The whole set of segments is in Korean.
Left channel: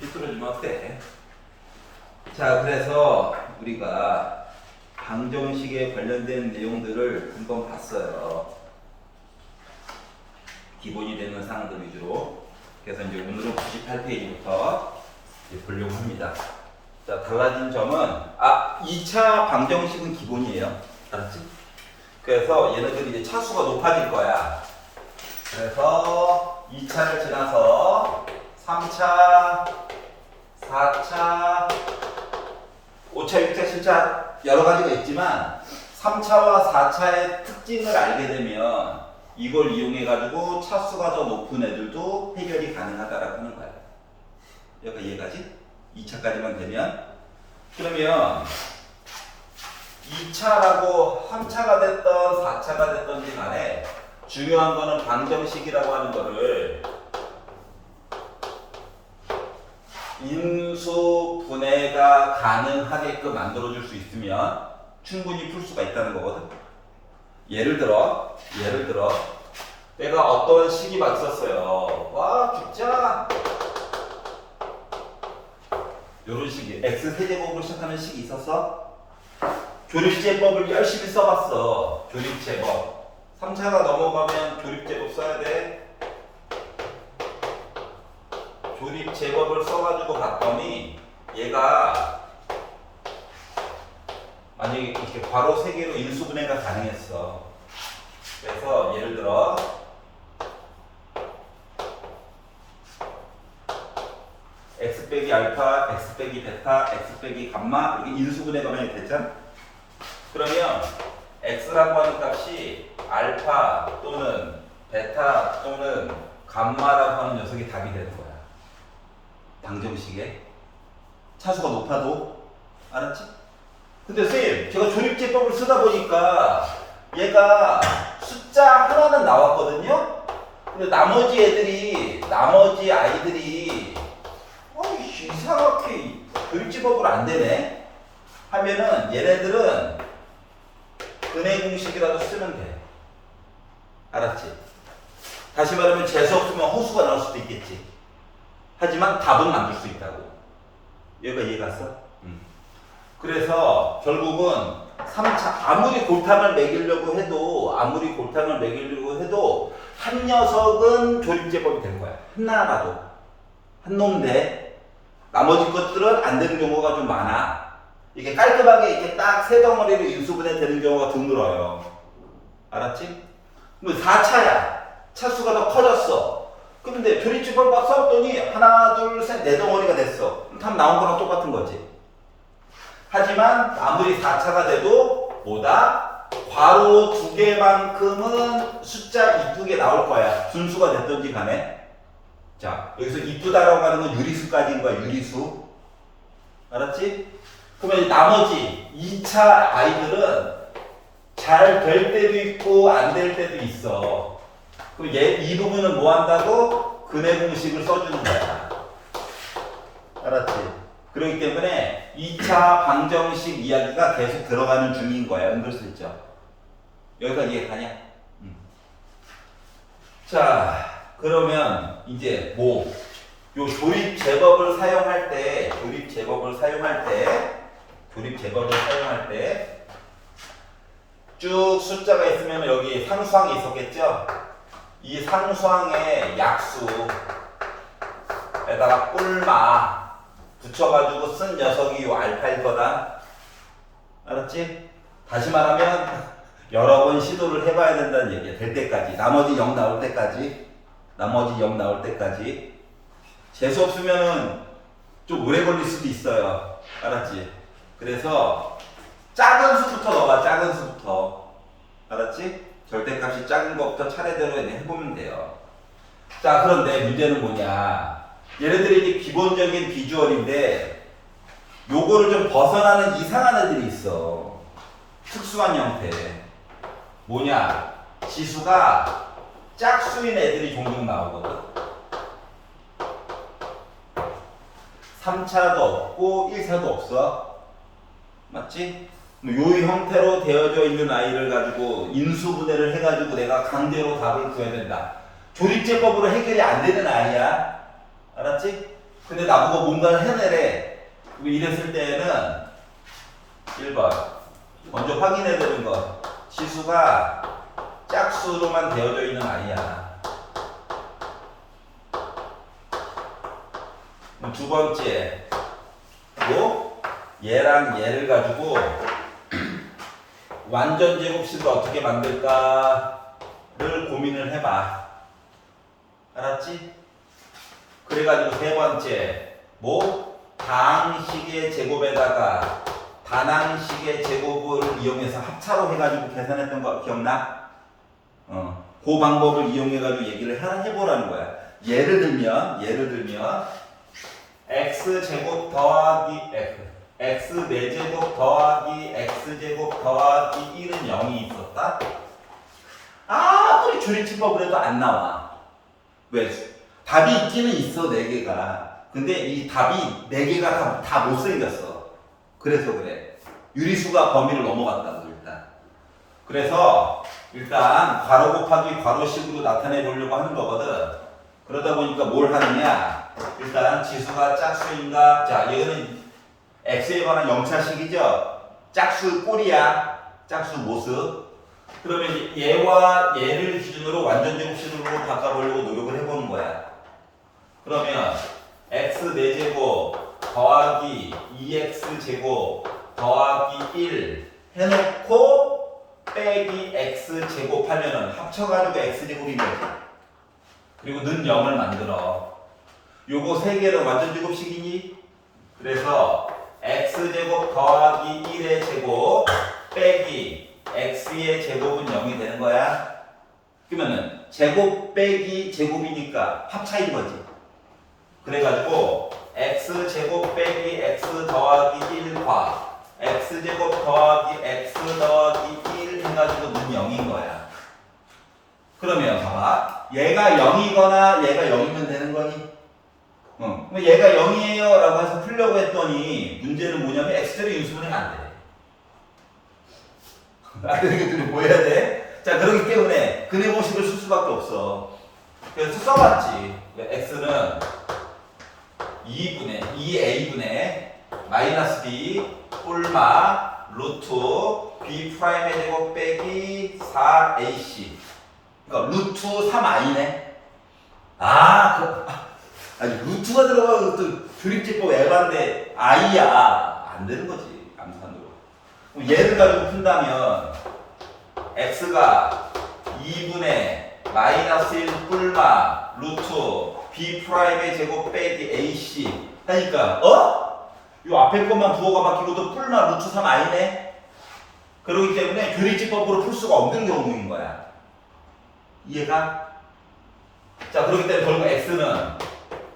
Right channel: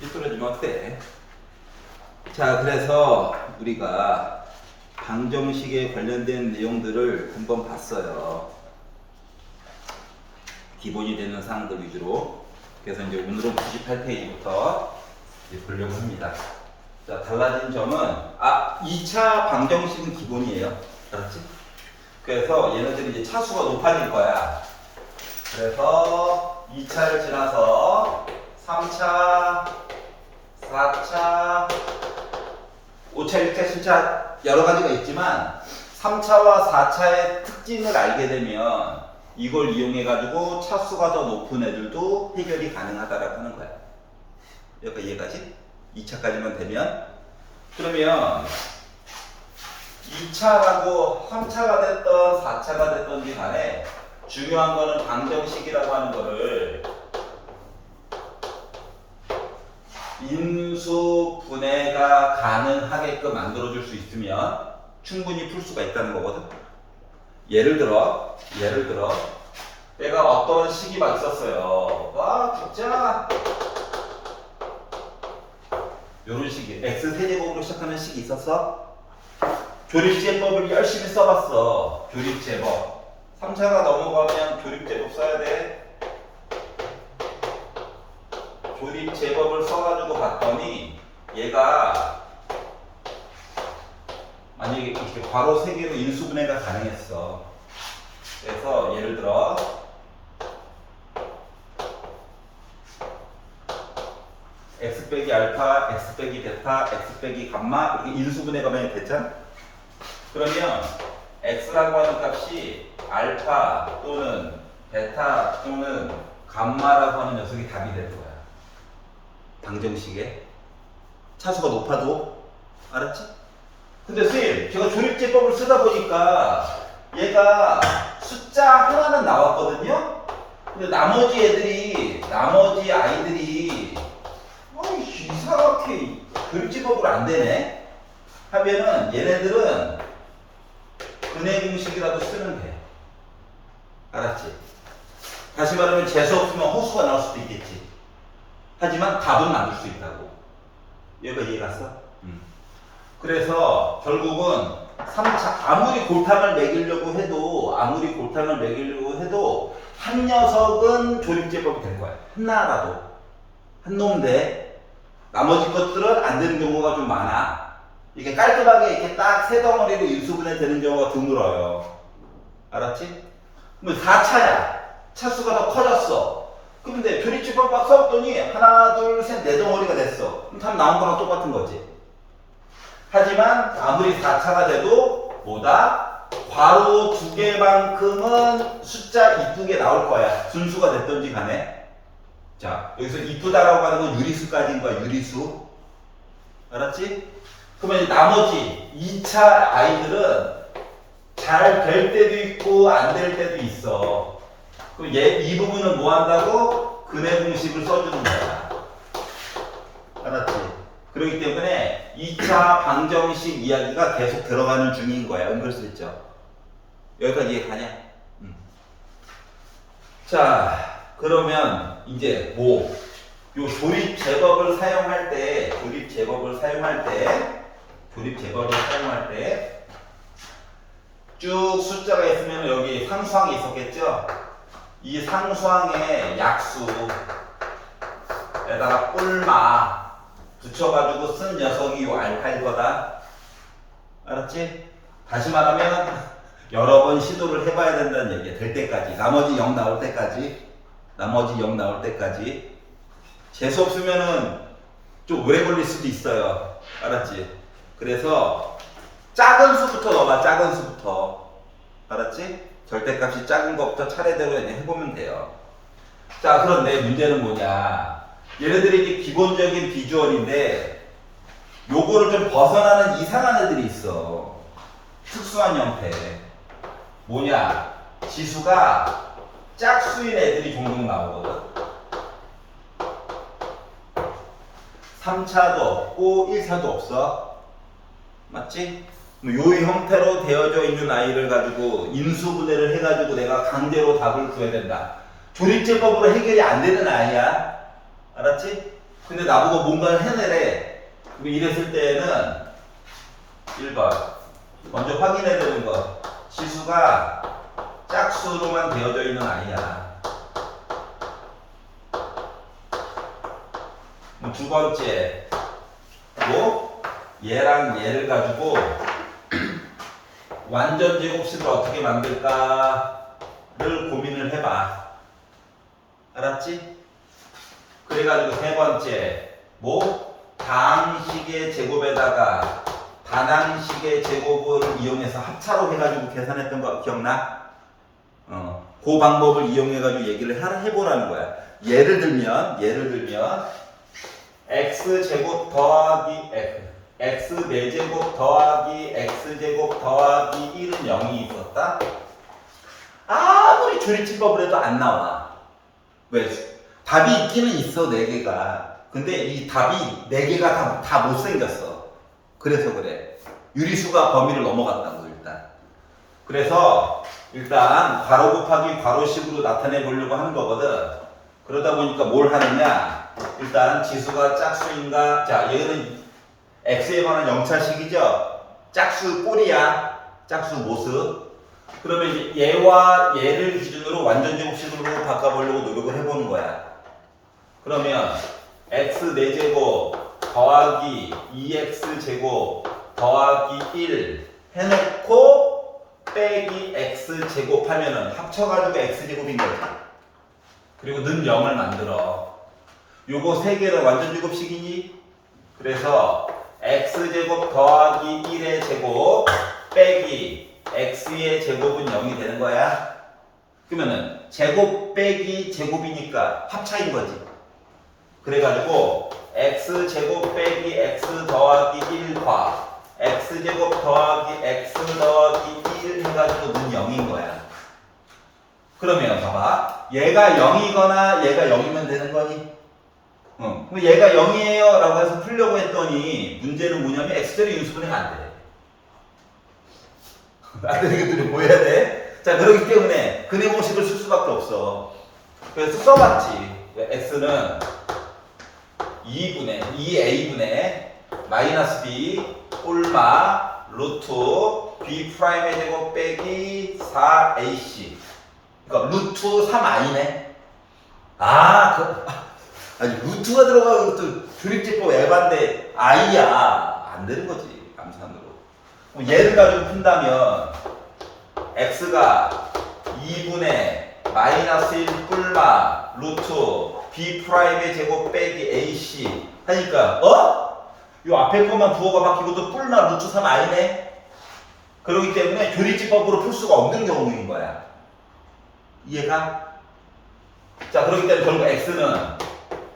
삐뚤어지면 어때? 자, 그래서 우리가 방정식에 관련된 내용들을 한번 봤어요. 기본이 되는 사항들 위주로. 그래서 이제 오늘은 98페이지부터 보려고 합니다. 자, 달라진 점은 2차 방정식은 기본이에요. 알았지? 그래서 얘네들이 이제 차수가 높아질 거야. 그래서 2차를 지나서 3차, 4차, 5차, 6차, 7차 여러 가지가 있지만 3차와 4차의 특징을 알게 되면 이걸 이용해 가지고 차수가 더 높은 애들도 해결이 가능하다라고 하는 거야. 여기까지 이해가지? 2차까지만 되면. 그러면 2차하고 3차가 됐던 4차가 됐던지 간에 중요한 거는 방정식이라고 하는 거를 인수 분해가 가능하게끔 만들어줄 수 있으면 충분히 풀 수가 있다는 거거든. 예를 들어 내가 어떤 식이 막 있었어요. 와 죽자. 요런 식이 x 세제곱으로 시작하는 식이 있었어. 조립제법을 열심히 써봤어. 조립제법 3차가 넘어가면 조립제법 써야 돼. 조립제법을 써가지고 봤더니 얘가 만약에 이렇게 괄호 3개로 인수분해가 가능했어. 그래서 예를 들어 x 빼기 알파, x 빼기 베타, x 빼기 감마 이렇게 인수분해가 만약에 됐잖아. 그러면 x라고 하는 값이 알파 또는 베타 또는 감마라고 하는 녀석이 답이 되는 거야. 방정식에 차수가 높아도. 알았지? 근데 선생님 제가 조립제법을 쓰다 보니까 얘가 숫자 하나는 나왔거든요. 근데 나머지 아이들이 이상하게 조립제법을 안 되네 하면은 얘네들은 근해 공식이라도 쓰면 돼. 알았지? 다시 말하면 재수 없으면 허수가 나올 수도 있겠지. 하지만 답은 만들 수 있다고. 얘가 이해갔어? 그래서 결국은 3차 아무리 골탕을 먹이려고 해도 한 녀석은 조립제법이 되는 거야. 하나라도 한 놈인데 나머지 것들은 안 되는 경우가 좀 많아. 이게 깔끔하게 이렇게 딱 세 덩어리로 인수분해 되는 경우가 드물어요. 알았지? 그럼 4차야. 차수가 더 커졌어. 근데 조립제법 막 써봤더니 하나, 둘, 셋, 네 덩어리가 됐어. 그럼 답 나온 거랑 똑같은 거지. 하지만 아무리 4차가 돼도 뭐다? 괄호 2개만큼은 숫자 이쁘게 나올 거야. 순수가 됐던지 간에. 자, 여기서 이쁘다라고 하는 건 유리수까지인 거야. 유리수. 알았지? 그러면 이제 나머지 2차 아이들은 잘 될 때도 있고 안 될 때도 있어. 그럼 이 부분은 뭐 한다고? 근해 공식을 써주는 거야. 알았지? 그렇기 때문에 2차 방정식 이야기가 계속 들어가는 중인 거야. 은근슬쩍. 여기까지 이해가냐? 자, 그러면 이제 요 조립제법을 사용할 때 쭉 숫자가 있으면 여기 상수항이 있었겠죠? 이 상수항의 약수에다가 꿀마 붙여가지고 쓴 녀석이 요 알파일 거다. 알았지? 다시 말하면 여러 번 시도를 해봐야 된다는 얘기야. 될 때까지. 나머지 0 나올 때까지. 재수 없으면은 좀 오래 걸릴 수도 있어요. 알았지? 그래서 작은 수부터 넣어봐. 작은 수부터. 알았지? 절대값이 작은 것부터 차례대로 해보면 돼요. 자, 그런데 문제는 뭐냐? 얘네들이 이게 기본적인 비주얼인데 요거를 좀 벗어나는 이상한 애들이 있어. 특수한 형태. 뭐냐? 지수가 짝수인 애들이 종종 나오거든. 3차도 없고 1차도 없어. 맞지? 요 형태로 되어져 있는 아이를 가지고 인수분해를 해가지고 내가 강제로 답을 구해야 된다. 조립제법으로 해결이 안 되는 아이야. 알았지? 근데 나보고 뭔가를 해내래. 이랬을 때는 1번 먼저 확인해야 되는 거. 지수가 짝수로만 되어져 있는 아이야. 두 번째, 뭐 얘랑 얘를 가지고 완전 제곱식을 어떻게 만들까를 고민을 해봐. 알았지? 그래가지고 세 번째, 뭐 다항식의 제곱에다가 단항식의 제곱을 이용해서 합차로 해가지고 계산했던 거 기억나? 그 방법을 이용해가지고 얘기를 해보라는 거야. 예를 들면 x제곱 더하기 x 4제곱 더하기 x제곱 더하기 1은 0이 있었다. 아무리 조립집법을 해도 안 나와. 왜? 답이 있기는 있어, 4개가. 근데 이 답이 4개가 다 못생겼어. 그래서 그래. 유리수가 범위를 넘어갔다고, 일단. 그래서 일단 괄호 곱하기 괄호식으로 나타내 보려고 하는 거거든. 그러다 보니까 뭘 하느냐? 일단 지수가 짝수인가? 자, 얘는 x에 관한 영차식이죠. 짝수 꼴이야. 짝수 모습. 그러면 얘와 얘를 기준으로 완전 제곱식으로 바꿔보려고 노력을 해보는 거야. 그러면 x 4제곱 더하기 2x 제곱 더하기 1 해놓고 빼기 x제곱 하면은 합쳐가지고 x제곱인 거지. 그리고 는 0을 만들어. 요거 세 개는 완전 제곱식이니? 그래서 x제곱 더하기 1의 제곱 빼기 x의 제곱은 0이 되는 거야. 그러면은 제곱 빼기 제곱이니까 합차인 거지. 그래가지고 x제곱 빼기 x 더하기 1과 x제곱 더하기 x 더하기 1 해가지고 는 0인 거야. 그러면 봐봐. 얘가 0이거나 얘가 0이면 되는 거니? 그럼 얘가 0이에요 라고 해서 풀려고 했더니 문제는 뭐냐면 x제곱 인수분해가 안 돼. 안 되는 것들이 뭐 해야 돼? 자, 그렇기 때문에 근해 공식을 쓸 수밖에 없어. 그래서 써봤지. x는 2a분의 마이너스 b 꼴마 루트 b 프라임의 제곱 빼기 4ac. 그러니까 루트 3i네. 아니 루트가 들어가는 것도 조립제법 에반데 i야. 안 되는 거지. 암산으로. 그럼 얘를 가지고 푼다면 x가 2분의 마이너스 1 뿔마 루트 b 프라임의 제곱 빼기 ac 하니까 요 앞에 것만 부호가 바뀌고도 뿔마 루트 3i네. 그렇기 때문에 조립제법으로 풀 수가 없는 경우인 거야. 이해가? 자, 그렇기 때문에 결국 x는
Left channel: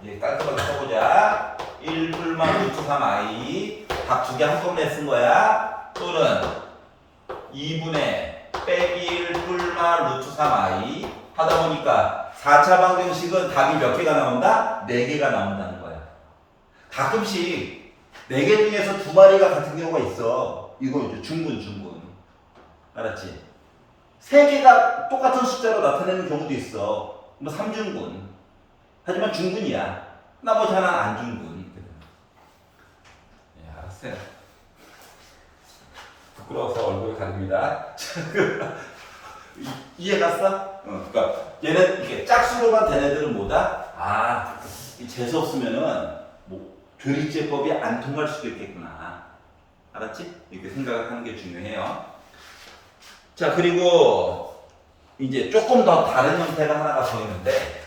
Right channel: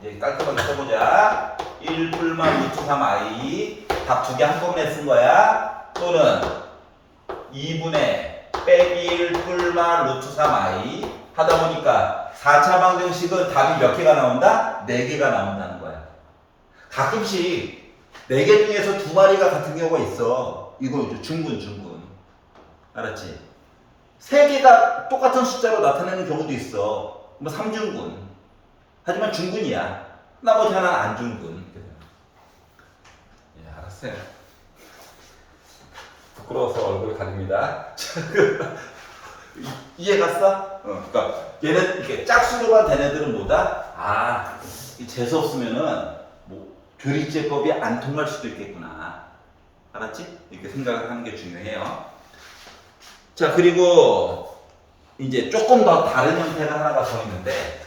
이제 깔끔하게 써보자. 1 뿔마 루트 3i 답 두 개 한꺼번에 쓴 거야. 또는 2분의 빼기 1 뿔마 루트 3i 하다 보니까 4차 방정식은 답이 몇 개가 나온다? 4개가 나온다는 거야. 가끔씩 4개 중에서 2마리가 같은 경우가 있어. 이거 이제 중분. 알았지? 3개가 똑같은 숫자로 나타내는 경우도 있어. 뭐 3중분. 하지만 중분이야. 나머지 하나는 안 중분. 예, 알았어요. 부끄러워서 얼굴 가립니다. 이해 갔어? 그러니까 얘네 이렇게 짝수로만 된 애들은 뭐다? 이 재수 없으면은 뭐 교리제법이 안 통할 수도 있겠구나. 알았지? 이렇게 생각을 하는 게 중요해요. 자, 그리고 이제 조금 더 다른 형태가 하나가 더 있는데,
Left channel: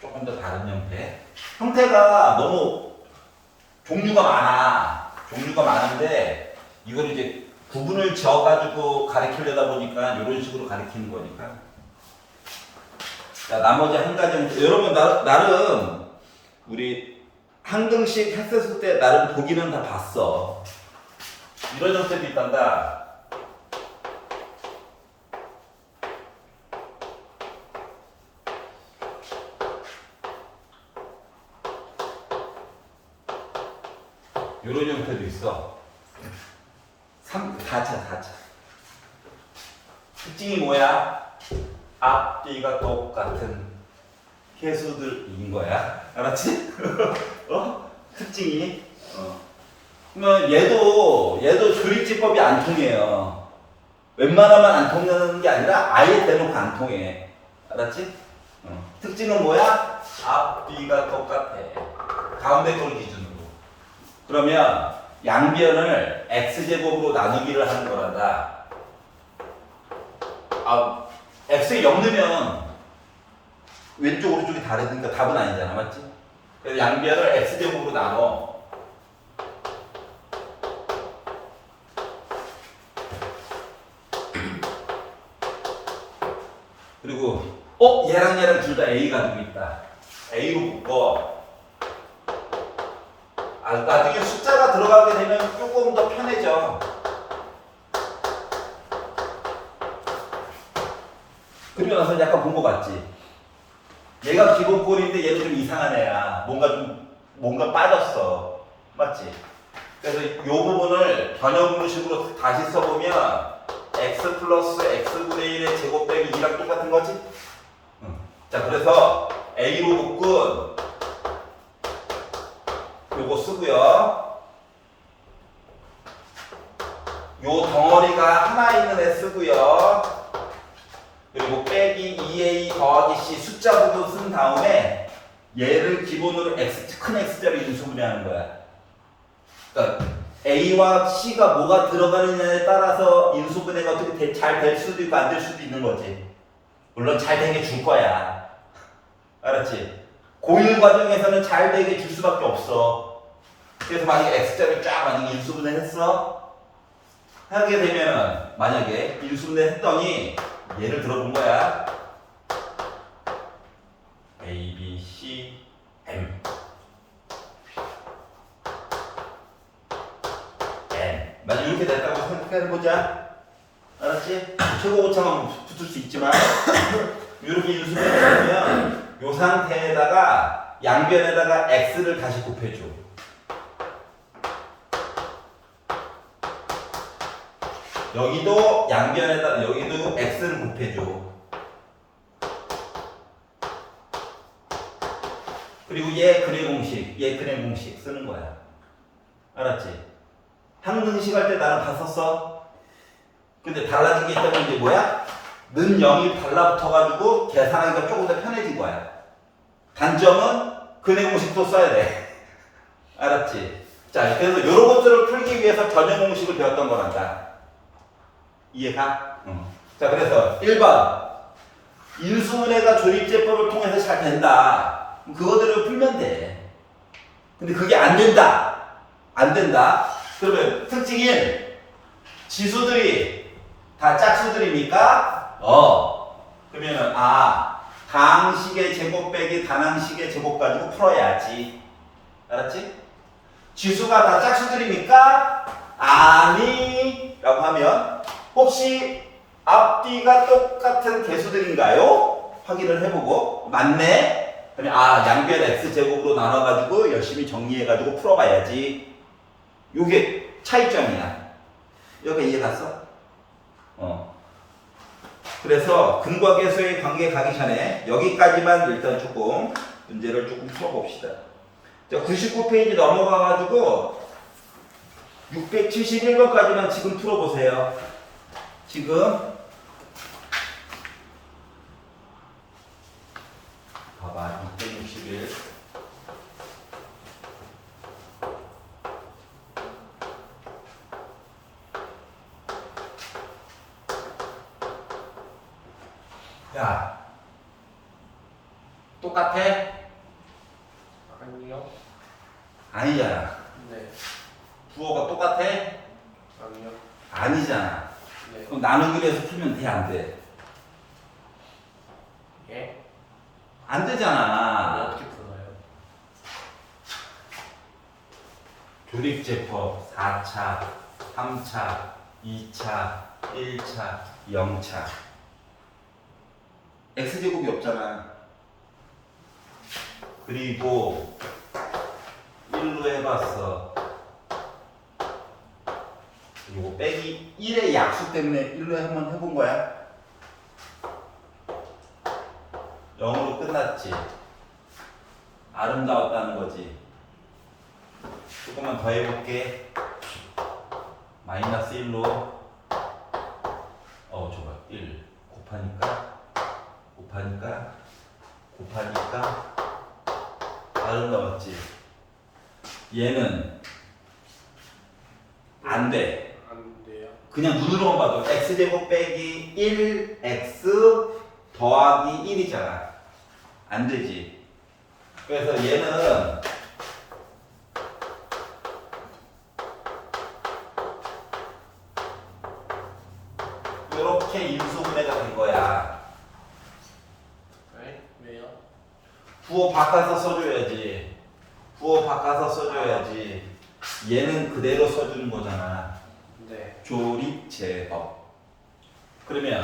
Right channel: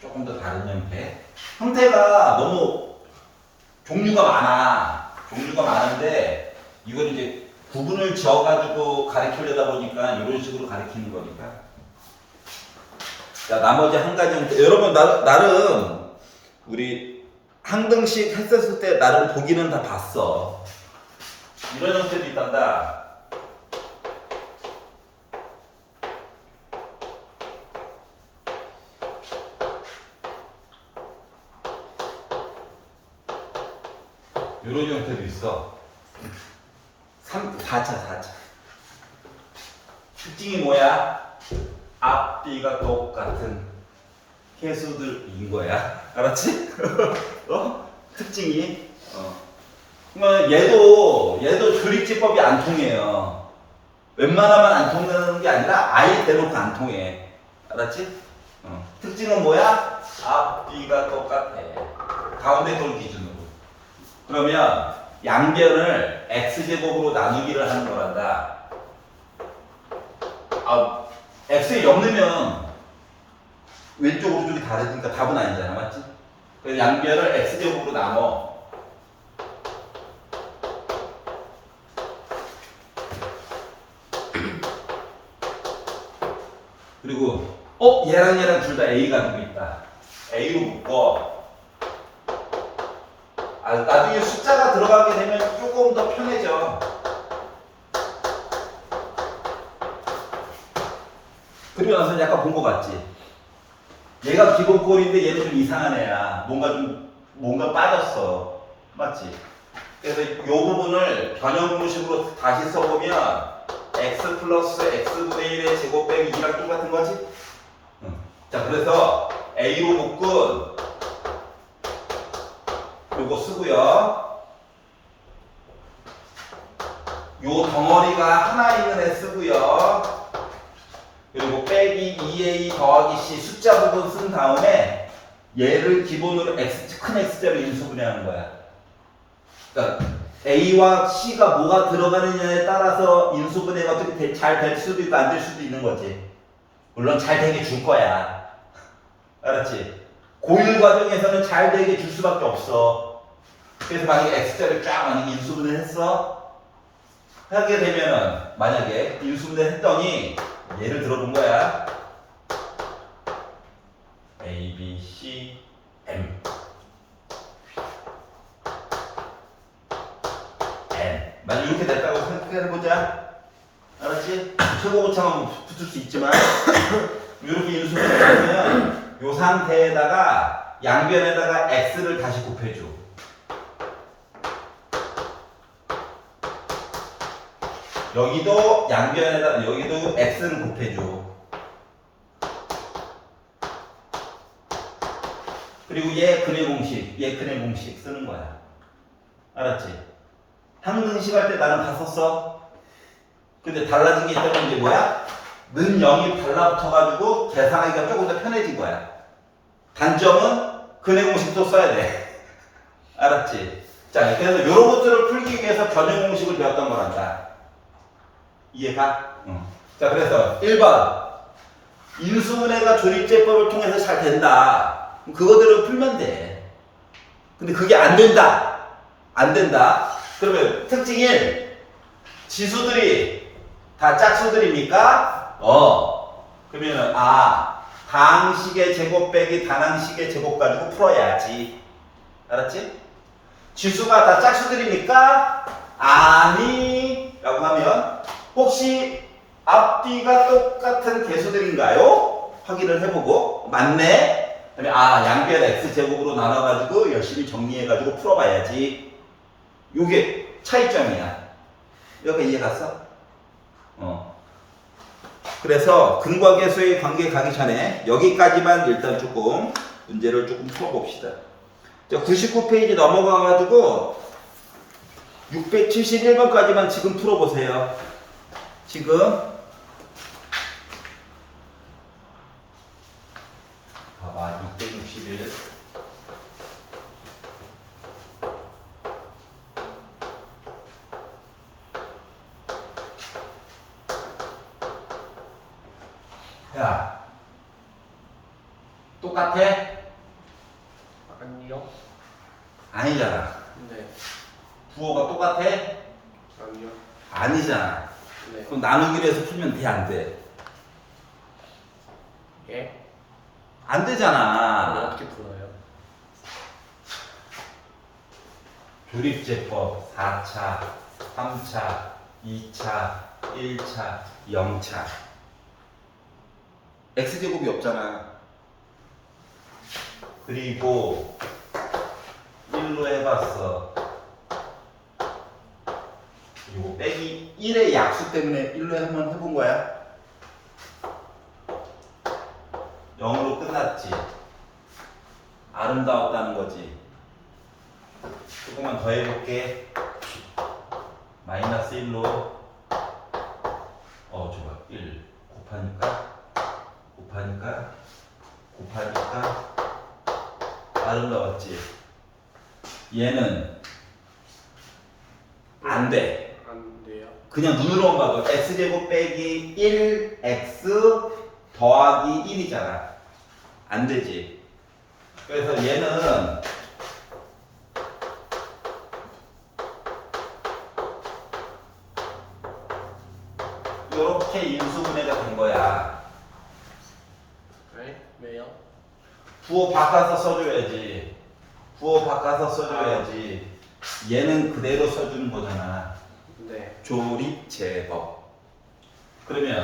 조금 더 다른 형태. 형태가 너무 종류가 많은데 이걸 이제 구분을 지어가지고 가리키려다 보니까 이런 식으로 가리키는 거니까. 자, 나머지 한 가지 형태. 여러분 나름 우리 항등식 했었을 때 나름 보기는 다 봤어. 이런 형태도 있단다. 이런 형태도 있어. 4차. 특징이 뭐야? 앞뒤가 똑같은 개수들인 거야. 알았지? 특징이. 그러면 얘도 조립제법이 안 통해요. 웬만하면 안 통하는 게 아니라 아예 대놓고 안 통해. 알았지? 특징은 뭐야? 앞뒤가 똑같아. 가운데 걸 기준으로. 그러면 양변을 x제곱으로 나누기를 하는 거란다. x에 0 넣으면 왼쪽 오른쪽이 다르니까 답은 아니잖아. 맞지? 그래서 양변을 x제곱으로 나눠. 그리고 얘랑 둘 다 A 가지고 있다. A로 묶어. 나중에 숫자가 들어가게 되면 조금 더 편해져. 그리고 나서 약간 본 거 같지? 얘가 기본꼴인데 얘는 좀 이상한 애야. 뭔가 빠졌어. 맞지? 그래서 이 부분을 변형분식으로 다시 써보면 x 플러스 x분의 1의 제곱 빼기 2랑 똑같은 거지? 자, 그래서 A로 묶은 요거 쓰고요. 요 덩어리가 하나 있는 애 쓰고요. 그리고 빼기 2a 더하기 c 숫자 부분 쓴 다음에 얘를 기본으로 큰 x자로 인수분해하는 거야. 그러니까 a와 c가 뭐가 들어가느냐에 따라서 인수분해가 어떻게 잘 될 수도 있고 안 될 수도 있는 거지. 물론 잘 되게 줄 거야. 알았지? 고일 과정에서는 잘 되게 줄 수밖에 없어. 그래서 만약에 x자를 쫙 만약에 인수분해 했어? 하게 되면은 만약에 인수분해 했더니 예를 들어본 거야. A, B, C, M N 만약 이렇게 됐다고 생각해보자. 알았지? 최고 고차만 붙을 수 있지만 이렇게 인수분해하면 이 상태에다가 양변에다가 x를 다시 곱해줘. 여기도 양변에다 여기도 x를 곱해줘. 그리고 얘 근의 공식, 얘 근의 공식 쓰는 거야. 알았지? 항등식 할 때 나는 다 썼어. 근데 달라진 게 있다면 이제 뭐야? 는 0이 달라붙어가지고 계산하기가 조금 더 편해진 거야. 단점은 근의 공식도 써야 돼. 알았지? 자, 그래서 이런 것들을 풀기 위해서 전형 공식을 배웠던 거란다. 이해가? 자, 그래서 1번 인수분해가 조립제법을 통해서 잘 된다. 그거대로 풀면 돼. 근데 그게 안 된다. 안 된다. 그러면 특징 1. 지수들이 다 짝수들입니까? 그러면은 다항식의 제곱 빼기 단항식의 제곱 가지고 풀어야지. 알았지? 지수가 다 짝수들입니까? 아니 라고 하면 혹시 앞뒤가 똑같은 개수들인가요? 확인을 해보고 맞네? 그러면 양변 x제곱으로 나눠가지고 열심히 정리해가지고 풀어봐야지. 요게 차이점이야. 여기 이해 갔어? 그래서 근과 계수의 관계 가기 전에 여기까지만 일단 조금 문제를 조금 풀어봅시다. 자, 99페이지 넘어가가지고 671번까지만 지금 풀어보세요. 지금 봐봐 661 야 똑같아? 아니요. 아니잖아. 네. 부호가 똑같아? 아니요. 아니잖아. 네. 그럼 나누기로 해서 풀면 돼, 안 돼? 예? 안 되잖아. 어떻게 풀어요? 조립제법 4차, 3차, 2차, 1차, 0차. x제곱이 없잖아. 그리고 1로 해봤어. 그리고 빼기 1의 약수 때문에 1로 한번 해본 거야. 0으로 끝났지. 아름다웠다는 거지. 조금만 더 해볼게. 마이너스 1로 좋아. 1 곱하니까 나름 넣었지. 얘는 안 돼. 안 돼요. 그냥 눈으로만 봐도 x제곱 빼기 1x 더하기 1이잖아. 안 되지. 그래서 얘는 이렇게 인수분해가 된 거야. 네? 왜요? 부호 바꿔서 써줘야지. 얘는 그대로 써주는 거잖아. 네. 조립제법. 그러면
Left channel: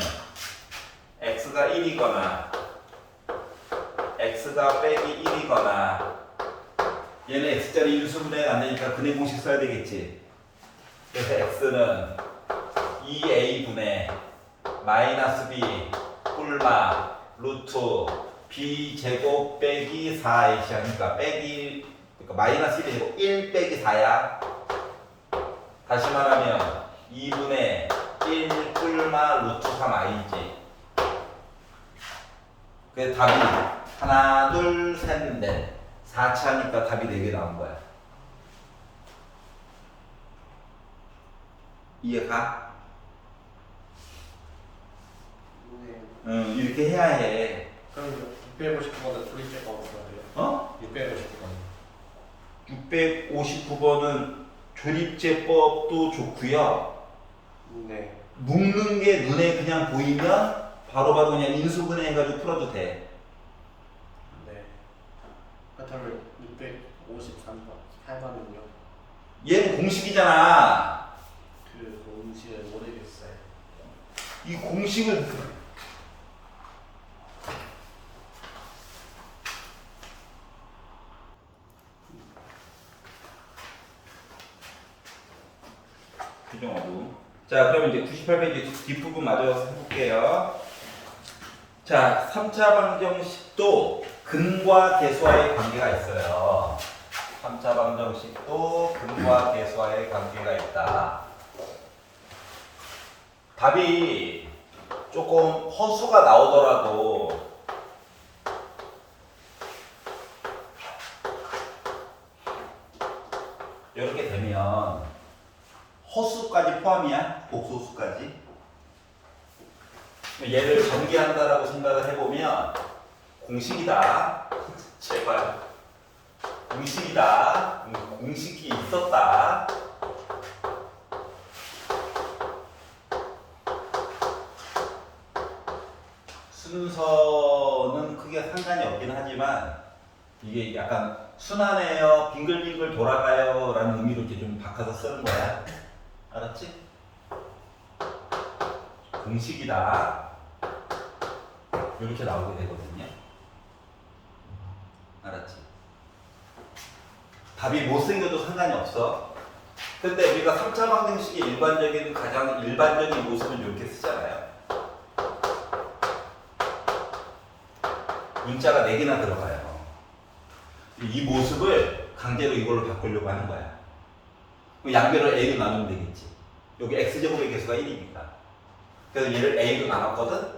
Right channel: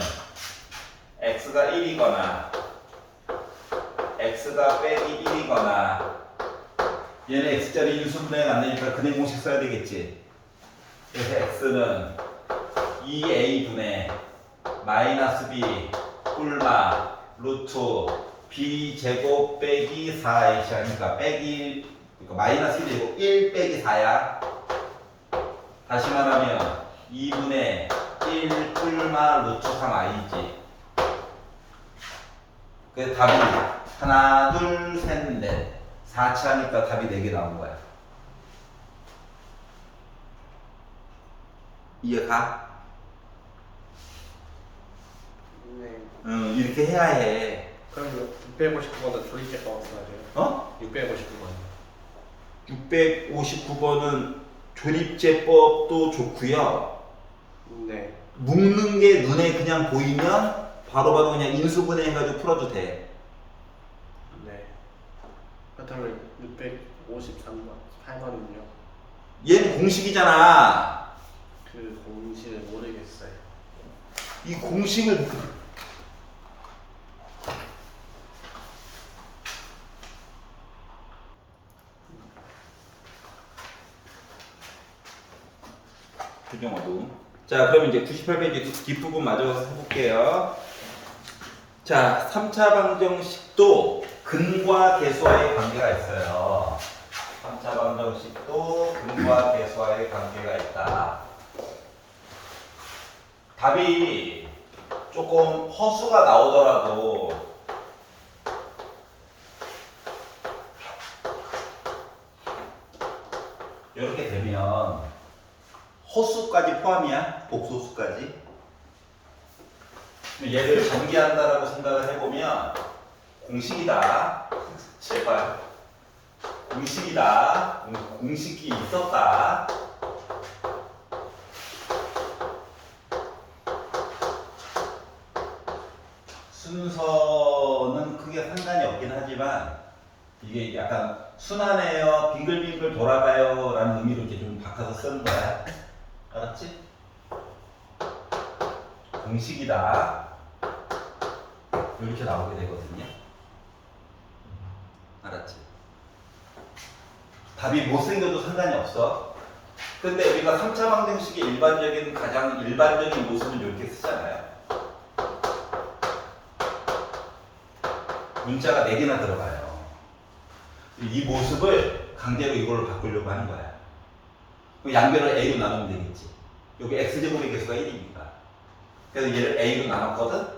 x가 1이거나 x가 빼기 1이거나 얘는 x자리 인수분해가 안 되니까 근해 공식 써야 되겠지. 그래서 x는 2a분의 마이너스 b 꿀마 루트 b 제곱 빼기 4ac 하니까 그러니까 마이너스 1이고 1 빼기 4야. 다시 말하면 2분의 1 꿀마 루트 3i지. 그래서 답이 하나 둘 셋 넷 4차니까 답이 4개 나온 거야. 이해가? 네. 이렇게 해야 해. 그럼 659번은 조립제법 써야 돼요? 어? 659번이요. 659번은 조립제법도 좋고요. 네. 묶는 게 눈에 그냥 보이면 바로바로 그냥 인수분해 해가지고 풀어도 돼. 네. 그렇다면 653번, 8번은요? 얘는 공식이잖아. 그 공식을 모르겠어요. 이 공식을 표정어둠. 자, 그럼 이제 98페이지 뒷부분 마저 해볼게요. 자, 3차 방정식도 근과 계수와의 관계가 있어요. 3차 방정식도 근과 계수와의 관계가 있다. 답이 조금 허수가 나오더라도 이렇게 되면 허수까지 포함이야? 복소수까지? 얘를 전개한다라고 생각을 해보면 공식이다. 제발. 공식이다. 공식이 있었다. 순서는 크게 상관이 없긴 하지만 이게 약간 순환해요, 빙글빙글 돌아가요 라는 의미로 이렇게 좀 바꿔서 쓰는 거야. 알았지? 공식이다. 이렇게 나오게 되거든요. 알았지? 답이 못생겨도 상관이 없어. 근데 우리가 3차 방정식의 가장 일반적인 모습은 이렇게 쓰잖아요. 문자가 4개나 들어가요. 이 모습을 강제로 이걸로 바꾸려고 하는 거야. 양변을 A로 나누면 되겠지. 여기 X제곱의 개수가 1이니까. 그래서 얘를 A로 나눴거든?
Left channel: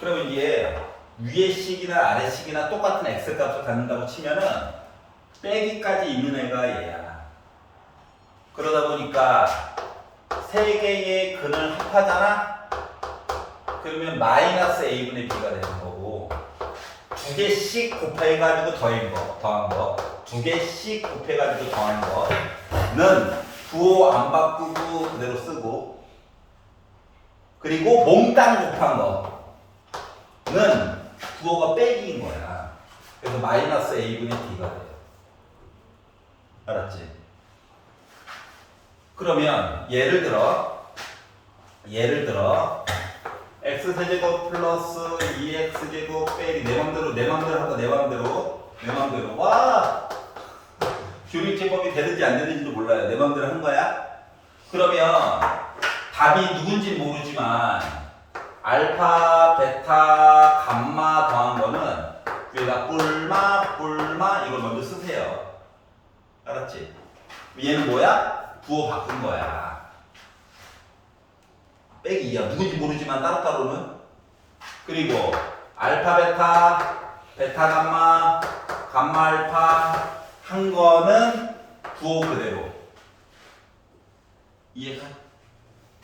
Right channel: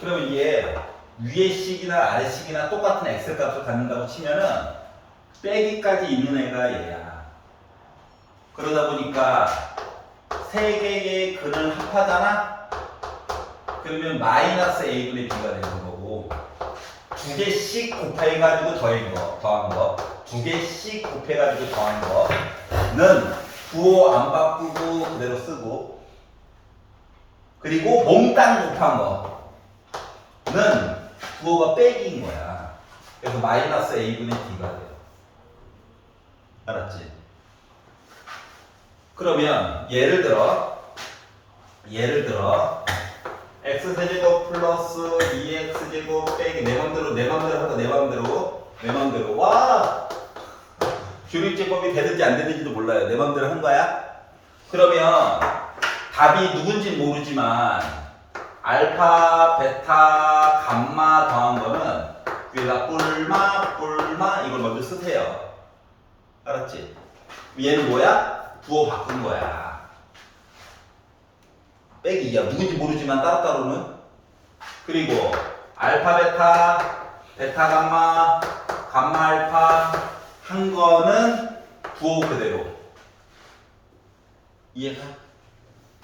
그러면 이게 위의 식이나 아래 식이나 똑같은 X 값을 갖는다고 치면은 빼기까지 있는 애가 얘야. 그러다 보니까 세 개의 근을 합하잖아? 그러면 마이너스 A분의 B가 되는 거고, 두 개씩 곱해가지고 더한 거, 두 개씩 곱해가지고 더한 거는 부호 안 바꾸고 그대로 쓰고, 그리고 몽땅 곱한 거는 부호가 빼기인 거야. 그래서 마이너스 A분의 B가 돼요. 알았지? 그러면 예를 들어 x세제곱 플러스 2x제곱 빼기 내 맘대로 와 조립제법이 되는지 안 되는지도 몰라요. 내 맘대로 한 거야. 그러면 답이 누군지 모르지만 알파, 베타, 감마 더한 거는 위에다 뿔마 이걸 먼저 쓰세요. 알았지? 얘는 뭐야? 부호 바꾼 거야. 빼기 2야. 누군지 모르지만 따로따로는. 그리고 알파, 베타, 베타, 감마, 감마, 알파 한 거는 부호 그대로. 이해가?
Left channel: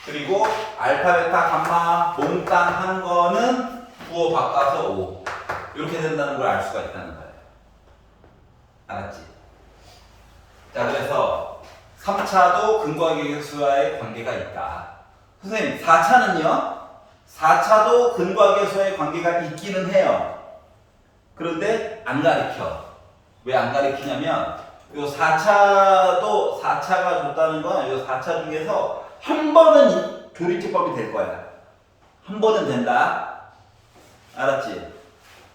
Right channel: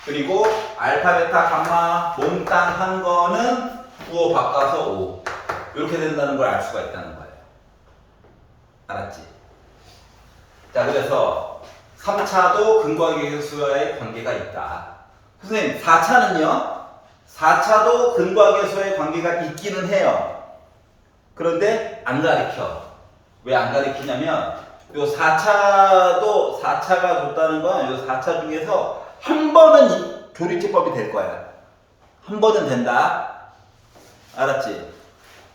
그리고 알파, 베타, 감마 몽땅 한 거는 부호 바꿔서 5. 이렇게 된다는 걸 알 수가 있다는 거예요. 알았지? 자, 그래서 3차도 근과 계수와의 관계가 있다. 선생님, 4차는요? 4차도 근과 계수와의 관계가 있기는 해요. 그런데 안 가르쳐. 왜 안 가르치냐면 요 4차도 4차가 줬다는 건 요 4차 중에서 한 번은 이 교리제법이 될 거야. 한 번은 된다. 알았지?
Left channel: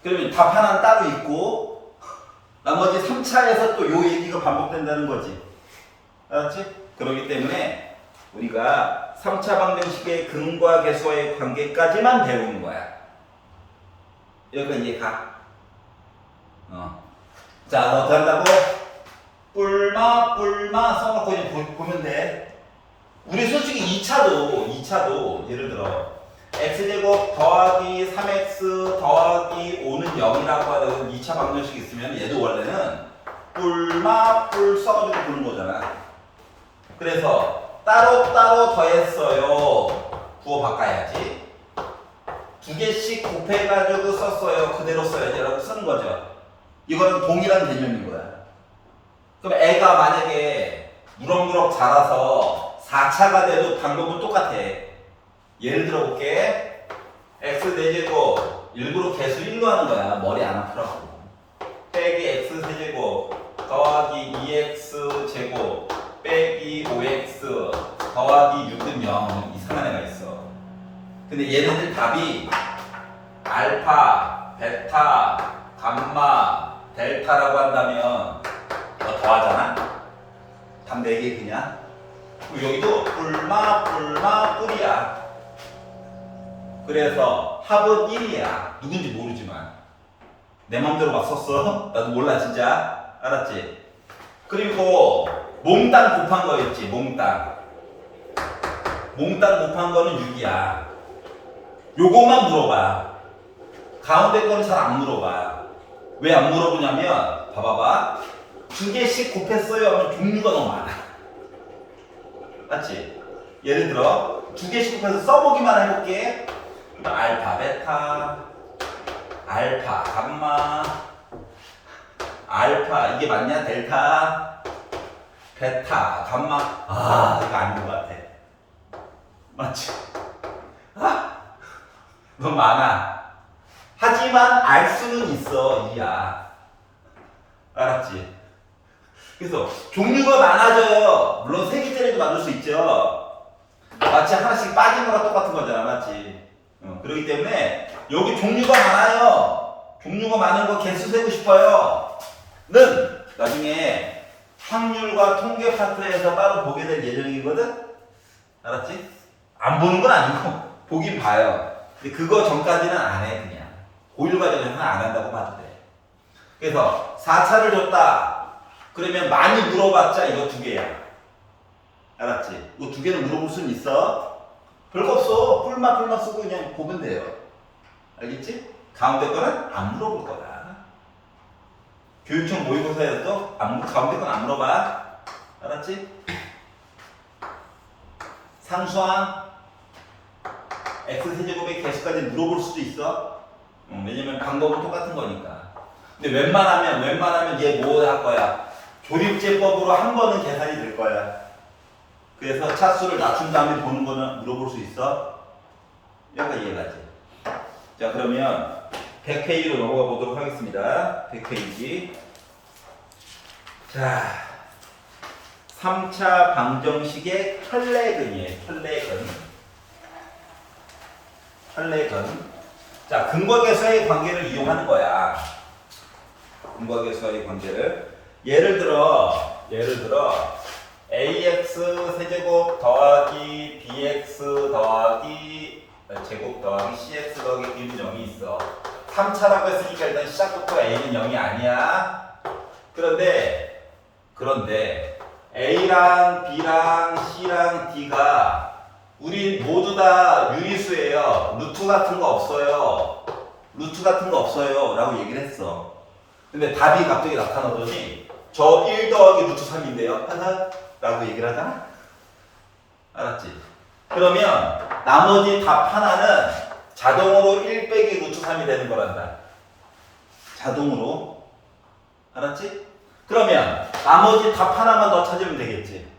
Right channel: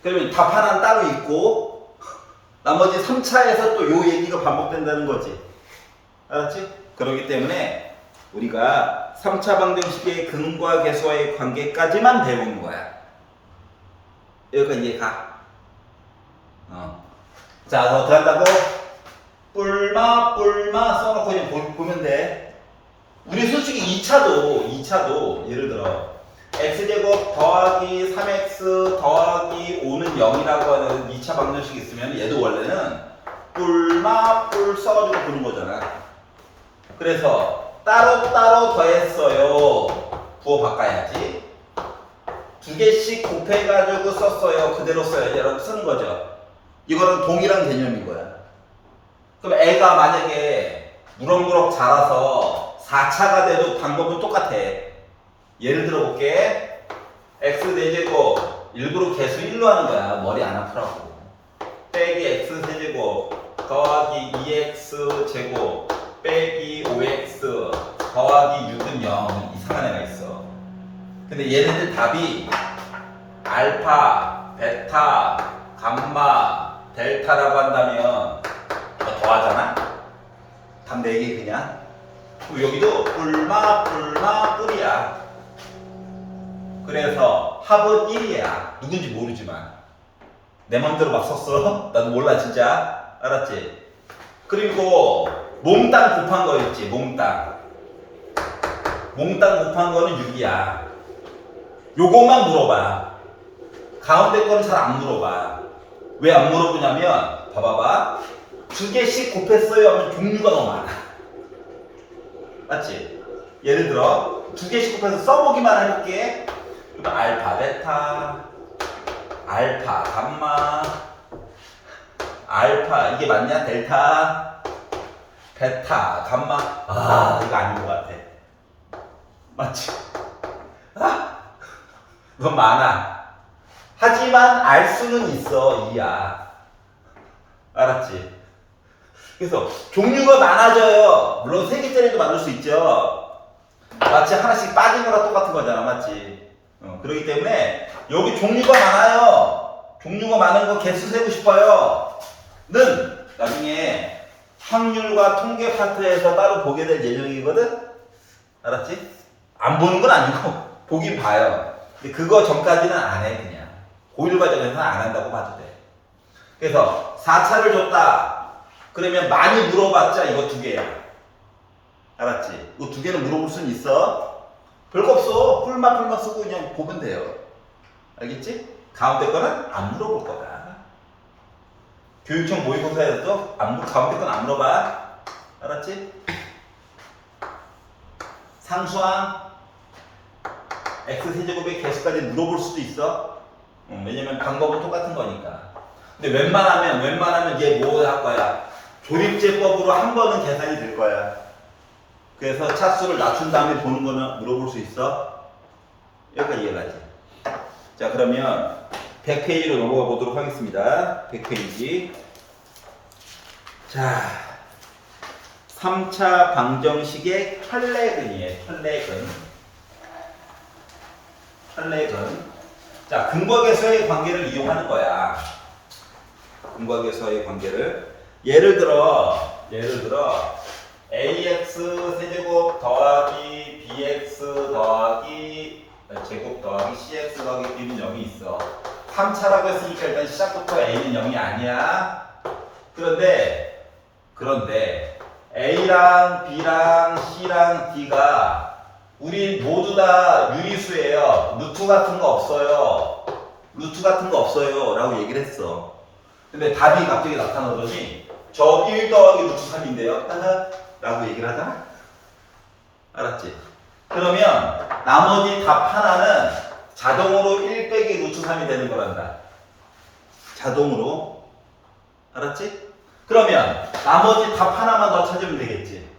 그러면 답 하나는 따로 있고 나머지 3차에서 또 요 얘기가 반복된다는 거지. 알았지? 그렇기 때문에 우리가 3차 방정식의 근과 계수와의 관계까지만 배우는 거야. 여기까지 이해가? 자, 어떻게 한다고? 뿔마 써놓고 그냥 보면 돼. 우리 솔직히 2차도 예를 들어 x제곱 더하기 3x 더하기 5는 0이라고 하는 2차 방정식이 있으면 얘도 원래는 뿔 써가지고 보는 거잖아. 그래서 따로따로 더했어요. 부호 바꿔야지. 두 개씩 곱해가지고 썼어요. 그대로 써야지 라고 쓰는 거죠. 이거는 동일한 개념인 거야. 그럼 애가 만약에 무럭무럭 자라서 4차가 돼도 방법은 똑같아. 예를 들어 볼게. x 4제곱 일부러 개수 1로 하는 거야. 머리 안 아프라고. 빼기 x 세제곱 더하기 2x 제곱 빼기 5x 더하기 6은 0. 이상한 애가 있어. 근데 얘네들 답이 알파, 베타, 감마, 델타라고 한다면 뭐 더하잖아? 답 4개 그냥. 그리고 여기도 뿔마 뿔이야. 그래서 합은 1이야. 누군지 모르지만 내 맘대로 막 썼어. 나도 몰라 진짜. 알았지? 그리고 몽땅 곱한 거 있지. 몽땅 곱한 거는 6이야. 요것만 물어봐. 가운데 거는 잘 안 물어봐. 왜 안 물어보냐면 봐봐봐. 2개씩 곱했어요 하면 종류가 너무 많아. 맞지? 예를 들어 2개씩 곱해서 써보기만 해볼게. 알파 베타, 알파 감마, 알파 이게 맞냐? 델타, 베타 감마. 아 이거 아닌 것 같아. 맞지? 아 너무 많아. 하지만 알 수는 있어. 이야. 알았지? 그래서 종류가 많아져요. 물론 3개짜리도 만들 수 있죠. 마치 하나씩 빠진 거랑 똑같은 거잖아. 맞지? 그렇기 때문에 여기 종류가 많아요. 종류가 많은 거 개수 세고 싶어요. 는 나중에 확률과 통계 파트에서 따로 보게 될 예정이거든. 알았지? 안 보는 건 아니고 보긴 봐요. 근데 그거 전까지는 안 해. 그냥 고1 과정에서는 안 한다고 봐도 돼. 그래서 4차를 줬다. 그러면 많이 물어봤자 이거 2개야. 알았지? 이거 2개는 물어볼 수는 있어. 별거 없어. 풀마 쓰고 그냥 보면 돼요. 알겠지? 가운데 거는 안 물어볼 거야. 교육청 모의고사에서도 가운데 건 안 물어봐. 알았지? 상수항 x세제곱의 개수까지 물어볼 수도 있어. 왜냐면 방법은 똑같은 거니까. 근데 웬만하면 얘 뭐 할 거야? 조립제법으로 한 번은 계산이 될 거야. 그래서 차수를 낮춘 다음에 보는 거는 물어볼 수 있어. 여기까지 이해가지. 자, 그러면 100페이지로 넘어가 보도록 하겠습니다. 100페이지. 자, 3차 방정식의 혈례근이에요. 혈례근. 자, 근과 계수의 관계를 이용하는 거야. 근과 계수의 관계를. 예를 들어 ax 세제곱 더하기 bx 더하기 제곱 더하기 cx 더하기 b는 0이 있어. 3차라고 했으니까 일단 시작부터 a는 0이 아니야. 그런데 a랑 b랑 c랑 d가 우리 모두 다 유리수예요. 루트 같은 거 없어요. 루트 같은 거 없어요 라고 얘기를 했어. 근데 답이 갑자기 나타나더니 저 1 더하기 루트 3인데요 하하 라고 얘기를 하잖아. 알았지? 그러면 나머지 답 하나는 자동으로 1 빼기 루트 3이 되는 거란다. 자동으로. 알았지? 그러면 나머지 답 하나만 더 찾으면 되겠지.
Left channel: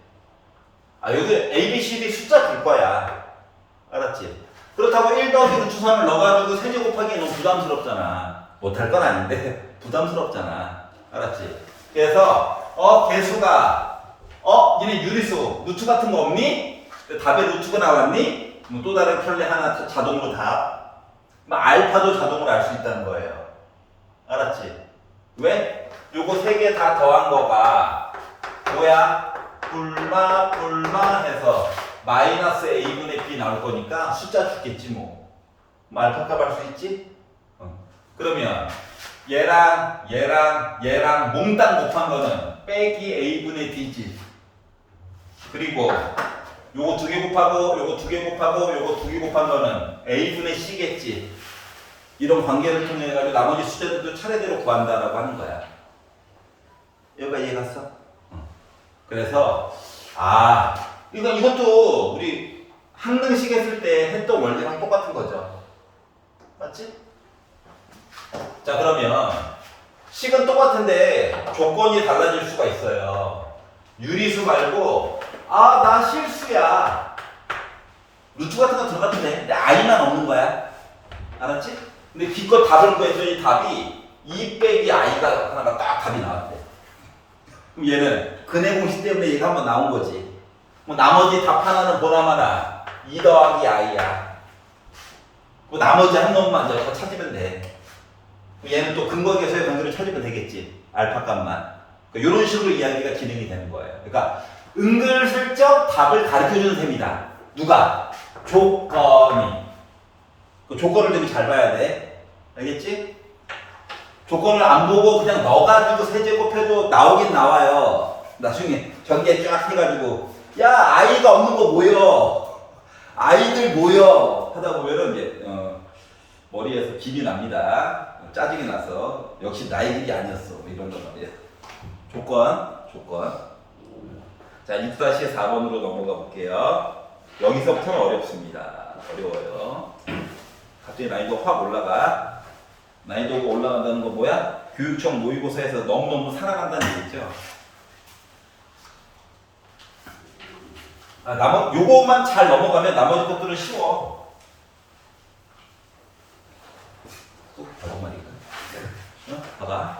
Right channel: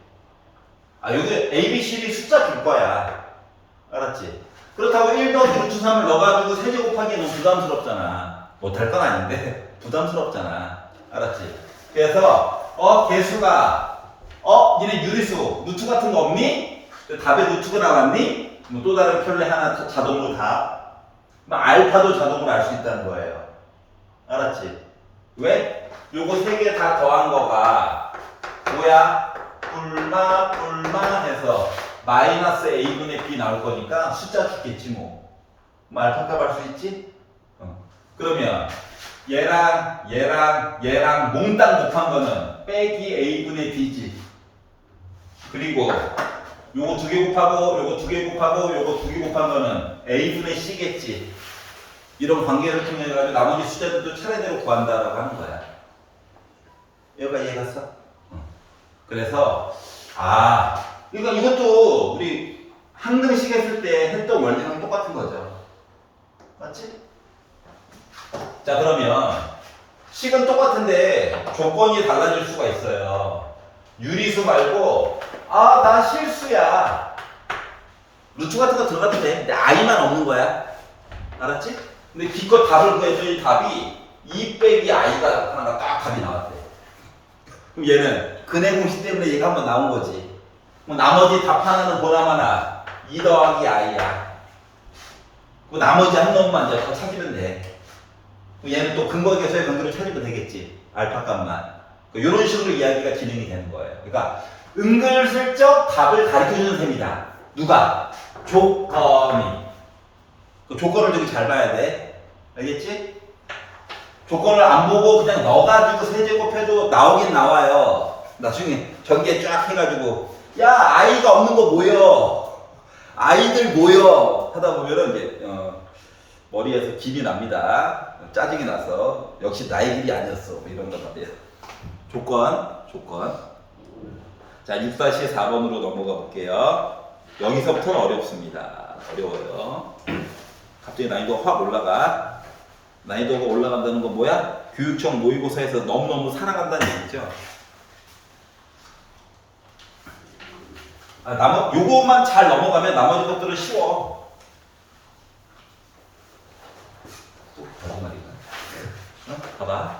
여기 A, B, C, D 숫자 줄 거야. 알았지? 그렇다고 1 더하기 루트 3을 넣어가지고 세제 곱하기 너무 부담스럽잖아. 못할 건 아닌데 부담스럽잖아. 알았지? 그래서 개수가 니네 유리수 루트 같은 거 없니? 답에 루트가 나왔니? 또 다른 켤레 하나 자동으로 답. 알파도 자동으로 알 수 있다는 거예요. 알았지? 왜? 요거 세 개 다 더한 거가 뭐야? 불마 해서 마이너스 a분의 b 나올 거니까 숫자 주겠지 뭐. 알파값 할 수 있지? 그러면 얘랑 몽땅 곱한 거는 빼기 a분의 b지. 그리고 요거 2개 곱하고 요거 2개 곱하고 요거 2개 곱한 거는 a분의 c겠지. 이런 관계를 통해 가지고 나머지 숫자들도 차례대로 구한다라고 하는 거야. 여기가 이해갔어? 그래서 이것도 우리 항등식 했을 때 했던 원리랑 똑같은 거죠. 맞지? 자, 그러면 식은 똑같은데 조건이 달라질 수가 있어요. 유리수 말고 나 실수야. 루트 같은 거 들어가도 돼. 근데 i만 없는 거야. 알았지? 근데 기껏 답을 구했더니 답이 2 빼기 i가 하나가 딱 답이 나왔대. 그럼 얘는 근해 공식 때문에 얘가 한번 나온 거지. 나머지 답 하나는 보나마나 2 더하기 i야. 나머지 한 놈만 이제 찾으면 돼. 얘는 또 근거계수의 관계로 찾으면 되겠지. 알파 값만. 이런 식으로 이야기가 진행이 되는 거예요. 그러니까 은근슬쩍 답을 가르쳐주는 셈이다. 누가? 조건이. 그 조건을 되게 잘 봐야 돼. 알겠지? 조건을 안 보고 그냥 넣어가지고 세제곱해도 나오긴 나와요. 나중에 전개 쫙 해가지고 야 아이가 없는 거 모여. 아이들 모여 하다 보면은 이제 머리에서 김이 납니다. 짜증이 나서 역시 나의 길이 아니었어. 이런 거 말이야. 조건. 자 6-4번으로 넘어가 볼게요. 여기서부터는 어렵습니다. 어려워요. 갑자기 난이도가 확 올라가. 난이도가 올라간다는 건 뭐야? 교육청 모의고사에서 너무너무 살아간다는 얘기죠. 요거만 잘 넘어가면 나머지 것들은 쉬워. 또 마지막이니까. 봐봐.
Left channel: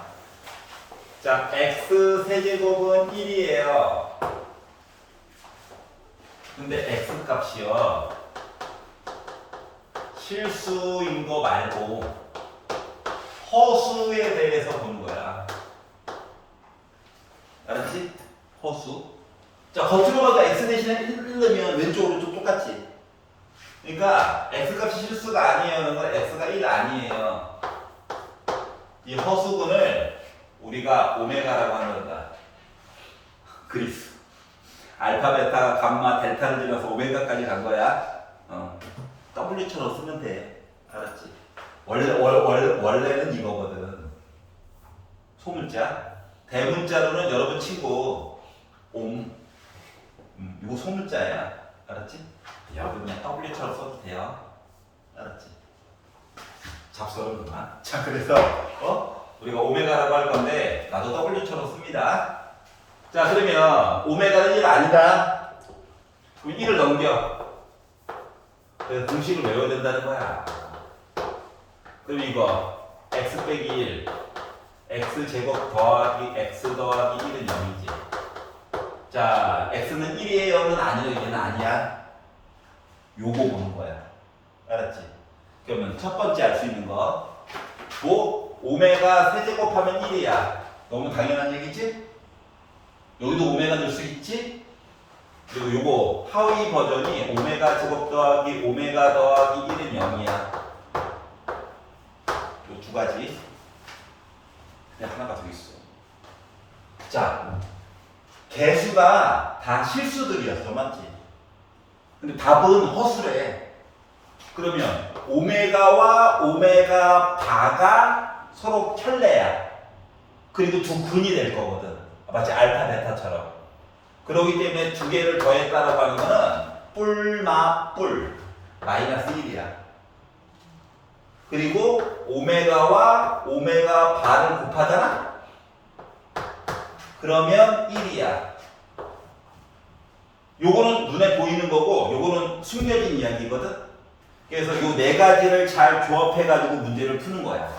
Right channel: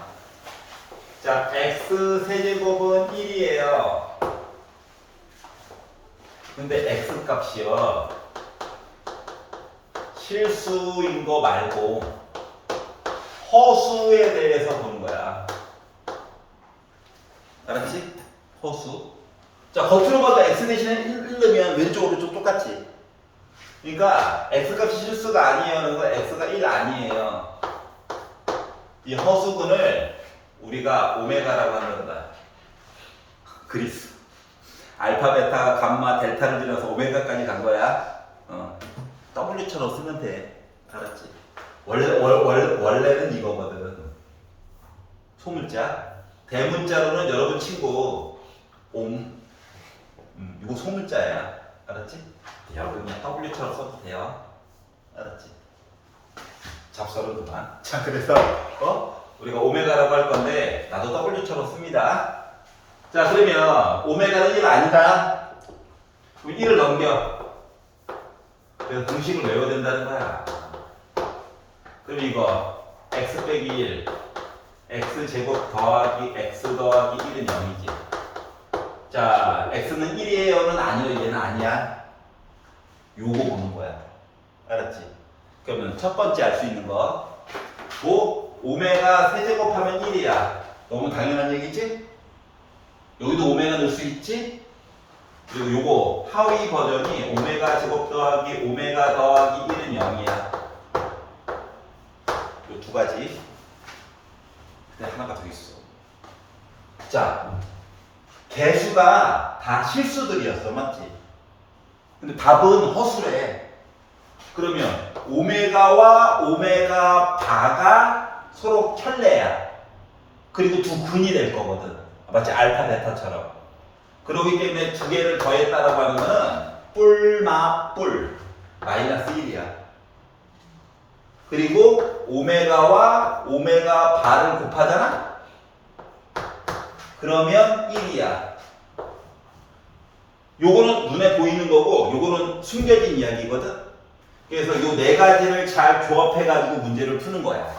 자, x 세제곱은 1이에요. 근데 x 값이요. 실수인 거 말고 허수에 대해서 보는 거야. 알았지? 허수. 자, 겉으로 봐도 x 대신에 1 넣으면 왼쪽 오른쪽 똑같지. 그러니까 x 값이 실수가 아니에요. 그래서 x가 1 아니에요. 이 허수근을 우리가 오메가라고 한단다. 그리스. 알파, 베타, 감마, 델타를 줄여서 오메가까지 간 거야. W처럼 쓰면 돼. 알았지? 원래는 이거거든. 소문자. 대문자로는 여러분 친구 이거 소문자야. 알았지? 여러분 그냥 W처럼 써도 돼요. 알았지? 잡설은 그만. 자, 그래서 우리가 오메가라고 할 건데 나도 W처럼 씁니다. 자, 그러면 오메가는 1 아니다. 그럼 1을 넘겨. 그래서 공식을 외워야 된다는 거야. 그럼 이거 x 빼기 1 x 제곱 더하기 x 더하기 1은 0이지. 자, x는 1이에요는 아니야. 얘는 아니야. 요거 보는 거야. 알았지? 그러면 첫 번째 알 수 있는 거 오메가 세제곱하면 1이야. 너무 당연한 얘기지? 여기도 오메가 넣을 수 있지? 그리고 요거 하위 버전이 오메가 제곱 더하기 오메가 더하기 1은 0이야. 요 두 가지. 그냥 하나가 더 있어. 자, 개수가 다 실수들이었어, 맞지? 근데 답은 허술해. 그러면 오메가와 오메가 바가 서로 켤레야. 그리고 두 근이 될 거거든. 마치 알파 베타처럼. 그렇기 때문에 두 개를 더했다라고 하는 거는 뿔마 마이너스 1이야. 그리고 오메가와 오메가 바를 곱하잖아? 그러면 1이야. 요거는 눈에 보이는 거고 요거는 숨겨진 이야기거든. 그래서 요 네 가지를 잘 조합해가지고 문제를 푸는 거야.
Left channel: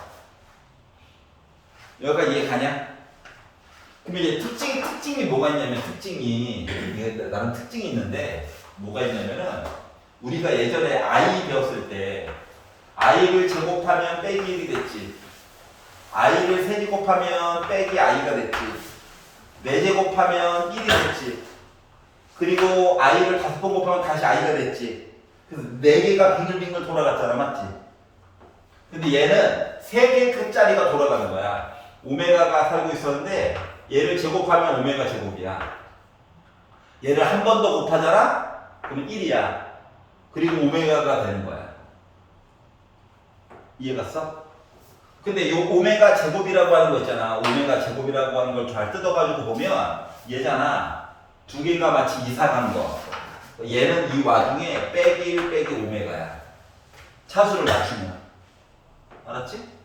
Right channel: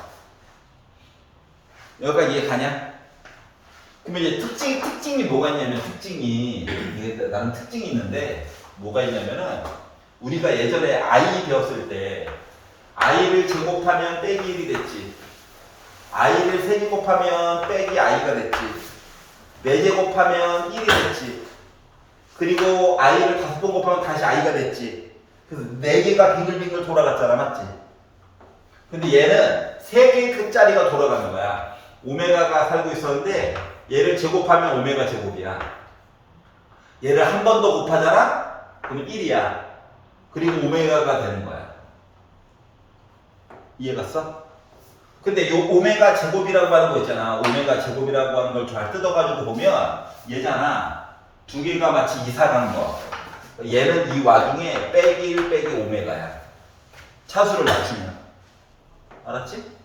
여기까지 이해 가냐? 그러면 이제 특징이 뭐가 있냐면 특징이 이게 나는 특징이 있는데 뭐가 있냐면은 우리가 예전에 i 배웠을 때 i를 제곱하면 빼기 1이 됐지. i를 세제곱하면 빼기 i가 됐지. 4제곱하면 1이 됐지. 그리고 i를 5번 곱하면 다시 i가 됐지. 그래서 4개가 빙글빙글 돌아갔잖아, 맞지? 근데 얘는 3개의 끝자리가 돌아가는 거야. 오메가가 살고 있었는데 얘를 제곱하면 오메가 제곱이야. 얘를 한 번 더 곱하잖아? 그러면 1이야. 그리고 오메가가 되는 거야. 이해갔어? 근데 요 오메가 제곱이라고 하는 거 있잖아. 오메가 제곱이라고 하는 걸 잘 뜯어가지고 보면 얘잖아. 두 개가 마치 이사 간 거. 얘는 이 와중에 빼기 1 빼기 오메가야. 차수를 맞추면. 알았지?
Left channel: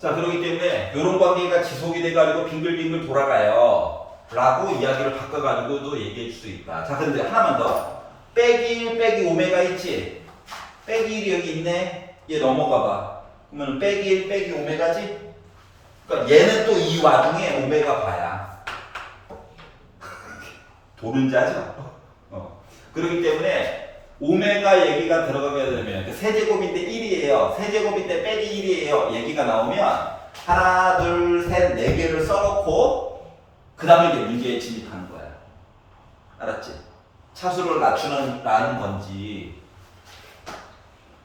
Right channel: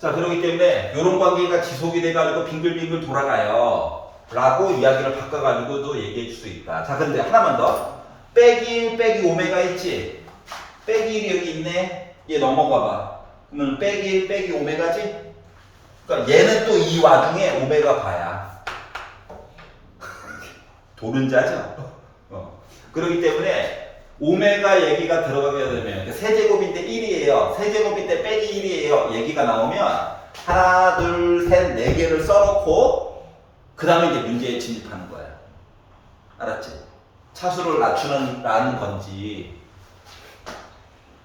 자, 그렇기 때문에 이런 관계가 지속이 돼가지고 빙글빙글 돌아가요. 라고 이야기를 바꿔가지고도 얘기해 줄 수 있다. 자, 근데 하나만 더. 빼기 1 빼기 오메가 있지? 빼기 1이 여기 있네. 얘 넘어가 봐. 그러면 빼기 1 빼기 오메가지? 그러니까 얘는 또 이 와중에 오메가 바야. 도른자죠? 그렇기 때문에 오메가 얘기가 들어가게 되면 세제곱인데 1이에요. 세제곱인데 빼기 1이에요. 얘기가 나오면 하나, 둘, 셋, 네 개를 써놓고 그 다음에 이제 문제에 진입하는 거야. 알았지? 차수를 낮추는 건지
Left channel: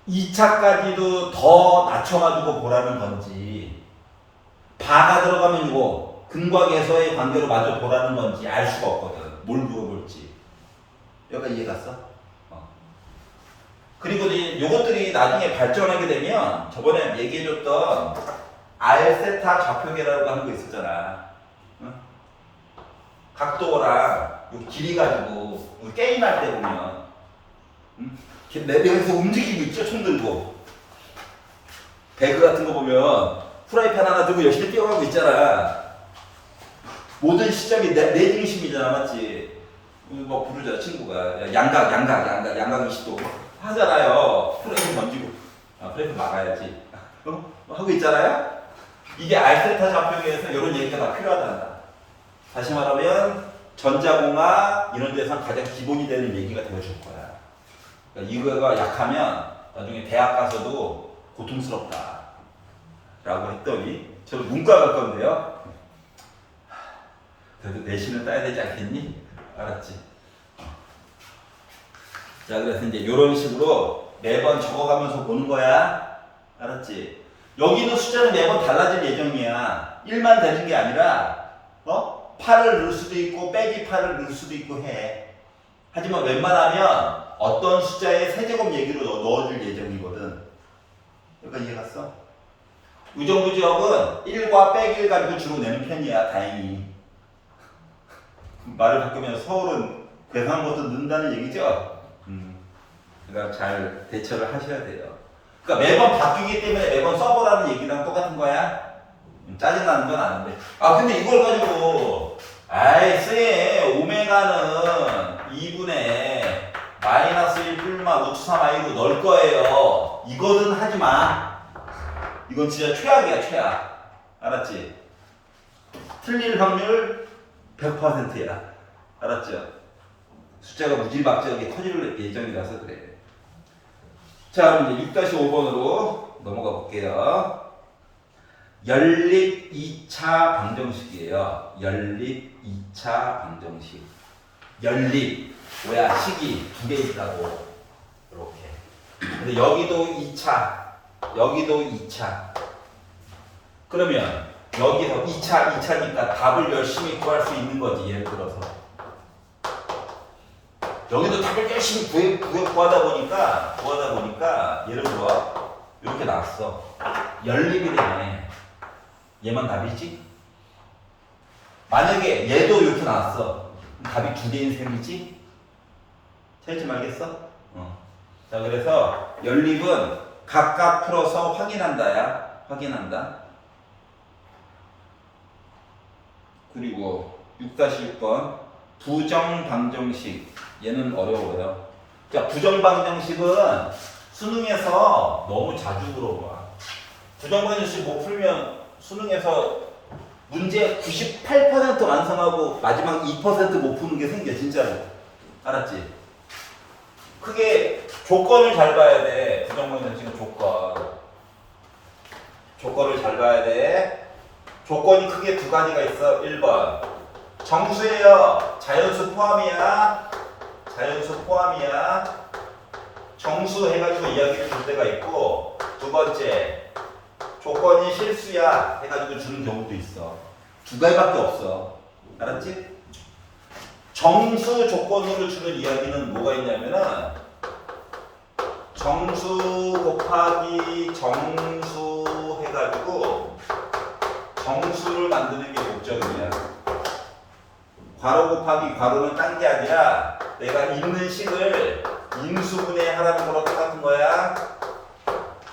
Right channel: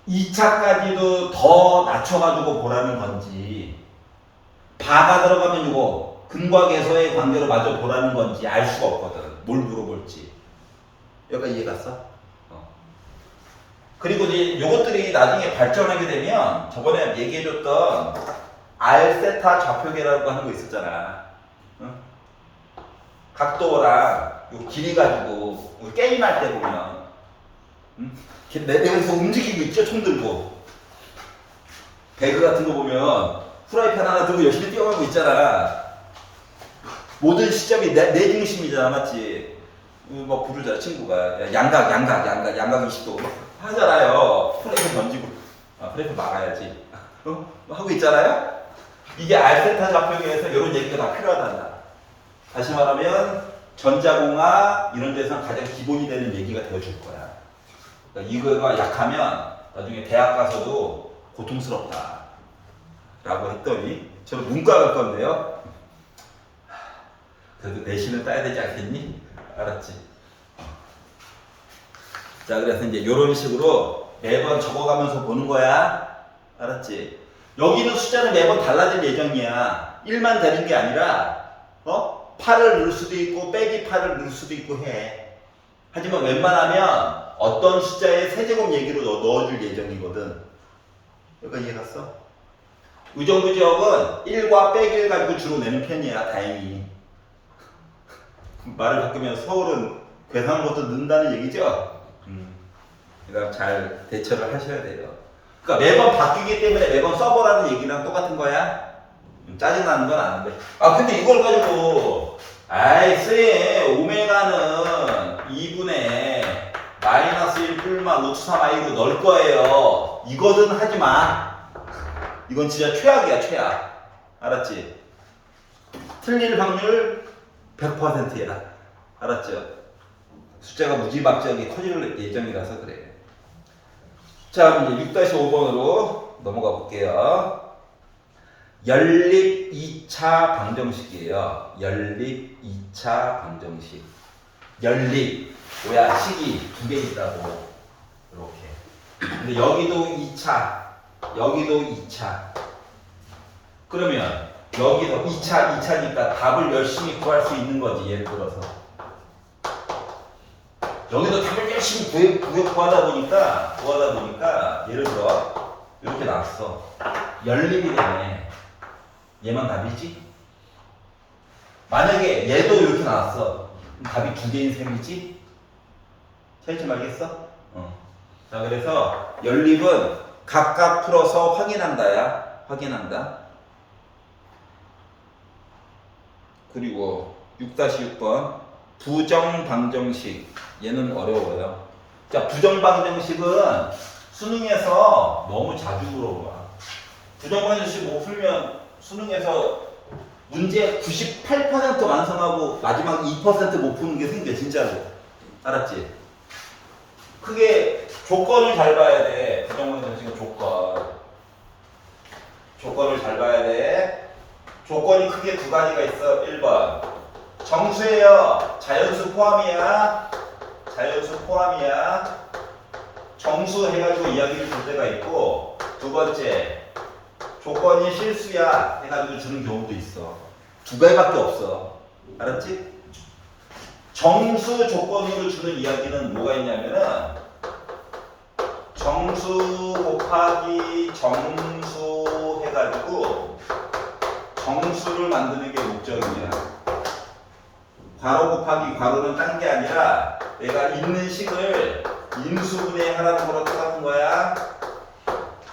2차까지도 더 낮춰가지고 보라는 건지 바가 들어가면 이거 근과 계소의 관계로 마저 보라는 건지 알 수가 없거든. 뭘 물어볼지. 여기가 이해 갔어? 그리고 이제 요것들이 나중에 발전하게 되면 저번에 얘기해줬던 알세타 좌표계라고 하는 거 있었잖아. 응? 각도랑 요 길이 가지고 우리 게임할 때 보면 응? 내면서 움직이고 있죠? 총 들고 배그 같은 거 보면 프라이팬 하나 들고 열심히 뛰어가고 있잖아. 모든 시점이 내 중심이잖아, 맞지? 뭐 부르자 친구가 양각 20도 하잖아요. 프레임 던지고 프레임 막아야지. 하고 있잖아요. 이게 알세타 좌표계에서 이런 얘기가 다 필요하단다. 다시 말하면 전자공학 이런 데서 가장 기본이 되는 얘기가 되어줄 거야. 그러니까 이거가 약하면 나중에 대학 가서도 고통스럽다 라고 했더니 저는 문과 갈 건데요. 그래도 내신은 따야 되지 않겠니? 알았지? 자, 그래서 이제 이런 식으로 매번 적어가면서 보는 거야. 알았지? 여기는 숫자는 매번 달라질 예정이야. 1만 되는 게 아니라 8을 넣을 수도 있고 빼기 8을 넣을 수도 있고 해. 하지만 웬만하면 어떤 숫자의 세제곱 얘기로 넣어줄 예정이거든. 여기까지 이해 갔어? 의정부지역은 1과 빼기를 가지고 주로 내는 편이야. 다행히. 말을 바꾸면 서울은 괴상한 것도 넣는다는 얘기죠? 그러니까 잘 대처를 하셔야 돼요. 그러니까 매번 바뀌기 때문에 매번 써보라는 얘기랑 똑같은 거야? 짜증나는 건 아는데. 근데 이걸 가지고 아이 쎄 오메가는 2분의 마이너스 1 뿔마 루트 3i로 넣을 거예요. 이거는 하지 마. 이건 진짜 최악이야, 최악. 알았지? 틀릴 확률 100%야. 알았죠? 숫자가 무지막지하게 커질 예정이라서 그래. 자, 그럼 이제 6-5번으로 넘어가 볼게요. 연립 2차 방정식이에요. 연립 2차 방정식. 연립, 뭐야, 식이 두 개 있다고. 이렇게. 근데 여기도 2차, 여기도 2차. 그러면 여기서 2차니까 답을 열심히 구할 수 있는 거지, 예를 들어서. 여기도 답을 열심히 구하다 보니까 예를 들어 이렇게 나왔어. 연립이 되네. 얘만 답이지? 만약에 얘도 이렇게 나왔어. 그럼 답이 두 개인 셈이지? 찾지 말겠어? 자, 그래서 연립은 각각 풀어서 확인한다야. 확인한다. 그리고 6-6번 부정방정식. 얘는 어려워요. 자, 부정방정식은 수능에서 너무 자주 물어봐. 부정방정식 못 풀면 수능에서 문제 98% 완성하고 마지막 2% 못 푸는 게 생겨, 진짜로. 알았지? 크게 조건을 잘 봐야 돼. 부정방정식은 조건을 잘 봐야 돼. 조건이 크게 두 가지가 있어. 1번 정수예요. 자연수 포함이야. 정수 해가지고 이야기를 줄 때가 있고, 두 번째 조건이 실수야 해가지고 주는 경우도 있어. 두 가지밖에 없어. 알았지? 정수 조건으로 주는 이야기는 뭐가 있냐면은 정수 곱하기 정수 해가지고 정수를 만드는 게 목적이야. 괄호 곱하기 괄호는 딴 게 아니라 내가 있는 식을 인수분해 하라는 거랑 똑같은 거야.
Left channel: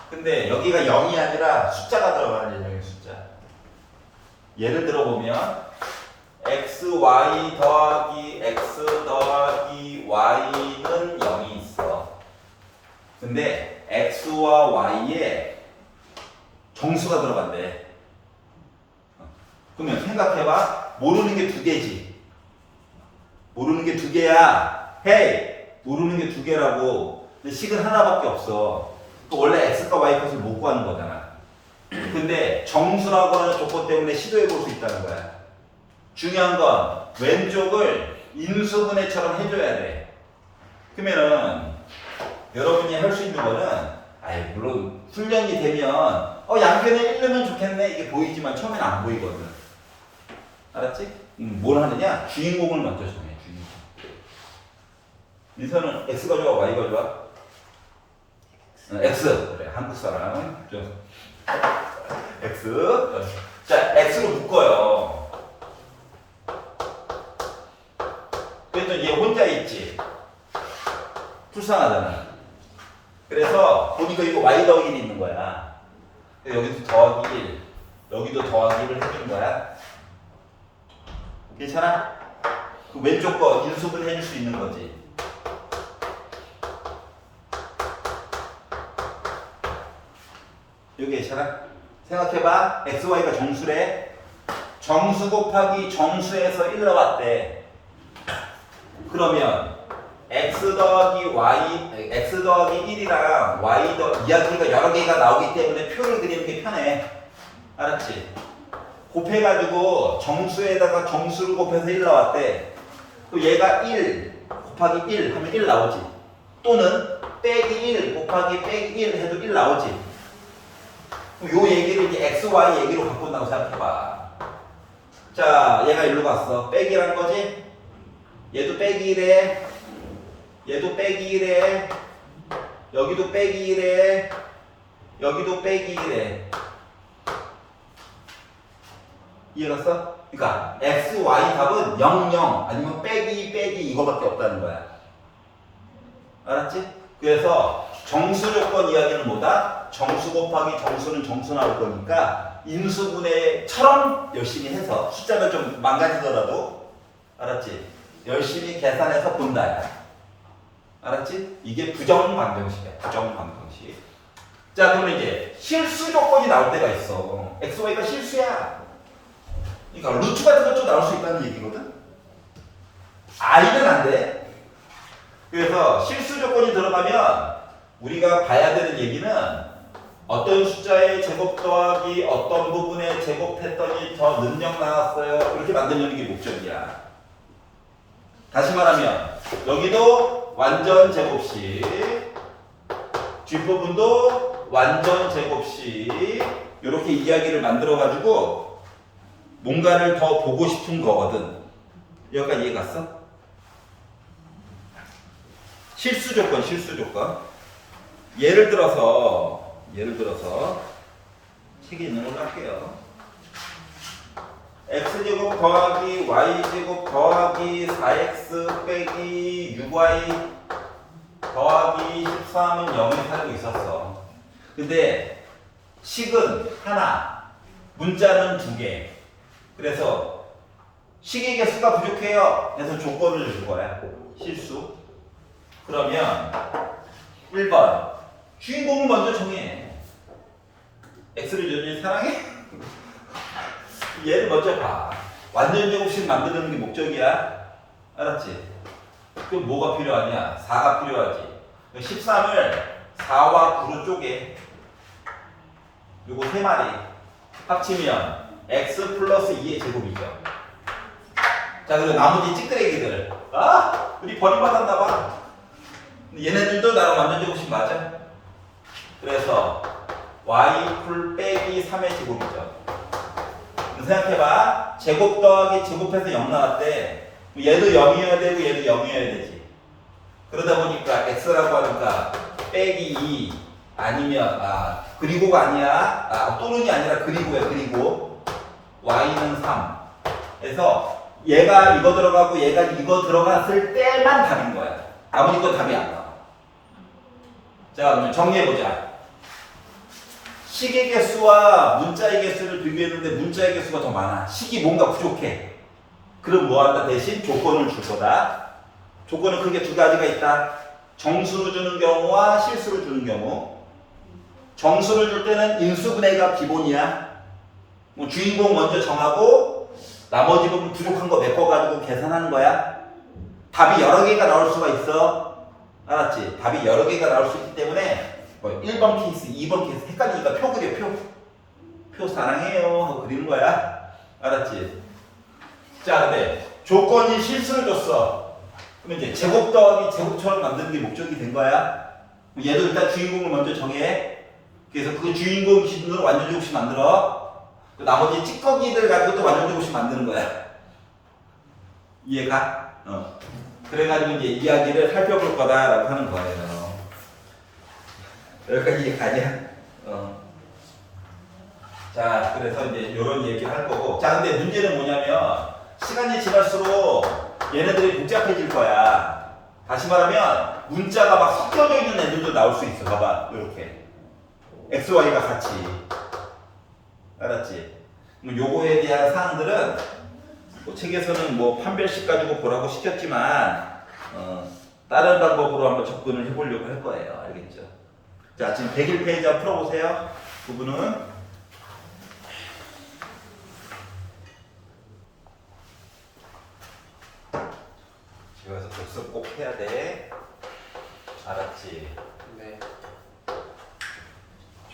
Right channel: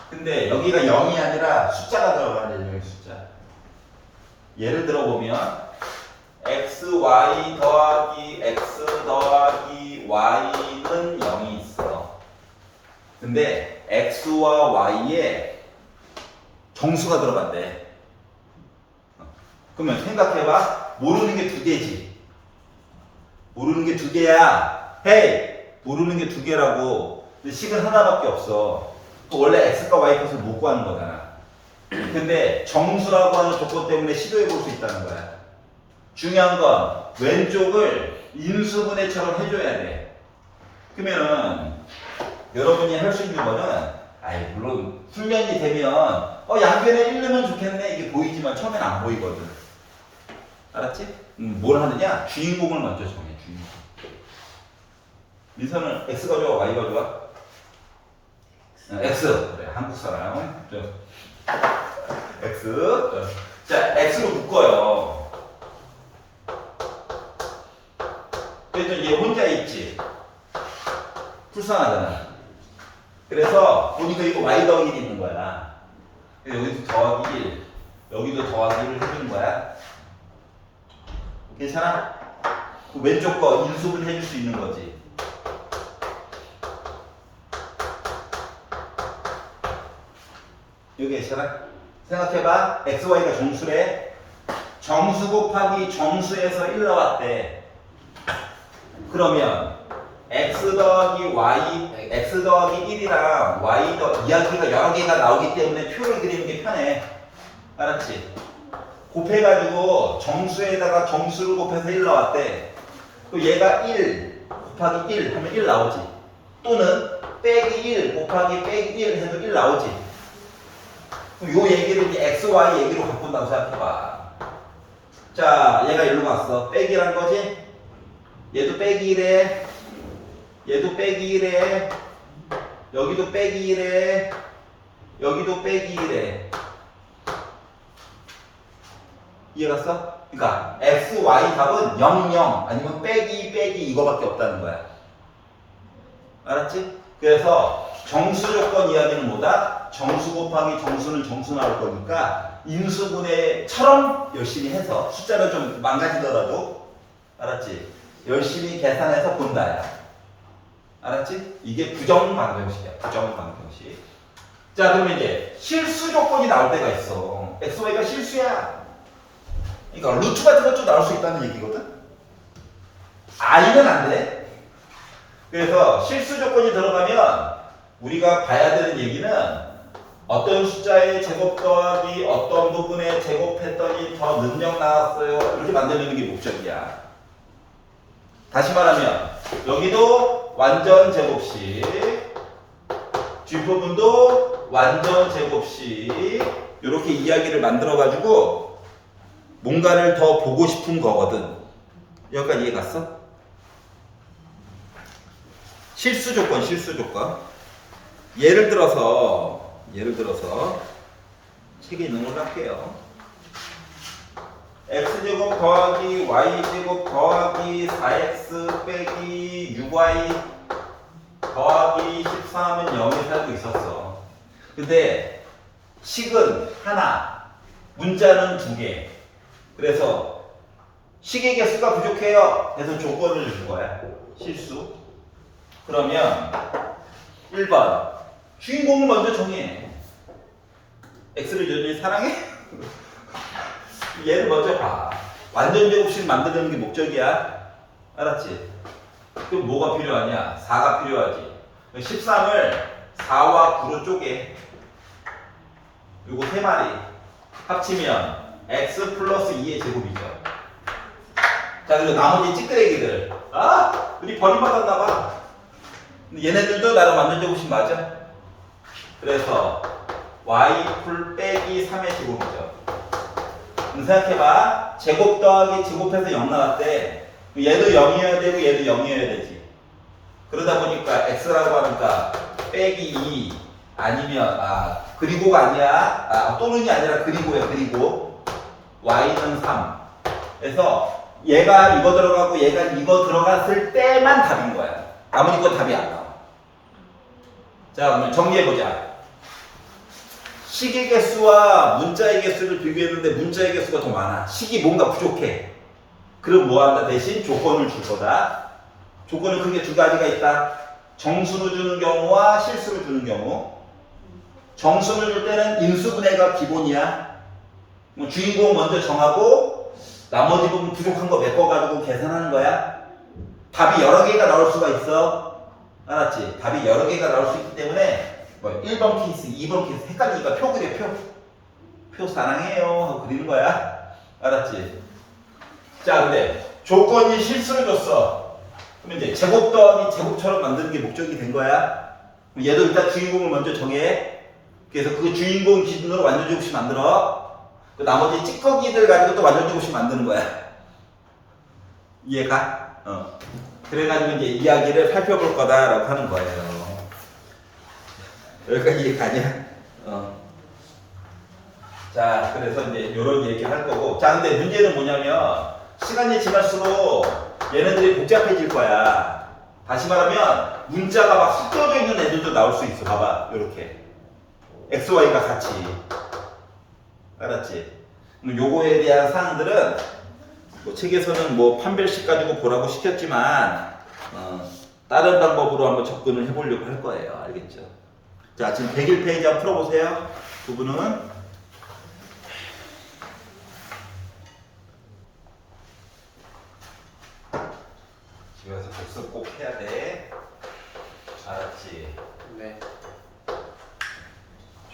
근데 여기가 0이 아니라 숫자가 들어가는 예정의 숫자. 예를 들어 보면 xy 더하기 x 더하기 y는 0이 있어. 근데 x와 y에 정수가 들어간대. 그러면 생각해봐. 모르는 게 두 개지. 모르는 게 두 개야. 헤이! 모르는 게 두 개라고. 근데 식은 하나밖에 없어. 원래 x과 y 값을 못 구하는 거잖아. 근데 정수라고 하는 조건 때문에 시도해 볼 수 있다는 거야. 중요한 건 왼쪽을 인수분해처럼 해줘야 돼. 그러면은 여러분이 할 수 있는 거는, 물론 훈련이 되면 양변에 1 넣으면 좋겠네 이게 보이지만 처음엔 안 보이거든. 알았지? 뭘 하느냐? 주인공을 먼저 정해. 주인공. 민서는 x가 좋아, y가 좋아? x. 그래, 한국 사람. x. 자, x로 묶어요. 그래서 얘 혼자 있지. 불쌍하잖아. 그래서 보니까 이거 y 더하기 1이 있는 거야. 여기도 더하기 1, 여기도 더하기 1을 해준 거야. 괜찮아? 그 왼쪽 거 인수분 해줄 수 있는 거지. 여기 괜찮아? 생각해봐. xy가 정수래. 정수 곱하기 정수에서 1 나왔대. 그러면 x 더하기 1이랑 y 이야기가 여러 개가 나오기 때문에 표를 그리는 게 편해. 알았지? 곱해가지고 정수에다가 정수를 곱해서 1 나왔대. 또 얘가 1 곱하기 1 하면 1 나오지. 또는 빼기 1 곱하기 빼기 1 해도 1 나오지. 요 얘기를 이제 x, y 얘기로 바꾼다고 생각해봐. 자, 얘가 일로 갔어. 빼기란 거지? 얘도 빼기 1에, 얘도 빼기 1에, 여기도 빼기 1에, 여기도 빼기 1에. 이해갔어? 그러니까 x, y 답은 0, 0 아니면 빼기 이거밖에 없다는 거야. 알았지? 그래서 정수 조건 이야기는 뭐다? 정수 곱하기 정수는 정수 나올 거니까 인수분해처럼 열심히 해서 숫자는 좀 망가지더라도, 알았지? 열심히 계산해서 본다야. 알았지? 이게 부정방정식이야. 부정방정식. 자, 그러면 이제 실수 조건이 나올 때가 있어. x, y가 실수야. 그러니까 루트 같은 것도 나올 수 있다는 얘기거든. i는 안 돼. 그래서 실수 조건이 들어가면 우리가 봐야 되는 얘기는 어떤 숫자의 제곱 더하기 어떤 부분에 제곱했더니 더 능력 나왔어요. 이렇게 만들려는 게 목적이야. 다시 말하면 여기도 완전 제곱식, 뒷부분도 완전 제곱식 이렇게 이야기를 만들어 가지고 뭔가를 더 보고 싶은 거거든. 여기까지 이해 갔어? 실수 조건, 실수 조건. 예를 들어서 책에 있는 걸로 할게요. x제곱 더하기 y제곱 더하기 4x 빼기 6y 더하기 13은 0에 살고 있었어. 근데 식은 하나, 문자는 두 개. 그래서 식의 개수가 부족해요. 그래서 조건을 줄 거야. 실수. 그러면 1번 주인공을 먼저 정해. x를 여전히 사랑해? 얘를 먼저 봐. 완전 제곱식 만드는 게 목적이야. 알았지? 그럼 뭐가 필요하냐? 4가 필요하지. 13을 4와 9로 쪼개. 요거 3마리 합치면 x 플러스 2의 제곱이죠. 자, 그리고 나머지 찌끄레기들. 우리 버림받았나봐. 얘네들도 나랑 완전 제곱식 맞아? 그래서 y 풀 빼기 3의 제곱이죠. 생각해봐. 제곱 더하기 제곱해서 0 나왔대. 얘도 0이어야 되고 얘도 0이어야 되지. 그러다 보니까 x라고 하니까 빼기 2 아니면 그리고가 아니야. 또는이 아니라 그리고야. 그리고 y는 3. 그래서 얘가 이거 들어가고 얘가 이거 들어갔을 때만 답인 거야. 나머지 건 답이 안 나와. 자, 정리해보자. 식의 개수와 문자의 개수를 비교했는데 문자의 개수가 더 많아. 식이 뭔가 부족해. 그럼 뭐한다? 대신 조건을 줄 거다. 조건은 크게 두 가지가 있다. 정수를 주는 경우와 실수를 주는 경우. 정수를 줄 때는 인수분해가 기본이야. 주인공 먼저 정하고 나머지 부분 부족한 거 메꿔가지고 계산하는 거야. 답이 여러 개가 나올 수가 있어. 알았지? 답이 여러 개가 나올 수 있기 때문에 뭐 1번 케이스, 2번 케이스 헷갈리니까 표 그려. 표 사랑해요 하고 그리는 거야. 알았지? 자, 근데 조건이 실수를 줬어. 그럼 이제 제곱 더하기 제곱처럼 만드는 게 목적이 된 거야. 얘도 일단 주인공을 먼저 정해. 그래서 그 주인공 기준으로 완전 제곱식 만들어. 그 나머지 찌꺼기들 가지고 또 완전 제곱식 만드는 거야. 이해가? 그래가지고 이제 이야기를 살펴볼 거다라고 하는 거예요. 여기까지 이해가냐? 자, 그래서 이제 이런 얘기 할 거고. 자, 근데 문제는 뭐냐면 시간이 지날수록 얘네들이 복잡해질 거야. 다시 말하면 문자가 막 섞여져 있는 애들도 나올 수 있어. 봐봐, 이렇게 x, y가 같이. 알았지? 요거에 대한 사항들은 뭐 책에서는 뭐 판별식 가지고 보라고 시켰지만 다른 방법으로 한번 접근을 해보려고 할 거예요. 알겠죠? 자, 지금 101페이지 한번 풀어보세요. 두 분은. 집에서 복습 꼭 해야 돼. 알았지? 네.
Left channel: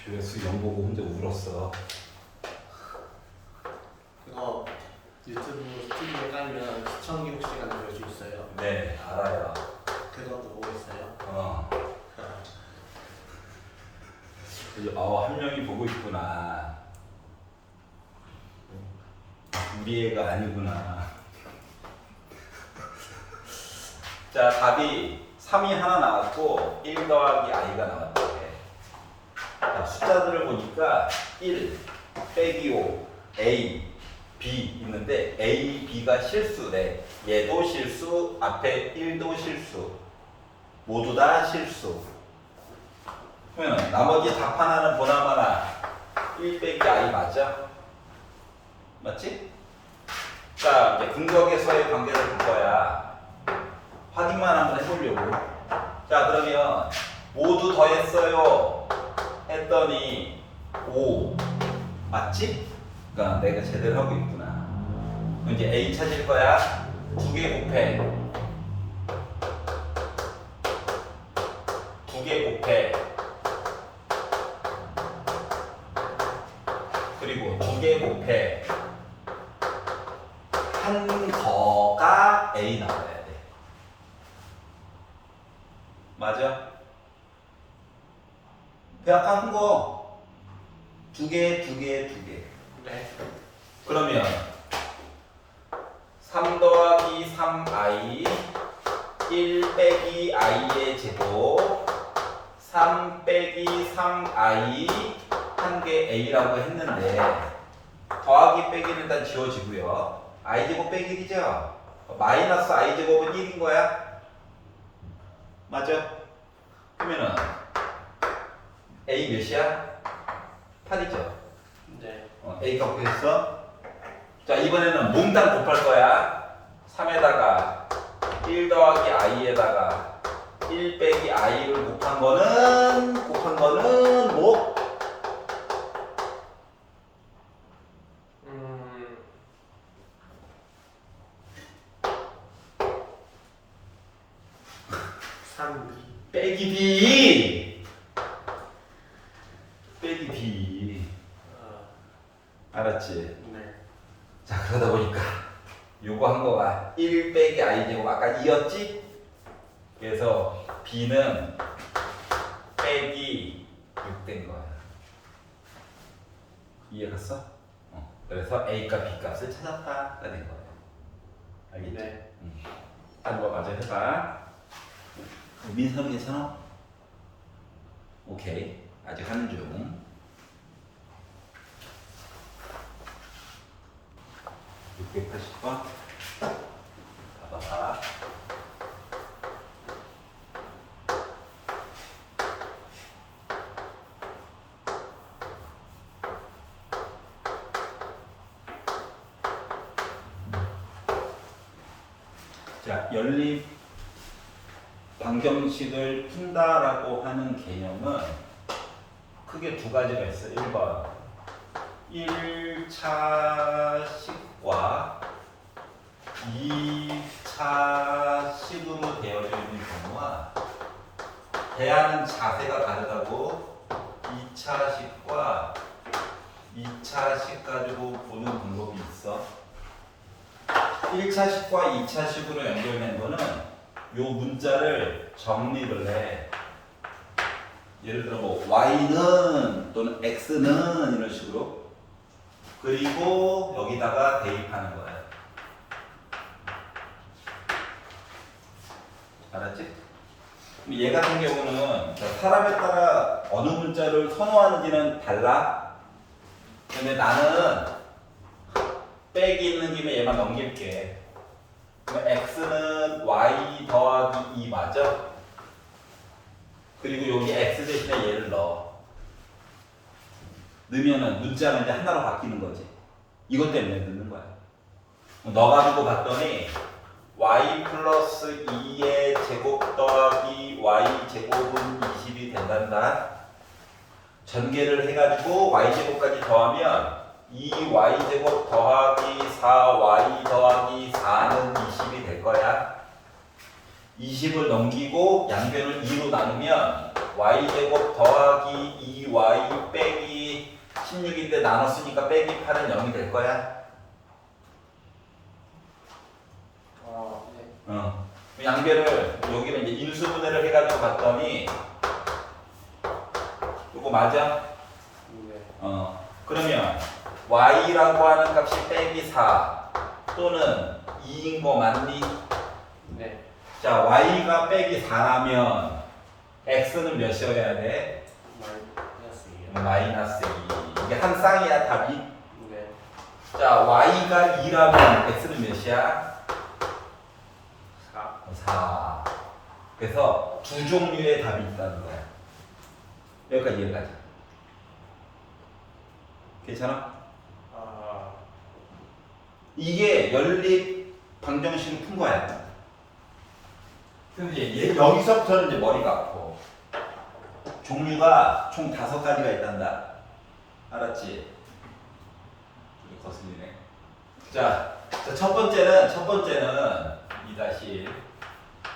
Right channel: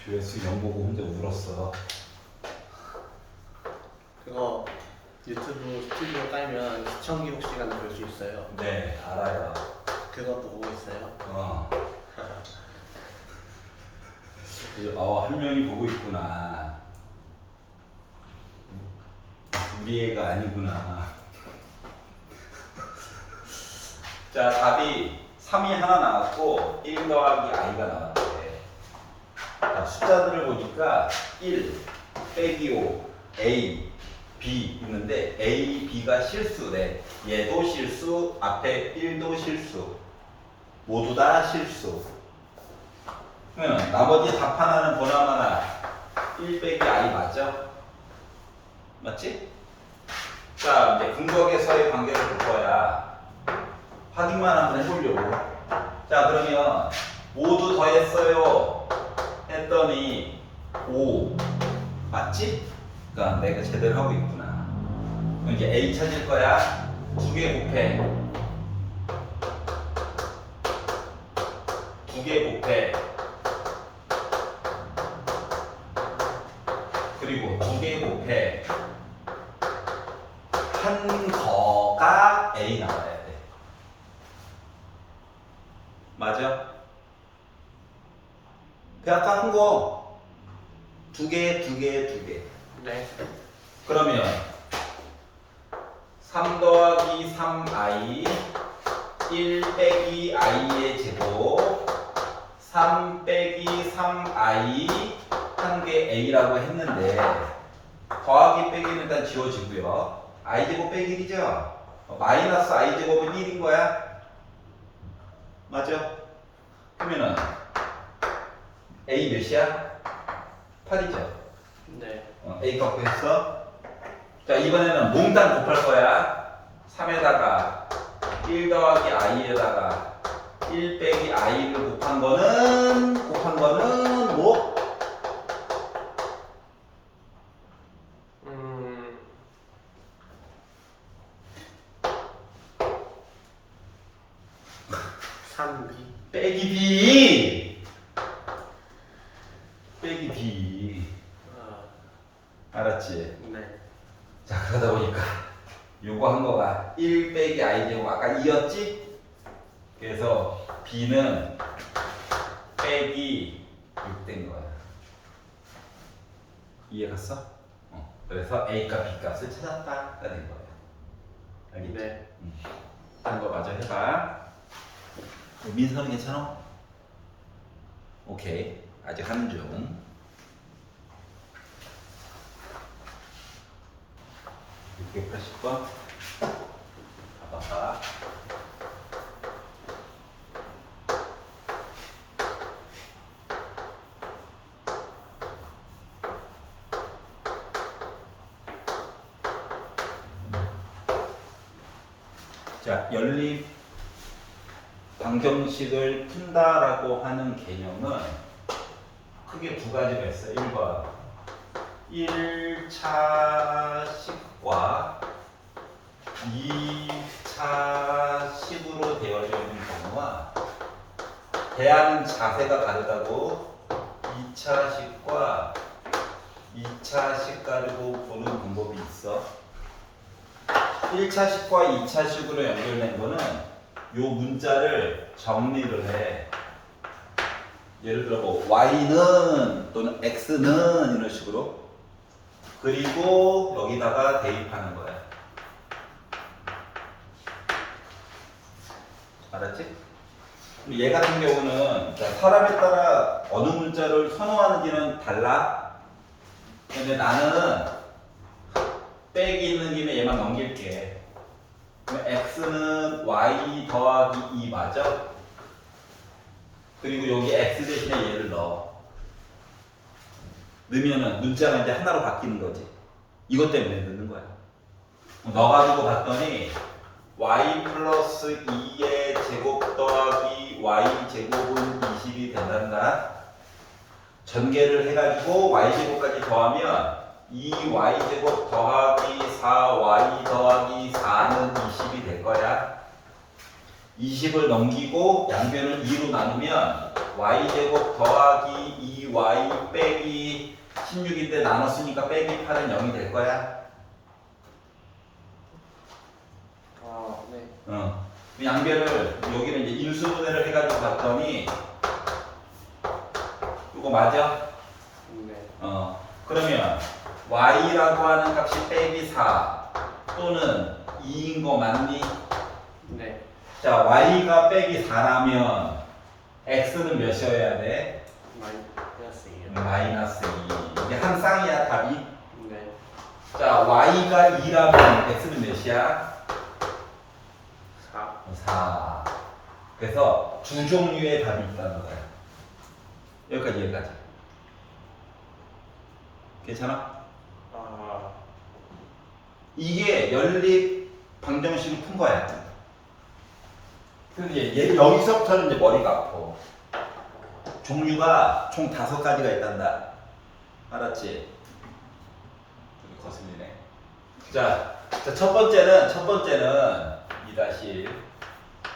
조회수 0 보고 혼자 울었어. 그거 유튜브 스튜디오 깔면 시청 기록 시간을 볼 수 있어요. 네, 알아요. 그것도 보고 있어요. 한 명이 보고 있구나. 우리 애가 아니구나. 자, 답이 3이 하나 나왔고 1 더하기 i가 나왔대. 자, 숫자들을 보니까 1, 빼기 5, a, b 있는데 a, b가 실수네. 얘도 실수, 앞에 1도 실수. 모두 다 실수. 그러면 나머지 답 하나는 보나마나 1 빼기 i 맞죠? 맞지? 자, 이제 근거계수와의 관계를 볼 거야. 확인만 한번 해보려고. 자, 그러면 모두 더했어요 했더니 5 맞지? 그러니까 내가 제대로 하고 있구나. 그럼 이제 a 찾을 거야. 2개 곱해. 2개 곱해. 그리고 2개 곱해. 한 더가 a 나와야 돼. 아까 한 거 두 개. 네. 그러면 3 더하기 3i 1 빼기 i의 제곱 3 빼기 3i 한 개 a라고 했는데 더하기 빼기는 일단 지워지고요. i 제곱 빼기 1이죠. 마이너스 i 제곱은 1인 거야. 맞죠? 그러면은 a 몇이야? 8이죠. 네. A 값 구했어. 자, 이번에는 몽땅 곱할 거야. 3에다가 1 더하기 i에다가 1 빼기 i를 곱한 거는 뭐? 음. 빼기 b. 빼기 b. 알았지? 네. 자, 그러다 보니까 요거 한 거가 1 빼기 i 제곱 아까 2였지? 그래서 b는 빼기 6 된 거야. 이해 갔어? 그래서 a값 b값을 찾았다가 된 거야. 알겠지? 네. 딴 거 마저 해봐. 민선이 괜찮아? 오케이. 아직 하는 중. 680번. 봐봐. 자, 연립 방정식을 푼다라고 하는 개념은 크게 두 가지가 있어요. 1번 1차 식과 2차 식으로 되어져 있는 경우와 대하는 자세가 다르다고 2차 식과 2차 식 가지고 보는 방법이 있어. 1차 식과 2차 식으로 연결된 거는 요 문자를 정리를 해. 예를 들어 뭐 y는 또는 x는 이런 식으로. 그리고 여기다가 대입하는 거야. 알았지? 얘 같은 경우는 사람에 따라 어느 문자를 선호하는지는 달라. 근데 나는 빼기 있는 김에 얘만 넘길게. 그럼 x는 y 더하기 2 맞아? 그리고 여기 x 대신에 얘를 넣어. 넣으면은 문자가 이제 하나로 바뀌는 거지. 이것 때문에 넣는 거야. 넣어가지고 봤더니 y 플러스 2의 제곱 더하기 y 제곱은 20이 된단다. 전개를 해가지고 y 제곱까지 더하면 2y 제곱 더하기 4y 더하기 4는 20이 될 거야. 20을 넘기고 양변을 2로 나누면 y 제곱 더하기 2y 빼기 16인데 나눴으니까 빼기 8은 0이 될 거야. 네. 양변을 여기는 이제 인수분해를 해가지고 봤더니 이거 맞아? 네. 그러면 y라고 하는 값이 빼기 4 또는 2인 거 맞니? 네. 자, y가 빼기 4라면 x는 몇이어야 돼? 마이너스요. 마이너스 2. 이게 한 쌍이야, 답이. 네. 자, y가 2라면 x는 몇이야? 4. 4. 그래서 두 종류의 답이 있다는 거야. 여기까지 이해까지. 괜찮아? 이게 연립 방정식을 푼 거야. 근데 얘 여기서부터는 이제 머리가 아파. 종류가 총 5가지가 있단다. 알았지? 이거 거슬리네. 자, 첫 번째는 2-1.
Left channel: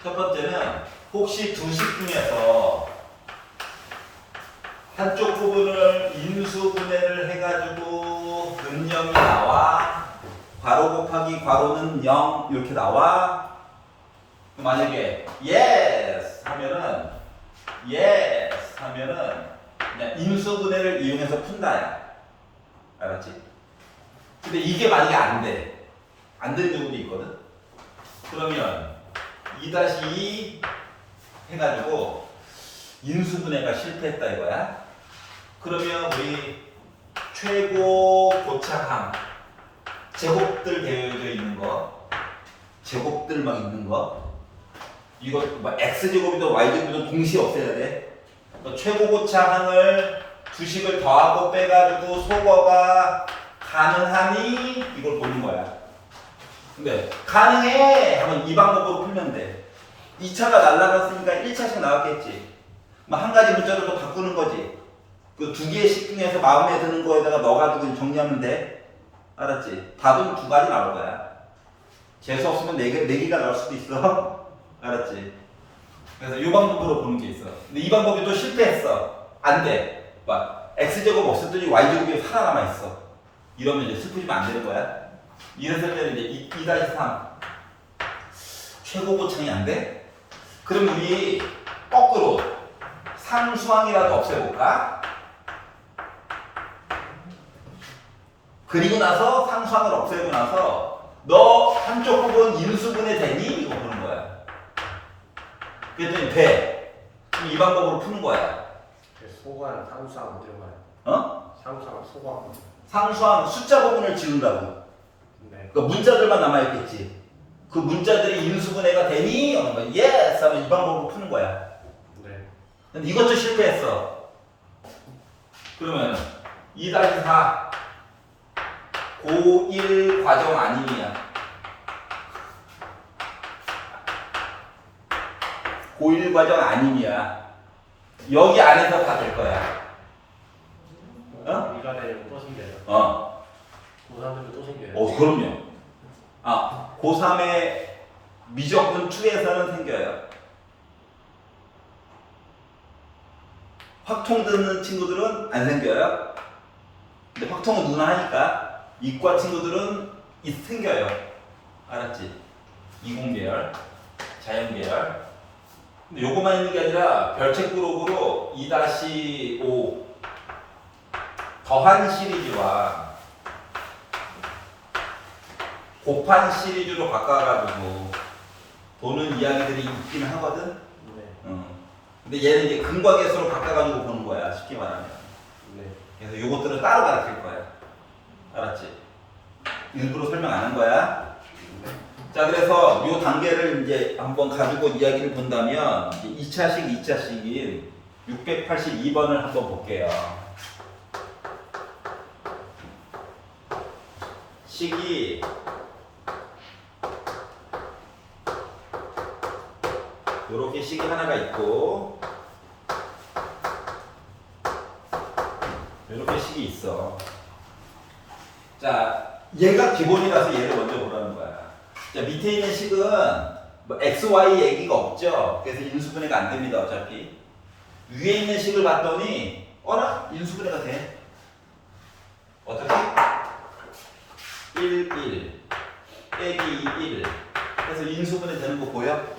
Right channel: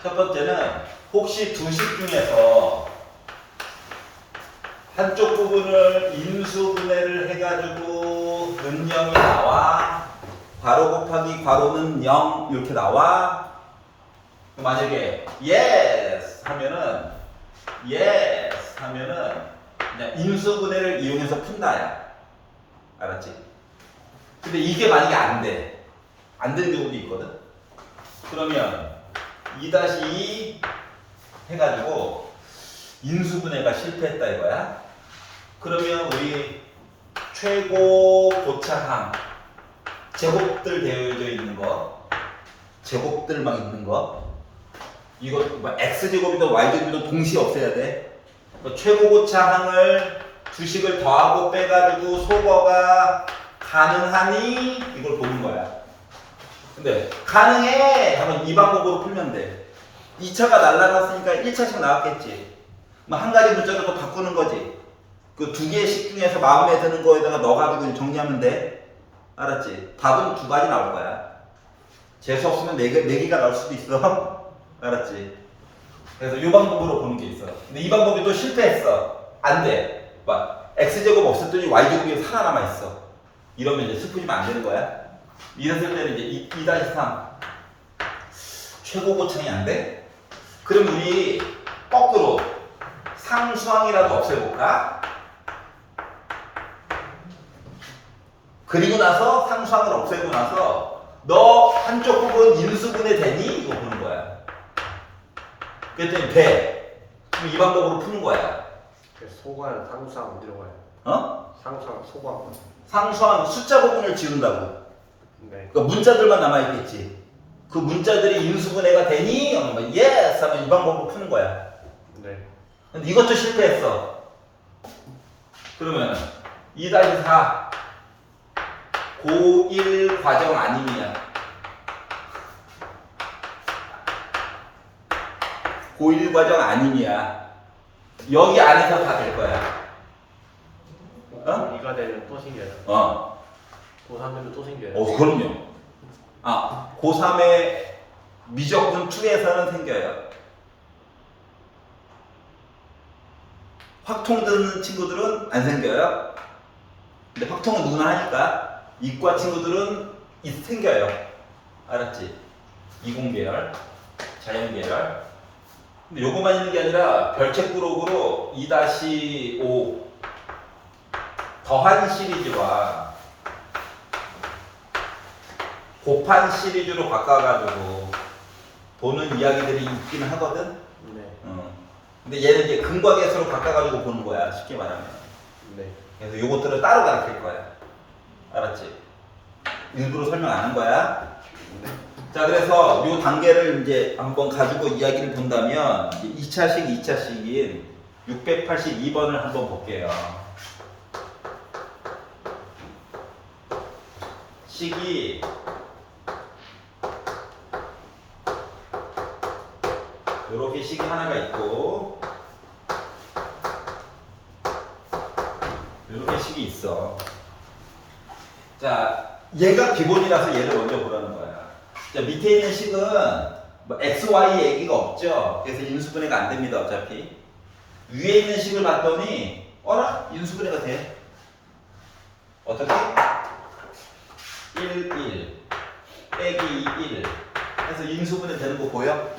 첫 번째는 혹시 두 식 중에서 한쪽 부분을 인수분해를 해가지고 근영이 나와. 괄호 곱하기 괄호는 0 이렇게 나와. 만약에 yes 하면은 그냥 인수분해를 이용해서 푼다야. 알았지? 근데 이게 만약에 안 돼. 안 되는 경우도 있거든. 그러면 2-2 해가지고 인수분해가 실패했다 이거야. 그러면 우리 최고 고차항 제곱들 되어져 있는 거, 제곱들 막 있는 거, 이거 뭐 x제곱이든 y제곱이든 동시에 없애야 돼. 뭐 최고 고차항을 주식을 더하고 빼가지고 소거가 가능하니 이걸 보는 거야. 근데 가능해 하면 이 방법으로 풀면 돼. 2차가 날라갔으니까 1차씩 나왔겠지. 뭐 한 가지 문자로 또 바꾸는 거지. 그 두 개씩 중에서 마음에 드는 거에다가 넣어가지고 정리하면 돼. 알았지? 답은 두 가지 나올 거야. 재수 없으면 네 개가 나올 수도 있어. 알았지? 그래서 이 방법으로 보는 게 있어. 근데 이 방법이 또 실패했어. 안 돼. 막 x제곱 없었더니 y제곱이 살아남아 있어. 이러면 이제 슬프지면 안 되는 거야. 이랬을 때는 이제 2-3 최고 고창이 안 돼? 그럼 우리 거꾸로 상수항이라도 없애볼까? 그리고 나서 상수항을 없애고 나서 너 한쪽 부분 인수분해 되니? 이거 보는 거야. 그랬더니 돼. 그럼 이 방법으로 푸는 거야. 소관 상수항 어디로 가요? 어? 상수항 소관. 상수항 숫자 부분을 지운다고. 네. 그러니까 문자들만 남아있겠지. 그 문자들이 인수분해가 되니? 하면 예스 하면 이 방법으로 푸는 거야. 네. 근데 이것도 실패했어. 그러면 2-4 고1 과정 아님이야. 고1 과정 아님이야. 여기 안에서 다 될 거야. 어? 2가 되면 또 생겨요. 고3 되면 또 생겨요. 그럼요. 고3의 미적분 2에서는 생겨요. 확통 듣는 친구들은 안 생겨요. 근데 확통은 누구나 하니까 이과 친구들은 생겨요. 알았지? 이공계열, 자연계열. 근데 요것만 있는 게 아니라 별책 그룹으로 2-5 더한 시리즈와 곱한 시리즈로 바꿔가지고 보는 이야기들이 있긴 하거든. 네. 근데 얘는 이제 근과계수로 바꿔가지고 보는 거야. 쉽게 말하면. 네. 그래서 요것들은 따로 가르칠 거야. 알았지? 일부러 설명 안 한 거야. 네. 자, 그래서 요 단계를 이제 한번 가지고 이야기를 본다면 이제 2차식인 682번을 한번 볼게요. 식이 이렇게 식이 하나가 있고 이렇게 식이 있어. 자, 얘가 기본이라서 얘를 먼저 보라는 거야. 자, 밑에 있는 식은 뭐 x, y 얘기가 없죠. 그래서 인수분해가 안 됩니다. 어차피 위에 있는 식을 봤더니 어라? 인수분해가 돼. 어떻게? 1, 1 빼기 1 해서 인수분해 되는 거 보여?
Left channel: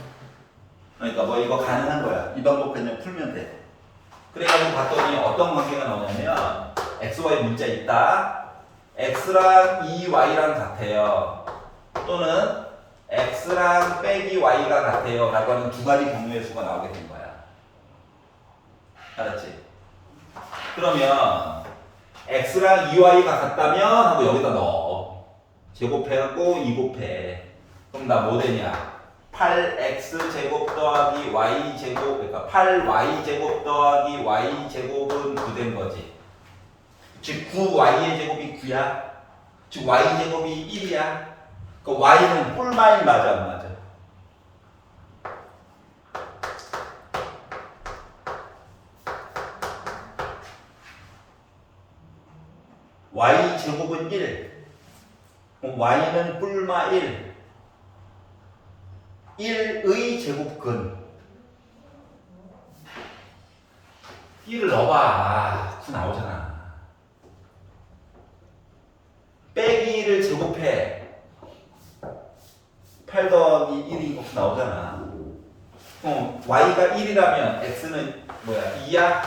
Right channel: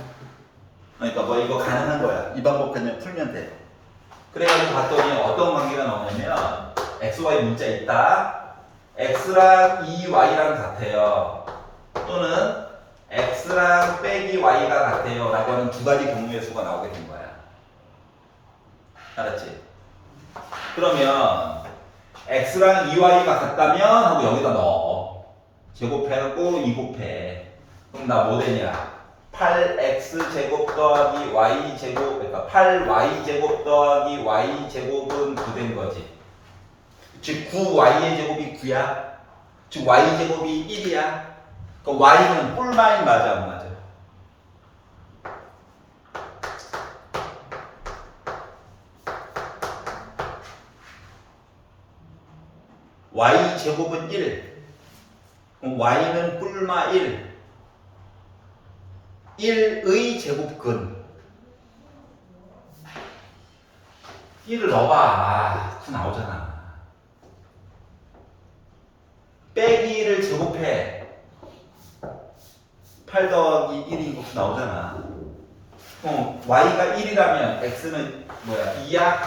그러니까 뭐 이거 가능한 거야. 이 방법 그냥 풀면 돼. 그래가지고 봤더니 어떤 관계가 나오냐면 x, y 문자 있다. x랑 2y랑 같아요. 또는 x랑 빼기 y가 같아요. 라고 하는 두 가지 경우의 수가 나오게 된 거야. 알았지? 그러면 x랑 2y가 같다면 하고 여기다 넣어. 제곱해갖고 2 곱해. 그럼 나 뭐 되냐? 8x 제곱 더하기 y 제곱, 그러니까 8y 제곱 더하기 y 제곱은 9 된 거지. 즉 9y의 제곱이 9야. 즉 y 제곱이 1이야. 그러니까 y는 뿔마일 맞아 안 맞아? y 제곱은 1. y는 뿔마 1. 1의 제곱근 1을 넣어봐. 9 나오잖아. 빼기 1을 제곱해. 8 더하기 1인 거 9 나오잖아. 그럼 y가 1이라면 x는 뭐야? 2야?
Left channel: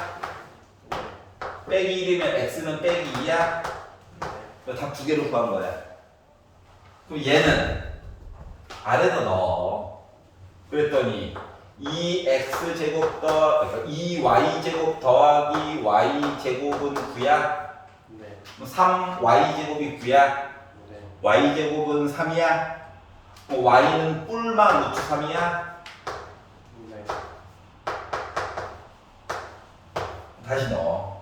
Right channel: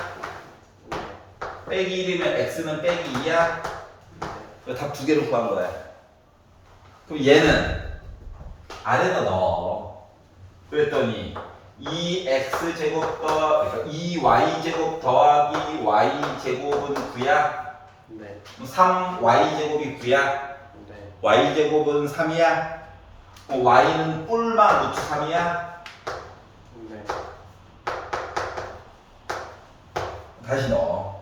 빼기 1이면 x는 빼기 2야. 네. 답 두 개로 구한 거야. 그럼 얘는 아래다 넣어. 그랬더니 2x 제곱 그러니까 2y 제곱 더하기 y 제곱은 9야. 네. 3y 제곱이 9야. 네. y 제곱은 3이야. y는 뿔만 루트 3이야. 네. 다시 넣어.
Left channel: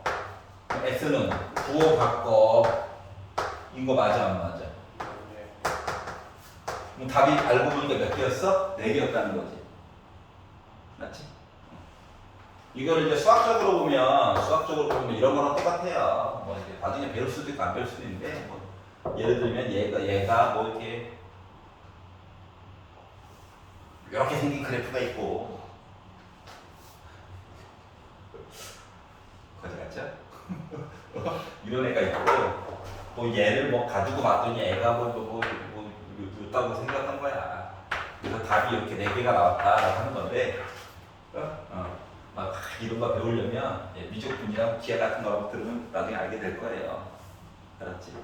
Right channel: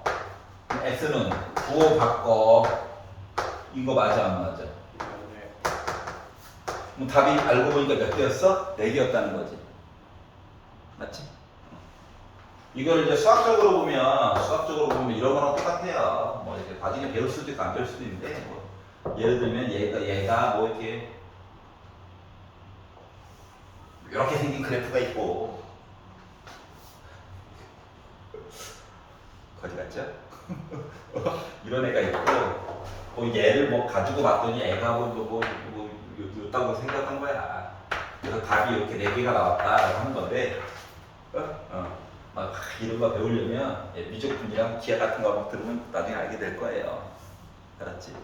x는 9호 바꿔. 이거 맞아 안 맞아? 네. 그럼 답이 알고 보니까 몇 개였어? 4개였다는 거지. 맞지? 이거를 이제 수학적으로 보면 이런 거랑 똑같아요. 뭐 이렇게 나중에 배울 수도 있고 안 배울 수도 있는데, 뭐 예를 들면 얘가 뭐 이렇게 생긴 그래프가 있고, 거지 같죠? 이런 애가 있고, 또 얘를 뭐 가지고 봤더니 애가 요따고 생각한 거야. 그래서 답이 이렇게 4개가 나왔다 하는 건데, 막 이런 거 배우려면 미적분이랑 기하 같은 거 들으면 나중에 알게 될 거예요. 알았지?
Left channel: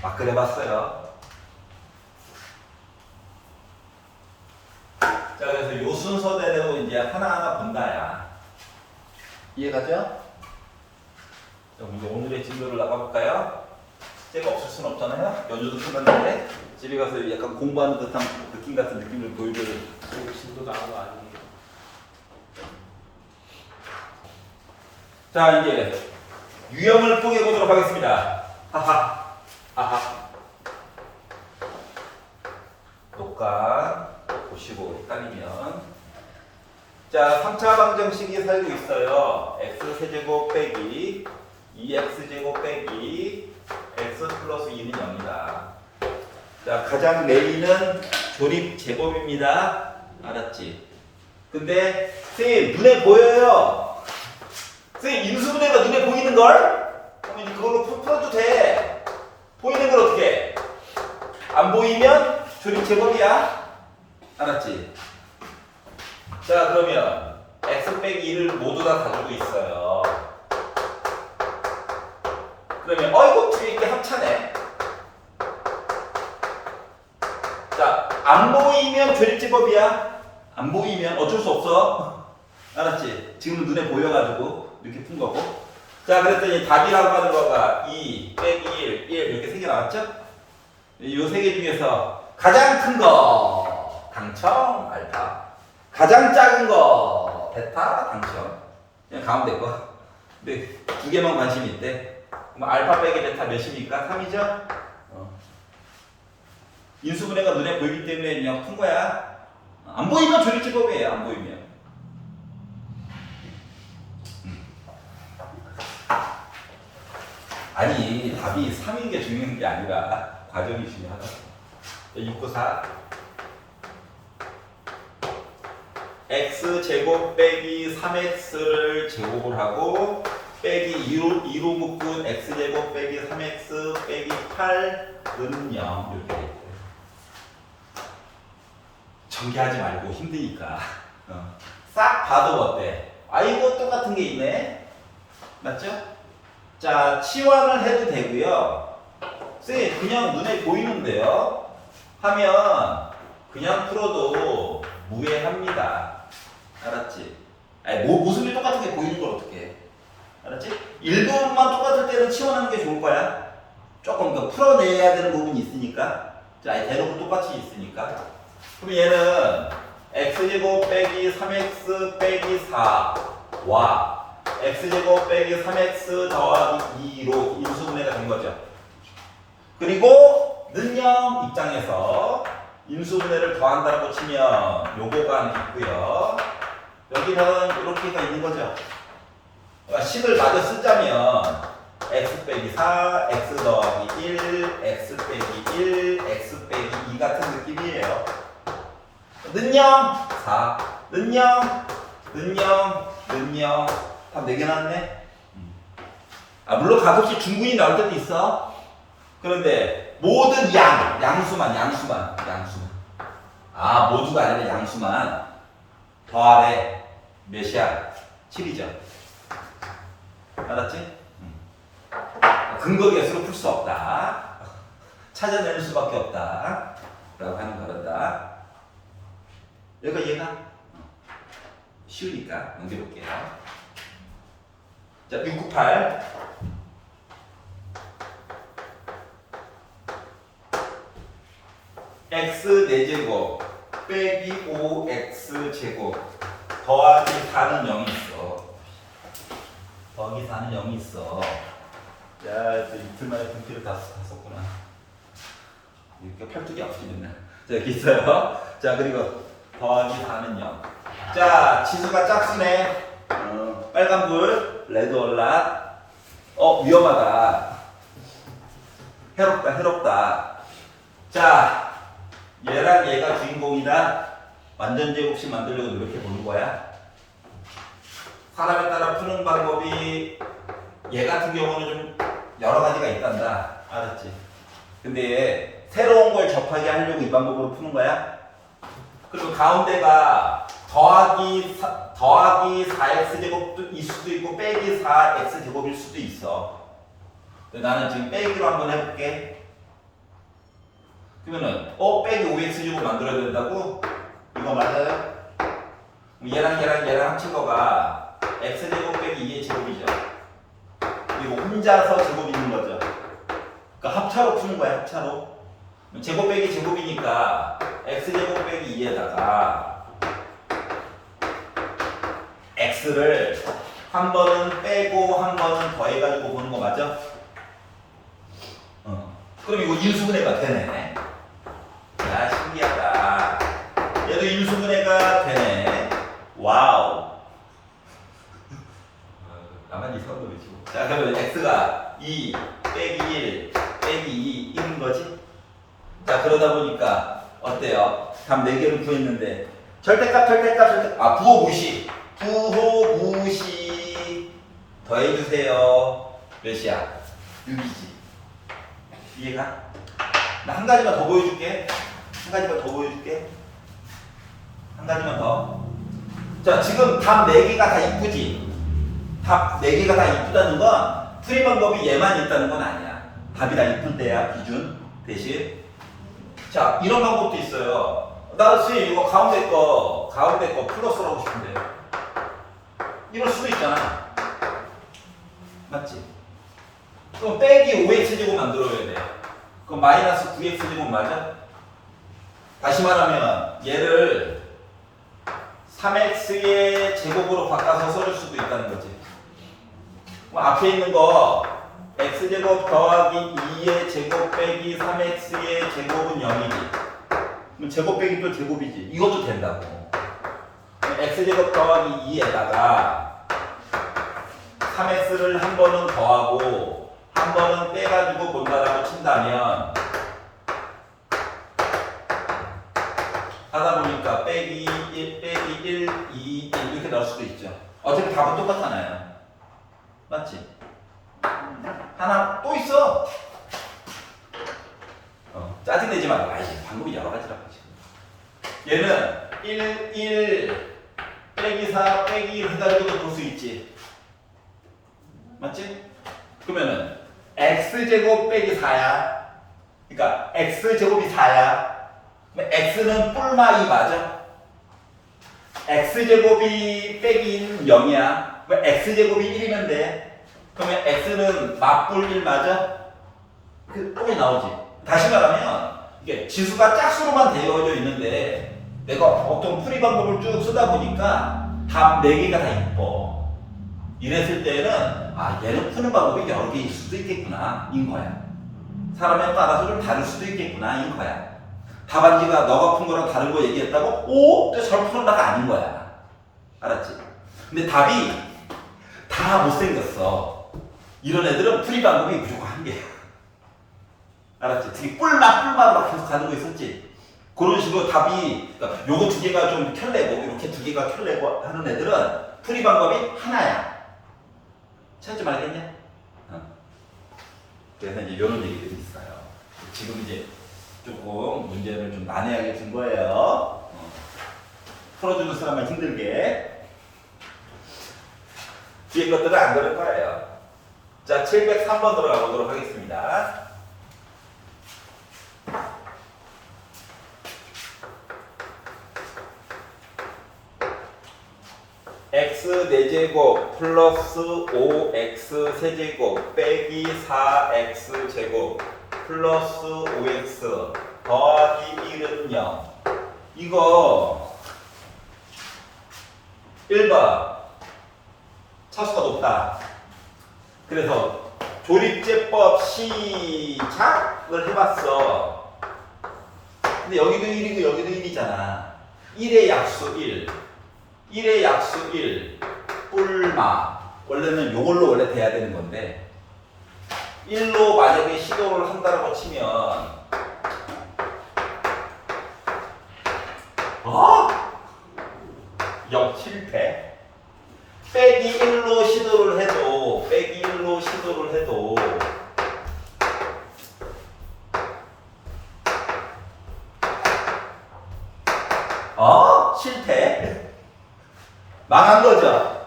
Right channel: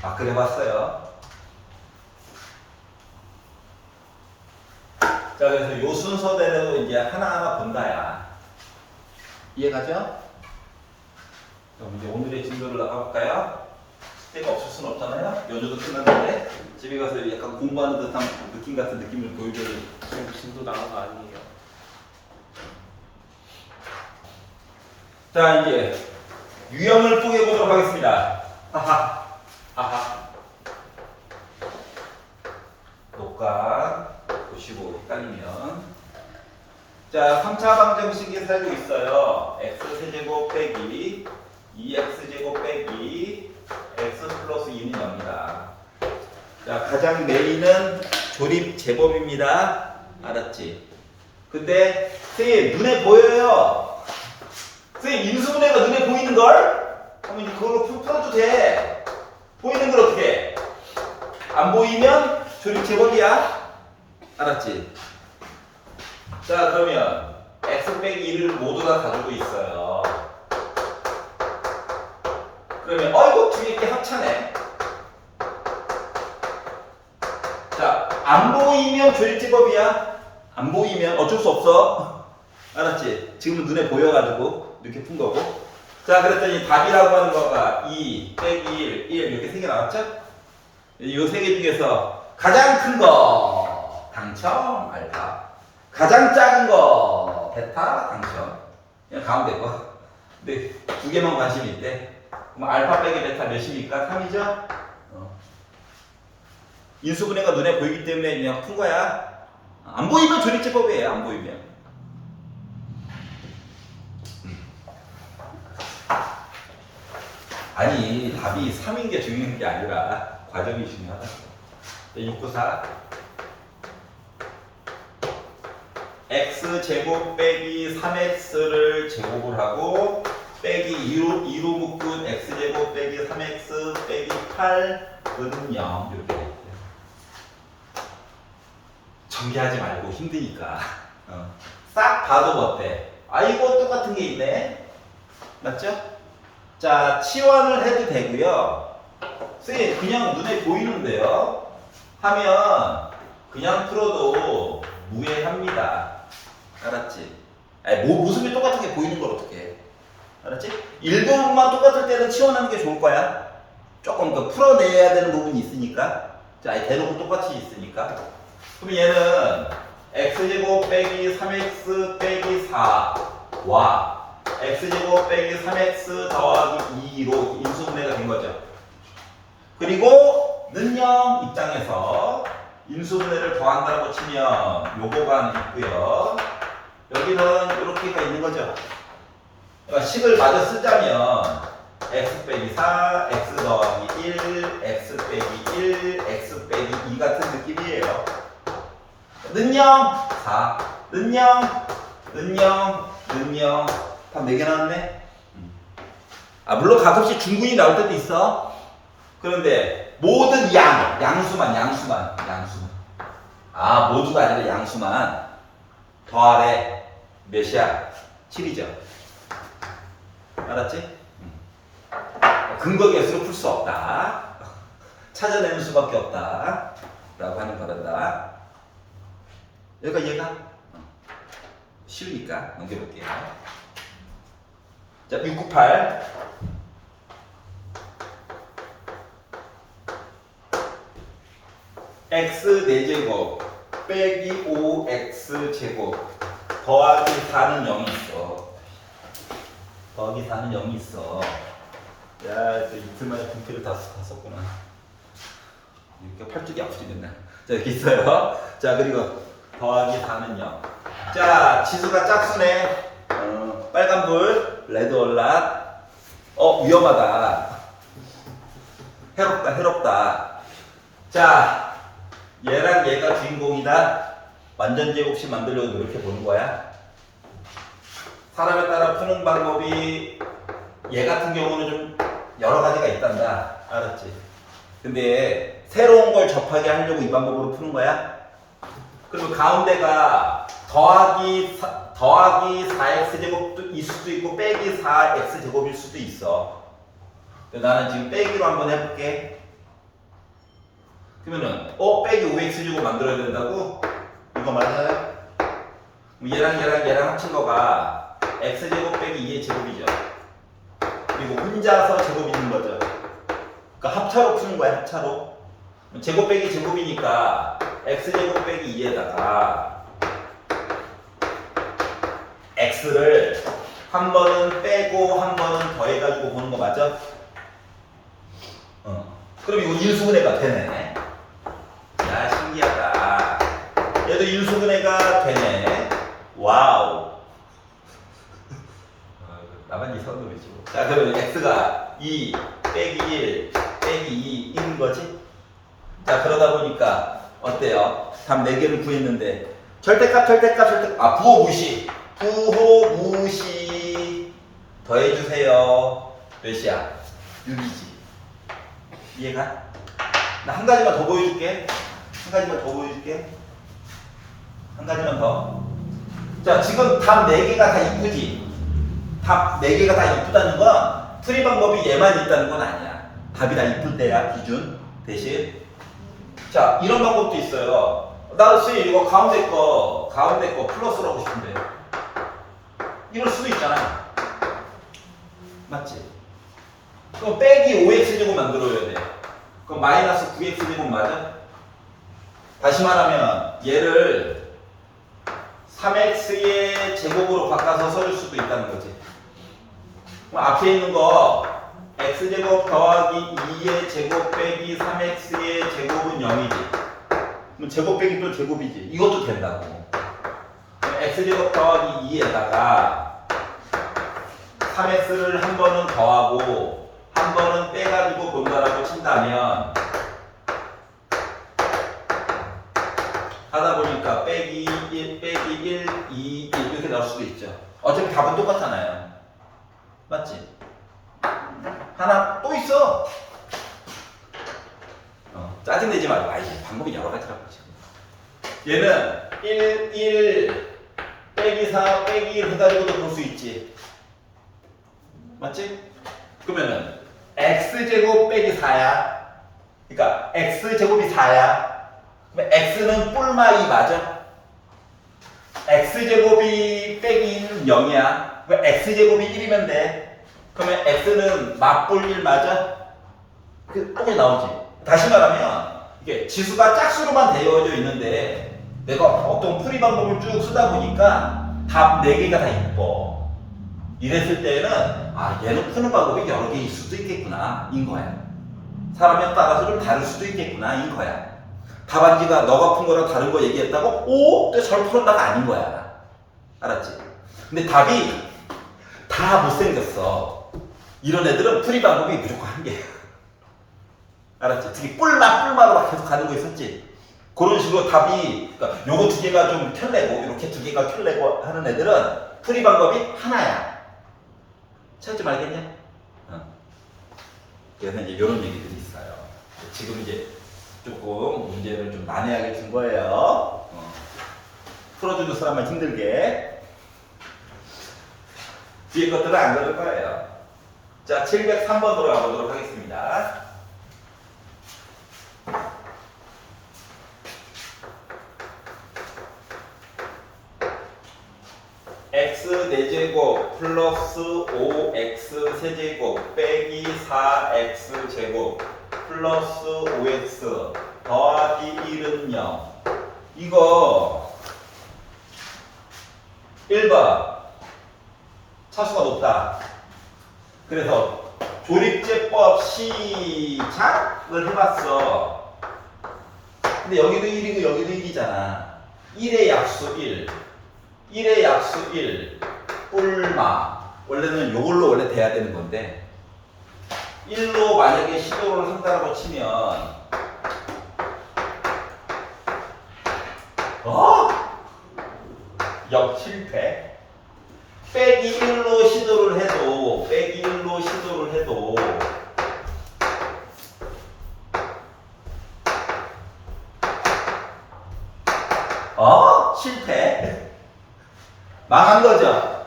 막 그려봤어요. 자, 그래서 요 순서대로 이제 하나하나 본다야. 이해가죠? 그럼 이제 오늘의 진도를 나가볼까요? 숙제가 없을 순 없잖아요. 연주도 끝났는데 집에 가서 약간 공부하는 듯한 느낌 같은 느낌을 보여줘야 돼. 지금 진도 나온 거 아니에요? 자, 이제 유형을 쪼개 보도록 하겠습니다. 아하. 녹화 보시고 헷갈리면. 자, 3차 방정식이 살고 있어요. x세제곱 빼기 2x제곱 빼기 x 플러스 2는 0이다. 자, 가장 메인은 조립 제법입니다. 알았지? 근데 선생님 눈에 보여요. 선생님 인수분해가 눈에 보이는걸? 그러면 이제 그걸로 풀어도 돼. 보이는 걸 어떻게 해? 안 보이면 조립 제법이야. 알았지? 자, 그러면 x 빼기 1을 모두 다 가지고 있어요. 그러면 이거 뒤에 이렇게 합차네. 자, 안 보이면 조립제법이야. 안 보이면 어쩔 수 없어. 알았지? 지금은 눈에 보여가지고 이렇게 푼 거고. 자, 그랬더니 답이라고 하는 거가 2 빼기 1 이렇게 3개 나왔죠? 이 3개 중에서 가장 큰 거 당첨 알파, 가장 작은 거 베타 당첨. 그냥 가운데 거. 근데 2개만 관심이 있대. 그럼 알파 빼기 베타 몇입니까? 3이죠? 인수분해가 눈에 보이기 때문에 그냥 푼 거야. 안 보이면 조립제법이에요. 안 보이면. 아니, 답이 3인 게 중요한 게 아니라 과정이 중요하다. 694 x제곱 빼기 3x를 제곱을 하고 빼기 2로 묶은 x제곱 빼기 3x 빼기 8은 0 이렇게 돼 있어요. 전개하지 말고 힘드니까 싹 봐도 어때? 아이고 똑같은 게 있네. 맞죠? 자, 치환을 해도 되고요. 쌤 그냥 눈에 보이는데요 하면 그냥 풀어도 무해합니다. 알았지? 아니, 모습이 똑같은 게 보이는 걸 어떻게 해? 알았지? 일부분만 똑같을 때는 치환하는 게 좋을 거야. 조금 더 풀어내야 되는 부분이 있으니까. 자, 대놓고 똑같이 있으니까. 그럼 얘는 x제곱 빼기 3x 빼기 4와 x제곱 빼기 3x 더하기 2로 인수분해가 된 거죠. 그리고 는영 입장에서 인수분해를 더한다고 치면 요거가 있고요. 여기는 이렇게가 있는 거죠. 그러니까 식을 마저 쓰자면 x 빼기 4, x 더하기 1, x 빼기 1, x 빼기 2 같은 느낌이에요. 는영 4, 는영 답 4개 나왔네. 물론 가끔씩 중군이 나올 때도 있어. 그런데 모든 양수만 모두가 아니라 양수만 더하래 몇이야? 7이죠. 알았지? 근거 계수로 풀 수 없다. 찾아내는 수밖에 없다. 라고 하는 거란다. 여기가 얘가 쉬우니까 넘겨볼게요. 자, 698. x 4제곱 빼기 5x 제곱 더하기 4는 0이 있어. 더하기 4는 0이 있어. 야, 저 이틀 만에 등필을 다 썼구나. 이렇게 팔뚝이 아프지 맨날. 자, 여기 있어요. 자, 그리고 더하기 4는 0. 자, 지수가 짝수네. 빨간불, 레드 얼락. 위험하다. 해롭다. 자, 얘랑 얘가 주인공이다. 완전 제곱식 만들려고 노력해 보는 거야. 사람에 따라 푸는 방법이 얘 같은 경우는 좀 여러 가지가 있단다. 알았지? 근데 새로운 걸 접하게 하려고 이 방법으로 푸는 거야. 그리고 가운데가 더하기 4x제곱일 수도 있고 빼기 4x제곱일 수도 있어. 나는 지금 빼기로 한번 해볼게. 그러면은 빼기 5x제곱 만들어야 된다고? 이거 맞아요? 얘랑 합친 거가 x제곱 빼기 2의 제곱이죠. 그리고 혼자서 제곱 있는 거죠. 그러니까 합차로 푸는 거야, 합차로. 제곱 빼기 제곱이니까 x제곱 빼기 2에다가 x를 한 번은 빼고 한 번은 더해가지고 보는 거 맞아? 그럼 이거 인수분해가 되네. 야, 신기하다. 얘도 인수분해가 되네. 와우. 나만 이상한 거 외치고. 자, 그러면 x가 2 빼기 1 빼기 2 1인 거지? 자, 그러다 보니까 어때요? 답 4개를 구했는데 절대값 부호 무시 더해주세요. 몇이야? 6이지. 이해가? 나 한 가지만 더 보여줄게. 한 가지만 더. 자, 지금 답 4개가 다 이쁘지? 답 4개가 다 이쁘다는 건 풀이 방법이 얘만 있다는 건 아니야. 답이 다 이쁠 때야, 기준. 대신. 자, 이런 방법도 있어요. 나 혹시 이거 가운데 거 플러스로 하고 싶은데. 이럴 수도 있잖아. 맞지? 그럼 빼기 5x제곱 만들어야 돼. 그럼 마이너스 9x제곱 맞아? 다시 말하면 얘를 3x의 제곱으로 바꿔서 써줄 수도 있다는 거지. 그럼 앞에 있는 거 x제곱 더하기 2의 제곱 빼기 3x의 제곱은 0이지. 그럼 제곱 빼기 또 제곱이지. 이것도 된다고. x제곱 더하기 2에다가 3x를 한 번은 더하고 한 번은 빼가지고 본다라고 친다면 하다 보니까 빼기 1, 빼기 1, 2, 1 이렇게 나올 수도 있죠. 어차피 답은 똑같잖아요. 맞지? 하나 또 있어. 짜증내지 말고. 방법이 여러 가지라고. 얘는 1 빼기 4 빼기 1 해가지고도 볼 수 있지. 맞지? 그러면은 x제곱 빼기 4야. 그러니까 x제곱이 4야. 그럼 x는 뿔마 2 맞아? x제곱이 빼기 1은 0이야. 그럼 x제곱이 1이면 돼. 그러면 x는 맞뿔 1 맞아? 꼭 나오지. 다시 말하면 이게 지수가 짝수로만 되어져 있는데 내가 어떤 풀이 방법을 쭉 쓰다 보니까 답 4개가 다 이뻐. 이랬을 때는 얘는 푸는 방법이 여러 개일 수도 있겠구나 인 거야. 사람에 따라서 좀 다를 수도 있겠구나 인 거야. 답안지가 너가 푼 거랑 다른 거 얘기했다고 또 잘 풀었다가 아닌 거야. 알았지? 근데 답이 다 못생겼어. 이런 애들은 풀이 방법이 무조건 한 개야. 알았지? 특히 뿔마로 막 계속 가는 거 있었지? 그런 식으로 답이, 그러니까 요거 2개가 좀 켤레고 이렇게 2개가 켤레고 하는 애들은 풀이 방법이 하나야. 찾지 말겠냐? 그래서 이제 이런 얘기들이 있어요. 지금 이제 조금 문제를 좀 난해하게 준 거예요. 풀어주는 사람만 힘들게. 뒤에 것들은 안 그럴 거예요. 자, 703번 들어가 보도록 하겠습니다. x 4제곱 플러스 5x 세제곱 빼기 4x 제곱 플러스 5x 더하기 1은 0. 이거 1번 차수가 높다. 그래서 조립제법 시작을 해봤어. 근데 여기도 1이고 여기도 1이잖아. 1의 약수 1, 1의 약수 1, 뿔마. 원래는 요걸로 원래 돼야 되는 건데 1로 만약에 시도를 한다고 치면 실패. 빼기 1로 시도를 해도 실패. 망한 거죠.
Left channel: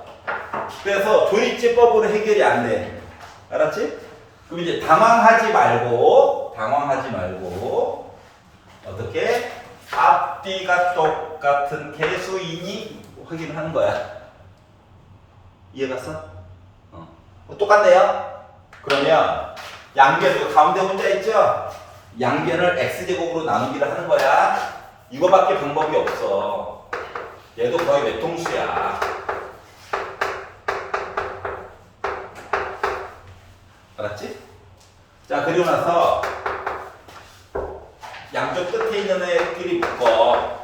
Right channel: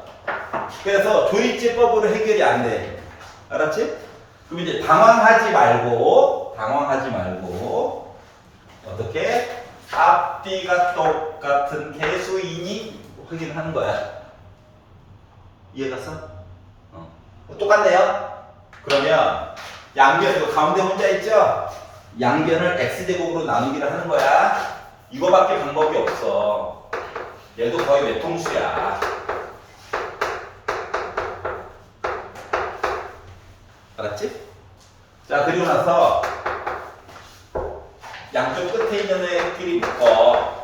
그래서 조립제법으로 해결이 안 돼. 알았지? 그럼 이제 당황하지 말고 어떻게 앞뒤가 똑같은 개수이니 확인하는 거야. 이해갔어? 똑같네요. 그러면 양변 가운데 혼자 있죠? 양변을 x제곱으로 나누기를 하는 거야. 이거밖에 방법이 없어. 얘도 거의 외통수야. 알았지? 자, 그리고 나서 양쪽 끝에 있는 애끼리 묶어.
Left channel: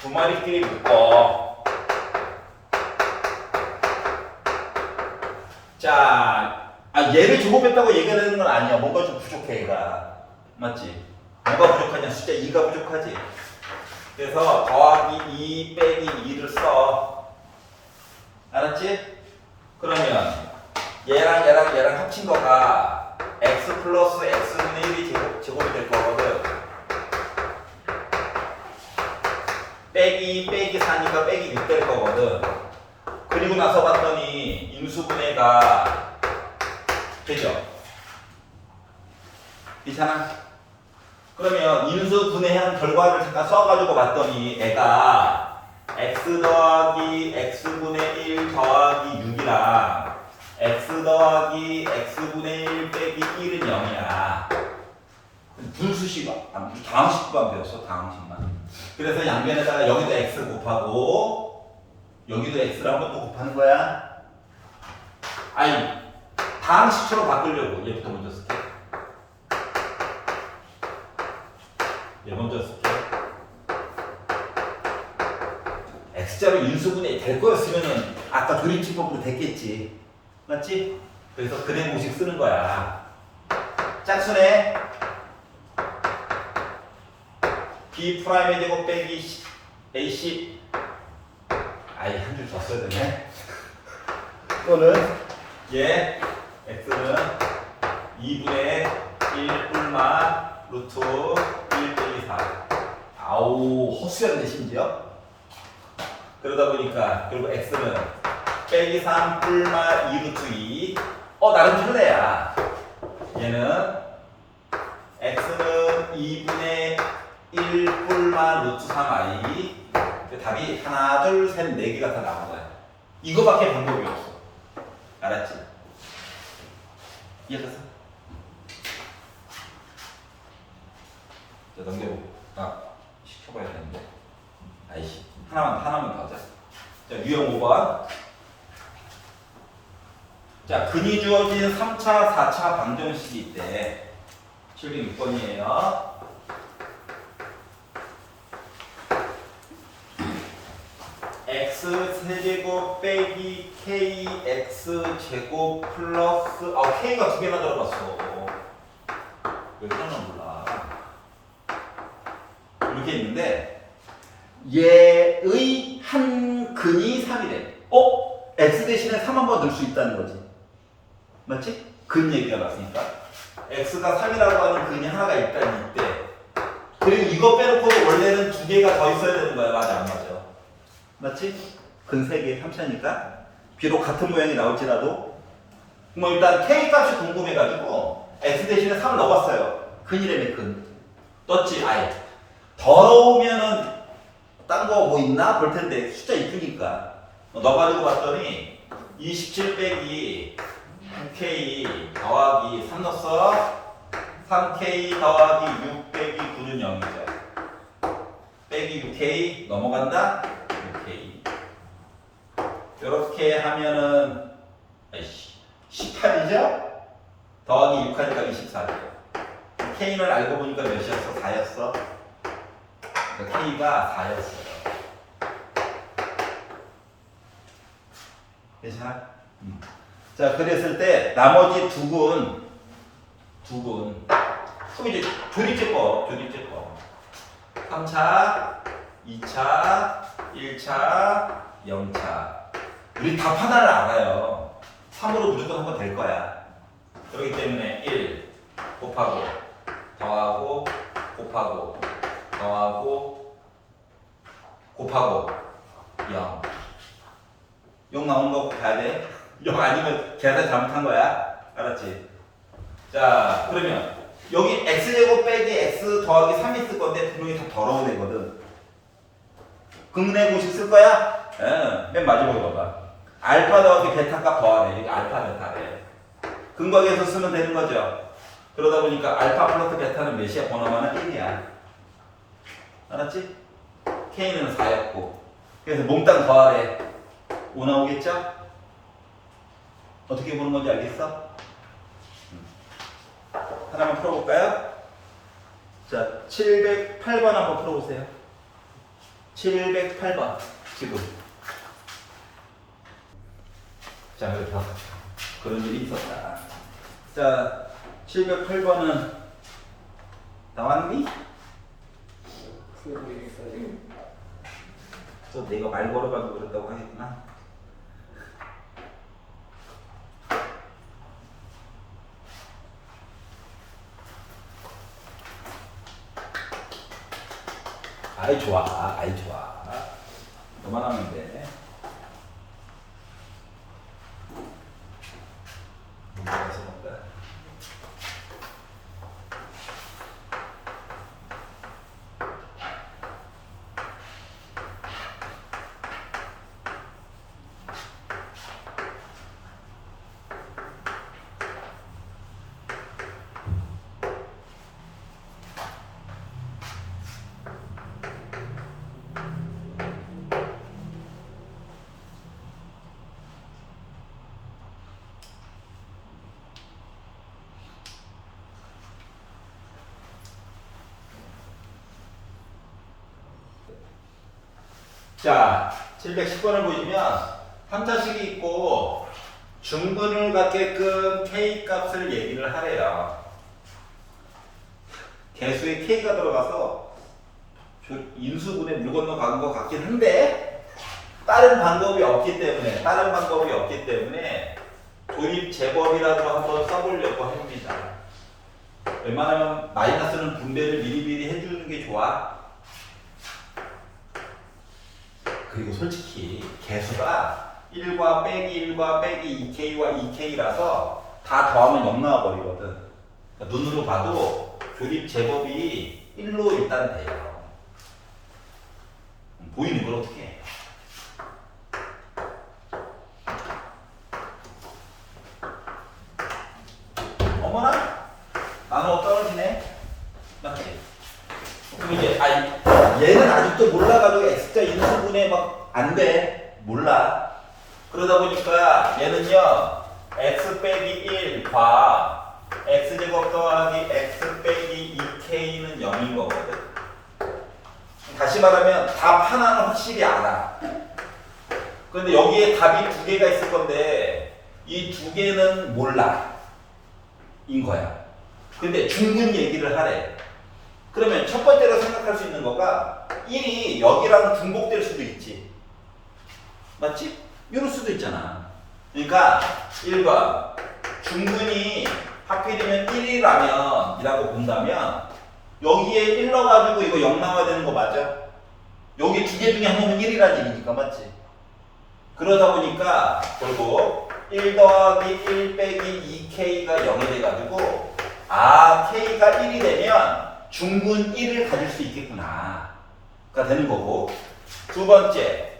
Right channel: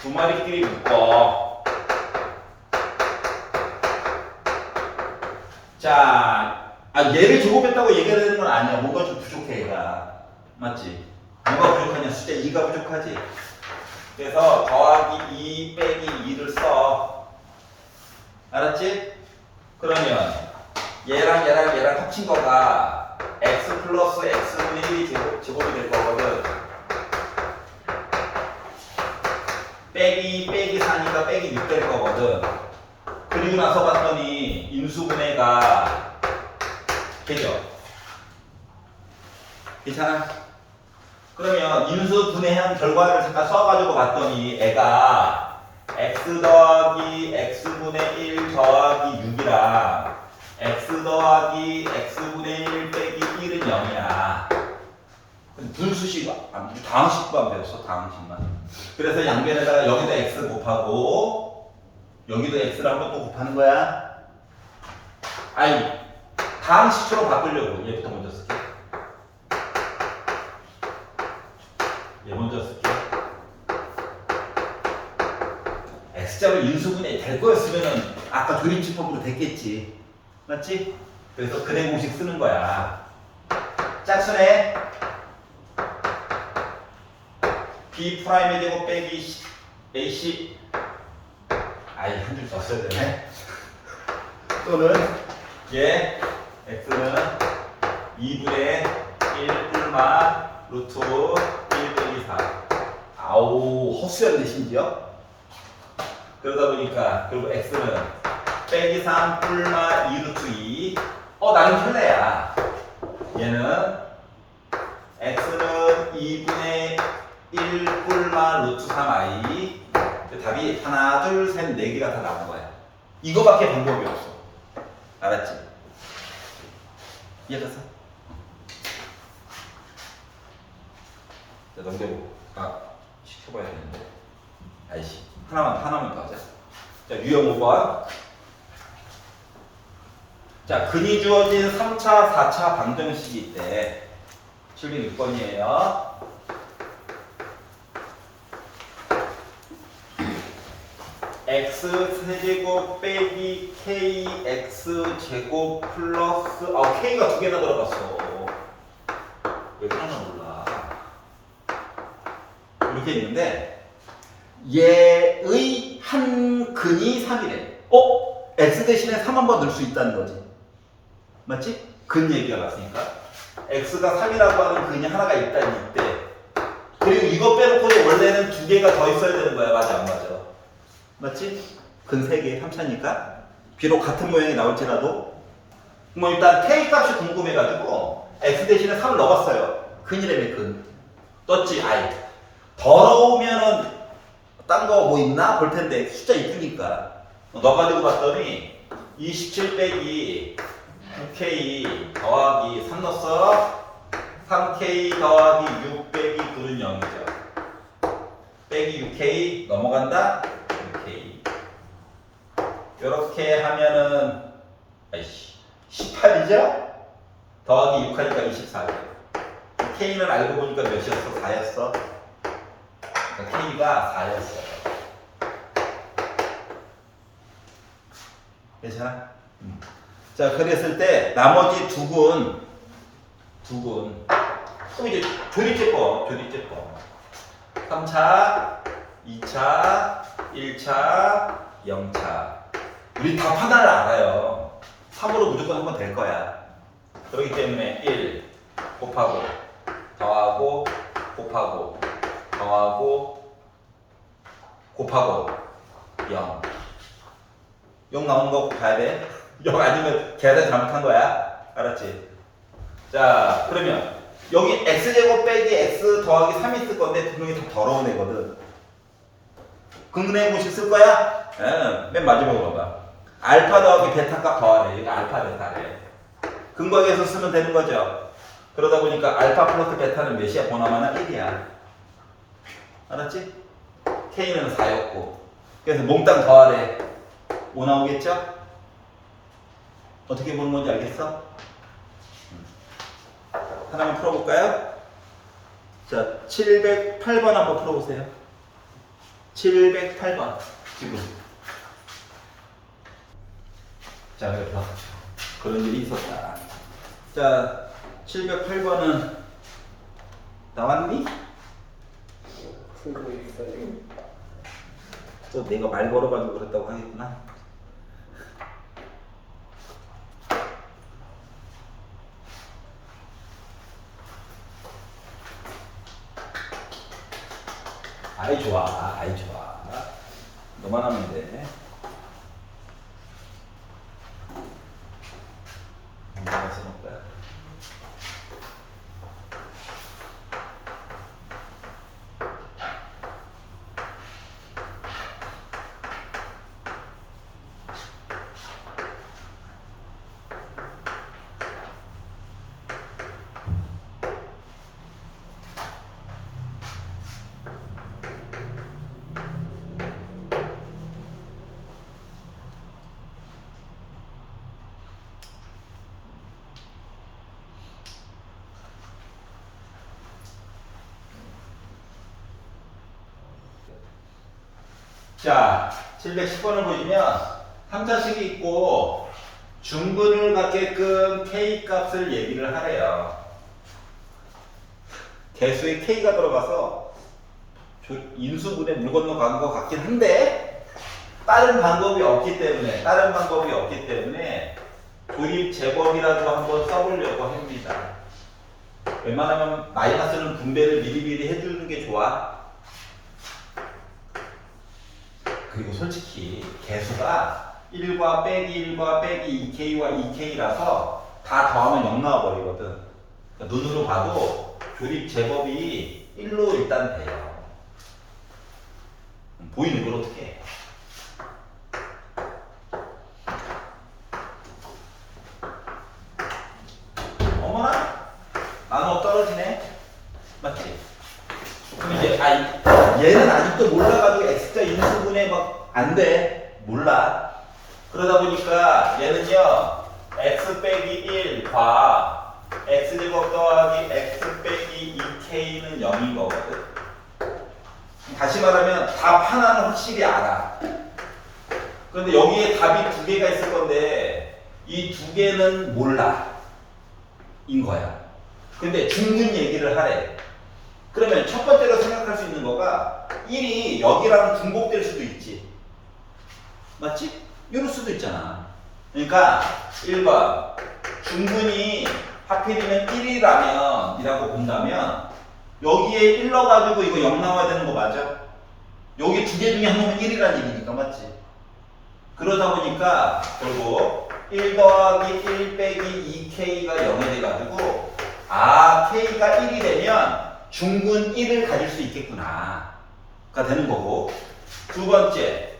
두 마리끼리 묶어. 자, 얘를 제곱했다고 얘기가 되는 건 아니야. 뭔가 좀 부족해, 얘가. 맞지? 뭐가 부족하냐? 숫자 2가 부족하지? 그래서 더하기 2 빼기 2를 써. 알았지? 그러면 얘랑 합친 거가 x 플러스 x분의 1이 제곱이 될 거거든. 빼기 4니까 빼기 6 될 거거든. 그리고 나서 봤더니 인수분해가 되죠? 괜찮아? 그러면 인수분해한 결과를 잠깐 써가지고 봤더니 애가 x 더하기 x분의 1 더하기 6이랑 x 더하기 x분의 1 빼기 1은 0이야. 분수식, 다항식만 배웠어, 다항식만. 그래서 양변에다가 여기다 x 곱하고 여기도 x를 한번 또 곱하는 거야. 다항식처럼 바꾸려고 얘부터 먼저 쓸게. 얘 먼저 쓸게. x자로 인수분해 될 거였으면은 아까 조립집법으로 됐겠지. 맞지? 그래서 근해 공식 쓰는 거야. 짝수네. b 프라임의 제곱 빼기 ac. 한 줄 더 써야 되네. 또는 얘 x는 2분의 1 뿔마 루트 1 빼기 4. 헛수였네 심지어. 그러다 보니까 그리고 x는 빼기 3 뿔마 2 루트 2. 나름 플레야. 얘는 x는 2분의 1 뿔마 루트 3i. 답이 하나, 둘, 셋, 네 개가 다 나온 거야. 이거밖에 방법이 없어. 알았지? 이해갔어? 자, 넘겨보고. 시켜봐야 되는데. 하나만 더 하자. 자, 유형 5번. 자, 근이 주어진 3차, 4차 방정식이 있대. 706번이에요. x 세제곱 빼기 kx 제곱 플러스 k가 두 개나 들어갔어. 왜 하나 몰라. 이렇게 있는데 얘의 한 근이 3이래. x 대신에 3 한 번 넣을 수 있다는 거지. 맞지? 근 얘기가 나왔으니까 x가 3이라고 하는 근이 하나가 있다는 이때. 그리고 이거 빼놓고도 원래는 두 개가 더 있어야 되는 거야. 맞아 안 맞아? 맞지? 근 3개 3차니까 비록 같은 모양이 나올지라도 뭐 일단 K 값이 궁금해가지고 X 대신에 3을 넣어봤어요. 근이라며 근. 떴지 I. 더러우면은 딴 거 뭐 있나 볼 텐데 숫자 이쁘니까 넣어가지고 봤더니 27 빼기 9K 더하기 3 넣었어. 3K 더하기 6 빼기 9는 0이죠. 빼기 6K 넘어간다. 6K. 이렇게 하면은 아이씨 18이죠? 더하기 6 하니까 24죠. K는 알고 보니까 몇이었어? 4였어. 그러니까 K가 4였어. 괜찮아? 자, 그랬을 때 나머지 두 군 그럼 이제 조립제법 3차, 2차, 1차, 0차 우리 답 하나를 알아요. 3으로 무조건 하면 될 거야. 그렇기 때문에 1 곱하고 더하고 곱하고 더하고 곱하고 0 0 나오는 거 봐야 돼. 0 아니면 계산 잘못한 거야. 알았지? 자, 그러면 여기 x제곱 빼기 x 더하기 3이 있을 건데 분명히 더 더러운 애거든. 근근의 공식 쓸 거야? 예, 맨 마지막에 봐봐. 알파 더하기 베타 값 더하래. 이게 알파 베타래. 근거에서 쓰면 되는 거죠. 그러다 보니까 알파 플러스 베타는 몇이야? 번호만은 1이야. 알았지? K는 4였고. 그래서 몽땅 더하래. 5 나오겠죠? 어떻게 보는 건지 알겠어? 하나만 풀어볼까요? 자, 708번 한번 풀어보세요. 708번 지금. 자, 그래서 그런 일이 있었다. 자, 708번은 나왔니? 풀고 있어요. 또 내가 말 걸어가지고 그랬다고 하겠구나. 아이 좋아, 아이 좋아. 너만 하면 돼. 문제가 있어볼까? 자, 710번을 보시면 3차식이 있고 중근을 갖게끔 K 값을 얘기를 하래요. 개수에 K가 들어가서 인수분해 물 건너간 것 같긴 한데 다른 방법이 없기 때문에 도입 제곱이라도 한번 써보려고 합니다. 웬만하면 마이너스는 분배를 미리미리 해주는 게 좋아. 그리고 솔직히 개수가 1과 빼기 1과 빼기 2K와 2K라서 다 더하면 0 나와버리거든. 그러니까 눈으로 봐도 조립 제곱이 1로 일단 돼요. 보이는 걸 어떻게 해? 어머나? 나눠 떨어지네? 맞지? 그럼 이제 얘는 아직도 몰라가지고 X자 인수분해 막 안 돼. 몰라. 그러다 보니까 얘는요 X 빼기 1과 X제곱 더하기 X 빼기 2K는 0인 거거든. 다시 말하면 답 하나는 확실히 알아. 그런데 여기에 답이 두 개가 있을 건데 이 두 개는 몰라. 인 거야. 근데 중근 얘기를 하래. 그러면 첫 번째로 생각할 수 있는 거가 1이 여기랑 중복될 수도 있지. 맞지? 이럴 수도 있잖아. 그러니까 1번 중근이 하필이면 1이라면 이라고 본다면 여기에 1 넣어가지고 이거 0 나와야 되는 거 맞아? 여기 두 개 중에 한 놈은 1이라는 얘기니까 맞지? 그러다 보니까 결국 1 더하기 1 빼기 2k가 0이 돼가지고 k가 1이 되면 중근 1을 가질 수 있겠구나 가 되는 거고, 두 번째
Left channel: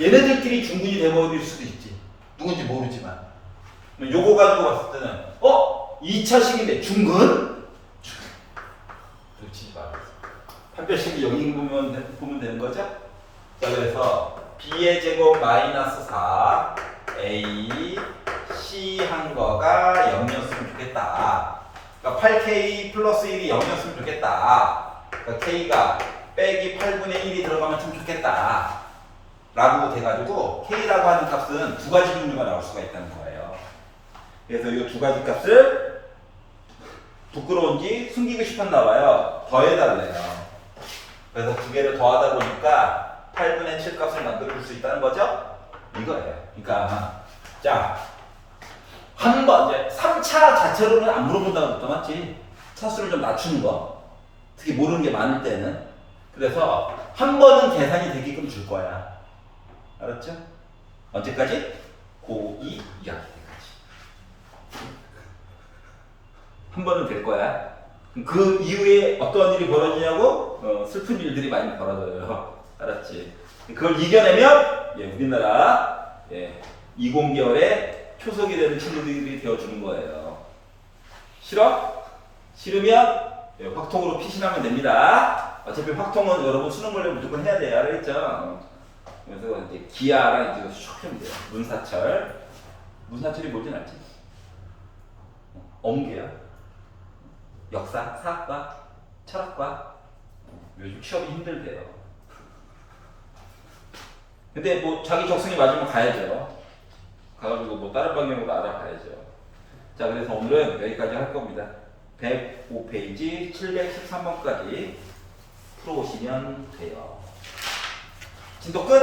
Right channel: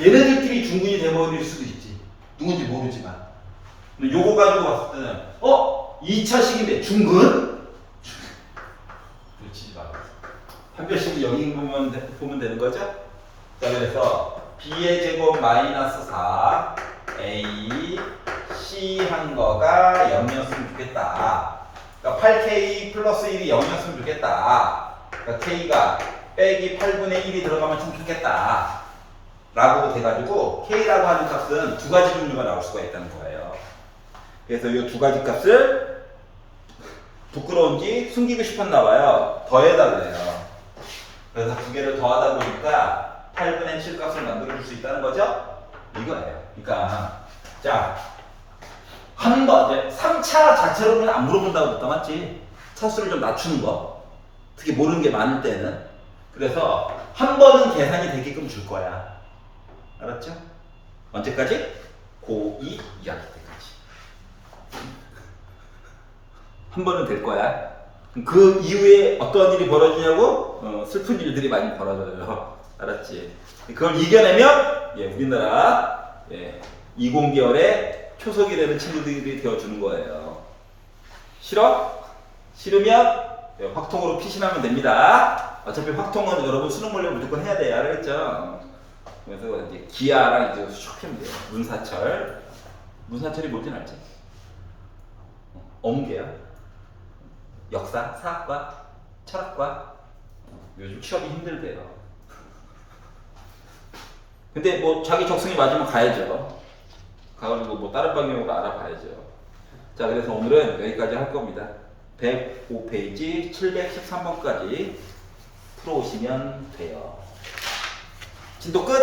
얘네들끼리 중근이 돼버릴 수도 있지. 누군지 모르지만 요거 가지고 봤을 때는 2차식인데 중근? 그렇지 마. 한 별씩이 여기 보면 되는 거죠? 자, 그래서 b의 제곱 마이너스 4 a c 한 거가 0이었으면 좋겠다. 그러니까 8k 플러스 1이 0이었으면 좋겠다. 그러니까 k가 빼기 8분의 1이 들어가면 좀 좋겠다 라고 돼가지고 k라고 하는 값은 두 가지 종류가 나올 수가 있다는 거예요. 그래서 이 두 가지 값을 부끄러운지 숨기고 싶었나 봐요. 더해달래요. 그래서 두 개를 더하다 보니까 8분의 7 값을 만들어줄 수 있다는 거죠? 이거예요. 그러니까 자, 한 번 이제 3차 자체로는 안 물어본다고 그랬다 맞지? 차수를 좀 낮추는 거. 특히 모르는 게 많을 때는. 그래서 한 번은 계산이 되게끔 줄 거야. 알았죠? 언제까지? 고2 2학기 때까지. 한 번은 될 거야. 그 이후에 어떤 일이 벌어지냐고? 슬픈 일들이 많이 벌어져요. 알았지? 그걸 이겨내면 우리나라 20개월에 초속이 되는 친구들이 되어주는 거예요. 싫어? 싫으면 확통으로 피신하면 됩니다. 어차피 확통은 여러분 수능 물려 무조건 해야 돼요. 알겠죠? 그래서 이제 기아랑 이제 슉 하면 돼요. 문사철. 문사철이 뭔지 알지? 엄계요. 역사, 사학과, 철학과. 요즘 취업이 힘들대요. 근데 뭐 자기 적성에 맞으면 가야죠. 가가지고 뭐 다른 방향으로 알아봐야죠. 자, 그래서 오늘은 여기까지 할 겁니다. 105페이지 713번까지 풀어오시면 돼요. 진도 끝!